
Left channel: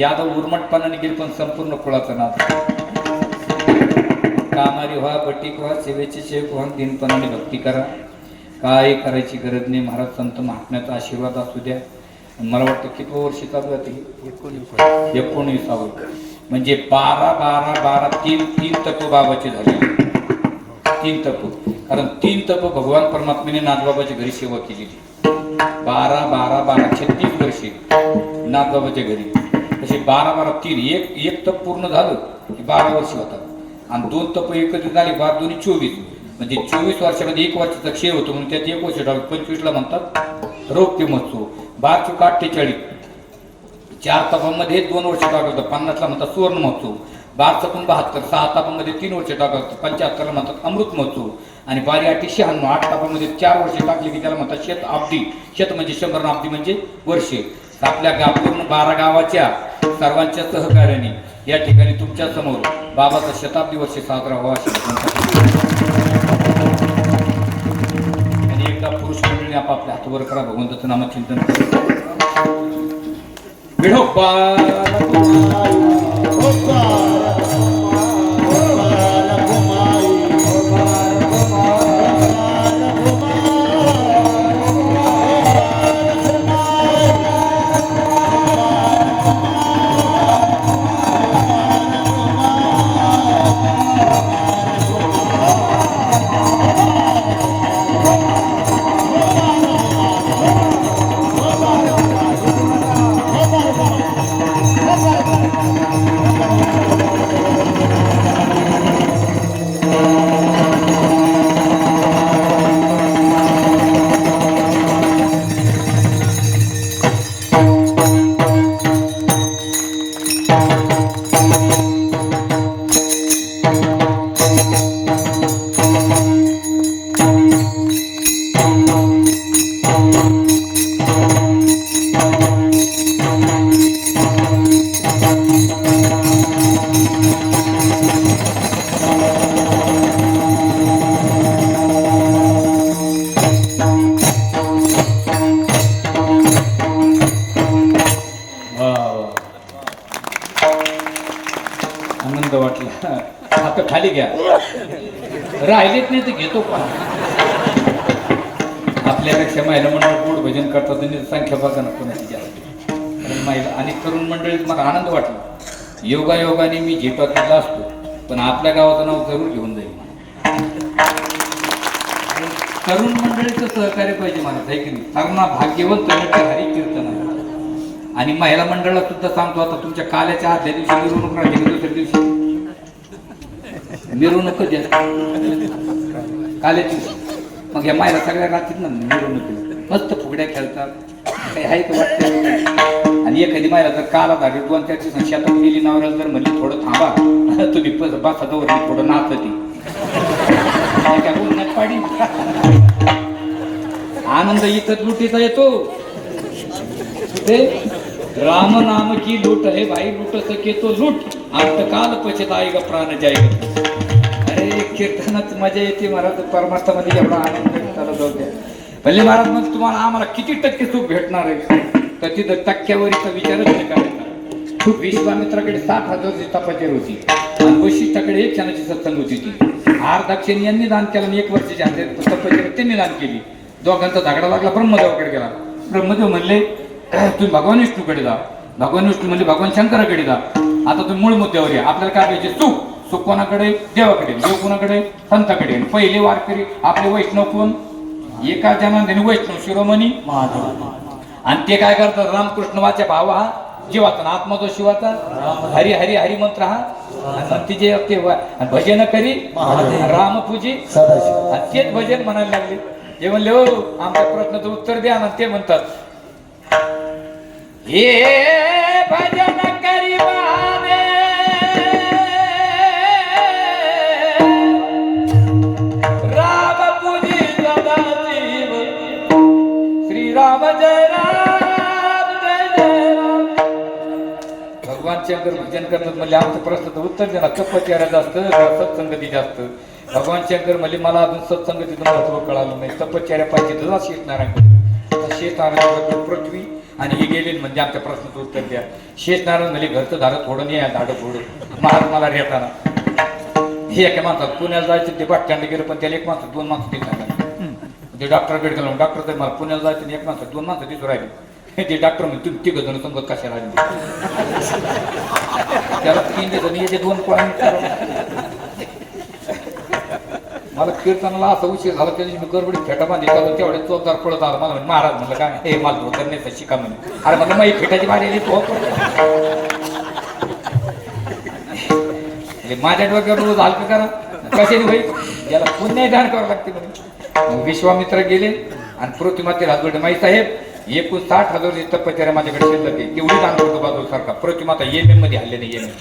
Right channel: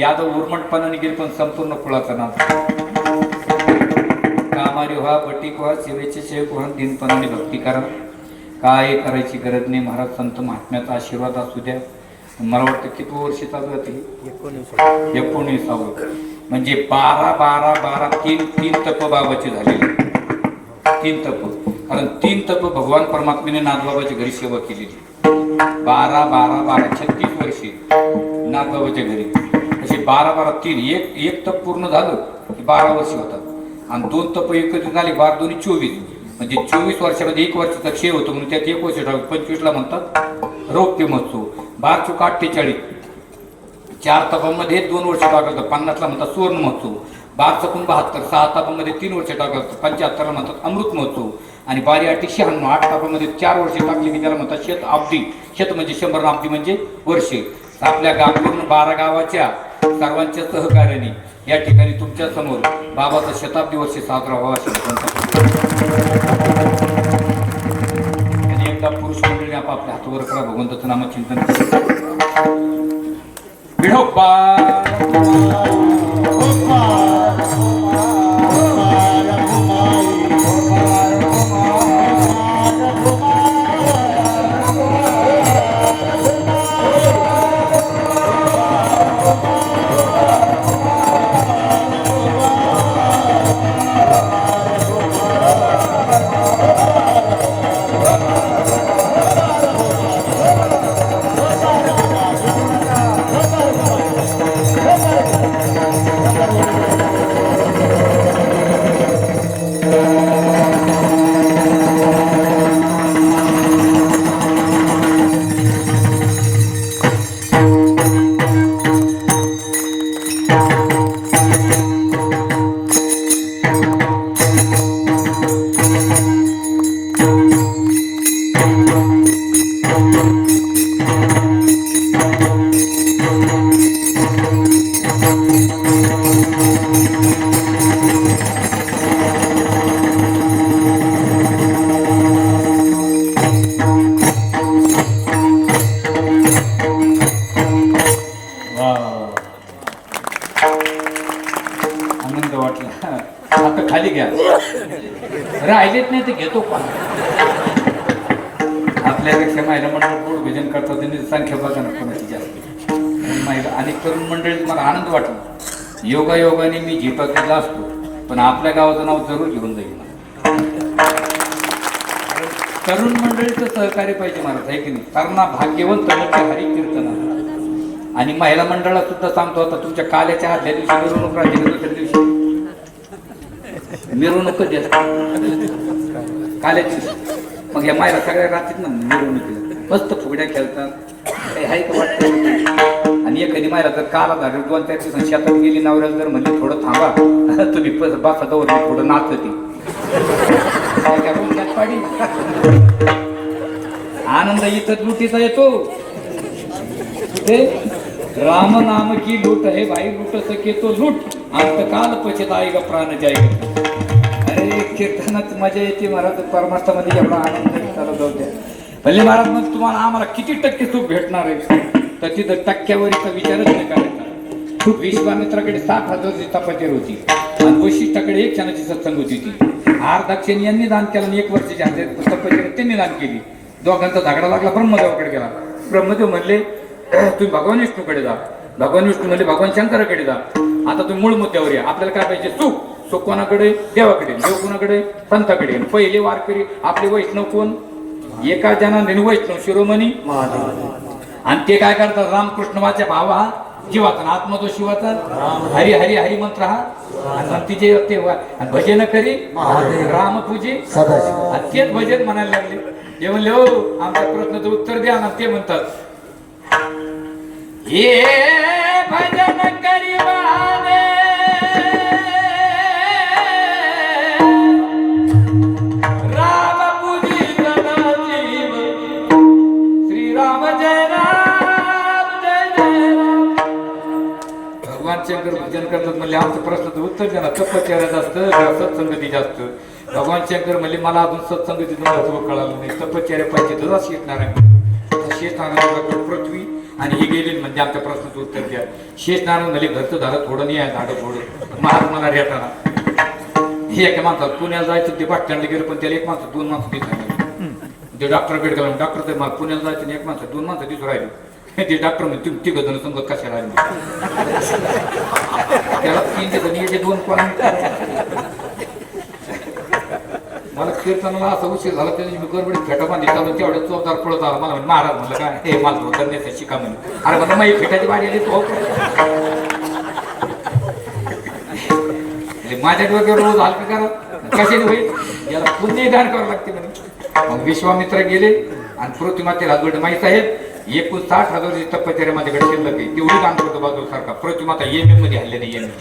यादव उर्मटपणाने गेली पण संपूर्ण कुळाचा नाद. कामारी व्हा बटीक व्हा सेवेचे सेवक व्हा दिनपणाने भक्ती करा. काय करायची गरज नाही. महाराज संत महात्म्याचा आशीर्वाद असू द्या. मला वाटतं किती वर्ष चालू आहे 19. म्हणजे 12 तीन तप बाबाचे झालेले. 3 तप कारण 3 तप भगवान परमात्म्याने नाथबाबाच्या घरी सेवा केलेली. 12 36 वर्षे नाथबाबाच्या घरी. तसे 12 3 एक तप पूर्ण झालं की 12 वर्ष होतात आणि 2 तप एकत्रित झाले 12 2 24 म्हणजे 24 वर्षामध्ये 1 वर्षाचा क्षय होतो म्हणून त्यात 1 वर्ष ठरवलं. 25ला म्हणतात रौप्य महोत्सव. 12 चोक 48 4 तपामध्ये 2 वर्ष टाकलं. 50ला म्हणतात सुवर्ण महोत्सव. 12 चकून 72 6 तापामध्ये 3 वर्ष टाकलं. 75ला म्हणतात अमृत महोत्सव आणि 12 8 96 8 तापामध्ये 4 वर्ष टाकली की त्याला म्हणतात शेत अब्दी. शेत म्हणजे 100 अब्दी म्हणजे वर्षे. आपल्या पूर्ण 12 गावाच्या सर्वांच्या सहकार्याने या ठिकाणी तुमच्या समोर बाबाचा शताब्दी वर्ष साजरा व्हावा आणि एकदा पुरुष मंडळीने आपापल्या हातवर करा भगवंताचं नामचिंतन आनंद वाटला. आता खाली घ्या राहिलेत नाही तर घेतो पण. आपल्यापेक्षा महिला मंडळ गोड भजन करतात त्यांनी संख्या बघा ना कोणाची जास्त महिला. आणि तरुण मंडळीत मला आनंद वाटला. योगायोगाने मी झेपातला असतो पण आपल्या गावाचं नाव जरूर घेऊन जाईल. तरुण मंडळीचं सहकार्य पाहिजे मला आहे की नाही. तरणा भाग्यवंत हरी कीर्तन. आणि महिला मंडळाला सुद्धा सांगतो आता तुमच्या काल्याच्या आदल्या दिवशी मिरवणूक राहते. दुसऱ्या दिवशी मिरवणूक काल्याची. मग या महिला सगळ्या राहतील ना मिरवणुकीला. मस्त फुगड्या खेळतात काही आहे का वाटतं. आणि एखादी महिला जर काला झाली 2-4 दिवसांनी शेतात गेली नवऱ्याला जर म्हणली थोडं थांबा तुम्ही बसावर थोडं नाचते पाडी. आनंद इथं लुटीचा येतो. राम नाम की लूट है भाई लूट सके तो लूट अंतकाल पछताएगा प्राण जाएगा. अरे कीर्तनात मजा येते महाराज. परमार्थामध्ये एवढा आनंद चालू जाऊ द्या. भले महाराज मग तुम्हाला आम्हाला किती टक्के सुख भेटणार आहे तर तिथं टक्क्यावरीचा विचारच नाही करायचा. विश्वामित्राकडे 60,000ची तपश्चर्या होती आणि वैशिष्ट्याकडे 1 क्षणाची सत्संग होती. ती हारदाक्षिणी यांनी दान केलं आणि 1 वर्षाची तपश्चर्या त्यांनी दान केली. दोघांचा झगडा लागला. ब्रह्मदेवाकडे गेला. ब्रह्मदेव म्हणले तुम्ही भगवान विष्णूकडे जा. भगवान विष्णू म्हणजे भगवान शंकराकडे जा. आता तुम्ही मूळ मुद्द्यावर या. आपल्याला काय पाहिजे सुख. सुख कोणाकडे देवाकडे. देव कोणाकडे संताकडे. पहिले वारकरी आपले वैष्णव कोण एका जनाने वैष्णव शिरोमणी आणि ते काय करतात रामकृष्ण वाचा भावा जीवाचा आत्मा तो शिवाचा हरी हरी हरी मंत्र हा आणि तिचे ते भजन करी राम तुझे आणि तेच भजन म्हणायला लागले. ते म्हणले हो आमच्या प्रश्नाचं उत्तर द्या ना. ते म्हणतात हे भजन करी बारे राम पूजी सदाशिव श्रीराम जय राम जय जय राम. भगवान शंकर भजन करतात म्हणजे आमचं प्रश्नाचं उत्तर द्या ना. तपश्चर्या जास्त सत्संगती जास्त. भगवान शंकर म्हणजे मला अजून सत्संगतीचं महत्व कळालं नाही. तपश्चर्या पाहिजे तुझा शेतनारायण शेतनारायण पृथ्वी आणि हे गेले म्हणजे आमच्या प्रश्नाचं उत्तर द्या. शेतनारायण म्हणजे घरचं झाडं थोडं नाही आहे झाडं थोडं महाग मला रेटाना. हे एका माणसात पुण्याला जायचं ते बाटक्यांना गेलं पण त्याला एक माणसं दोन माणसं तिथं राहिलं. ते डॉक्टरकडे गेलो डॉक्टर तर मला पुण्याला जायचं एक माणसं दोन माणसं तिथं राहिली. ते डॉक्टर म्हणजे तुम्ही तिघ जण संगत कशाला आले त्याला 3 जण याचे 2 कोण. मला कीर्तनाला असं उशीर झाला त्याची मी गडबडीत फेटा बांधली त्यामुळे तेवढे चौकार पडत आला. मला महाराज म्हणलं काय हे मला करण्याचं शिका म्हणे. अरे मला माझी फेटाची बारी आली तो माझ्या डोक्यावर रोज हलकं करा कशाने होईल याला पुन्हा दान करावं लागते म्हणे. मग विश्वामित्र गेले आणि पृथ्वीमाते राजगड माई साहेब 60,000 तपश्चर्या माझ्याकडे शिल्लक आहे तेवढी दान करतो बाजू सारखा. पृथ्वीमाता येमेन मध्ये हल्ले नाही येमेन.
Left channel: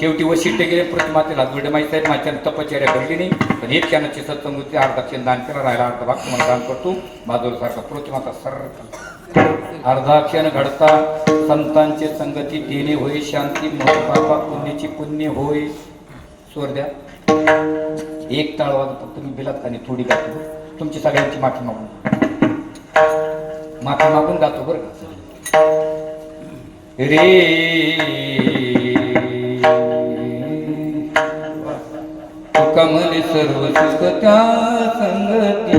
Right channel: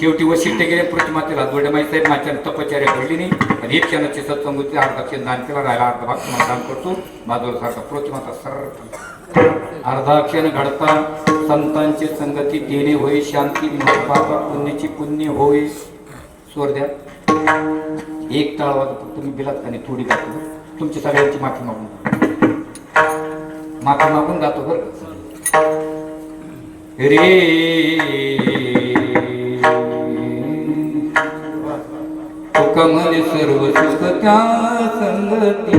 शेवटी वशिष्ठ गेले पृथ्वीमाते राजगड माई साहेब माझ्या तपश्चर्या घडली नाही आणि 1 क्षणाची सत्संगती अर्धाक्षण दान केलं राहिला अर्धा भाग तुम्हाला दान करतो बाजूला सारखा. पृथ्वीमाता सरळ अर्धाक्षण घडता संतांची संगती देणे होई शांती पापा पुण्याची पुण्य होई. स्वर द्या 1 तळवाचा फक्त तुम्ही बिलात आणि थोडी गातो तुमची सगळ्यांची माफी मागून गातो बरं रे कमल सर्व सुख त्या संगती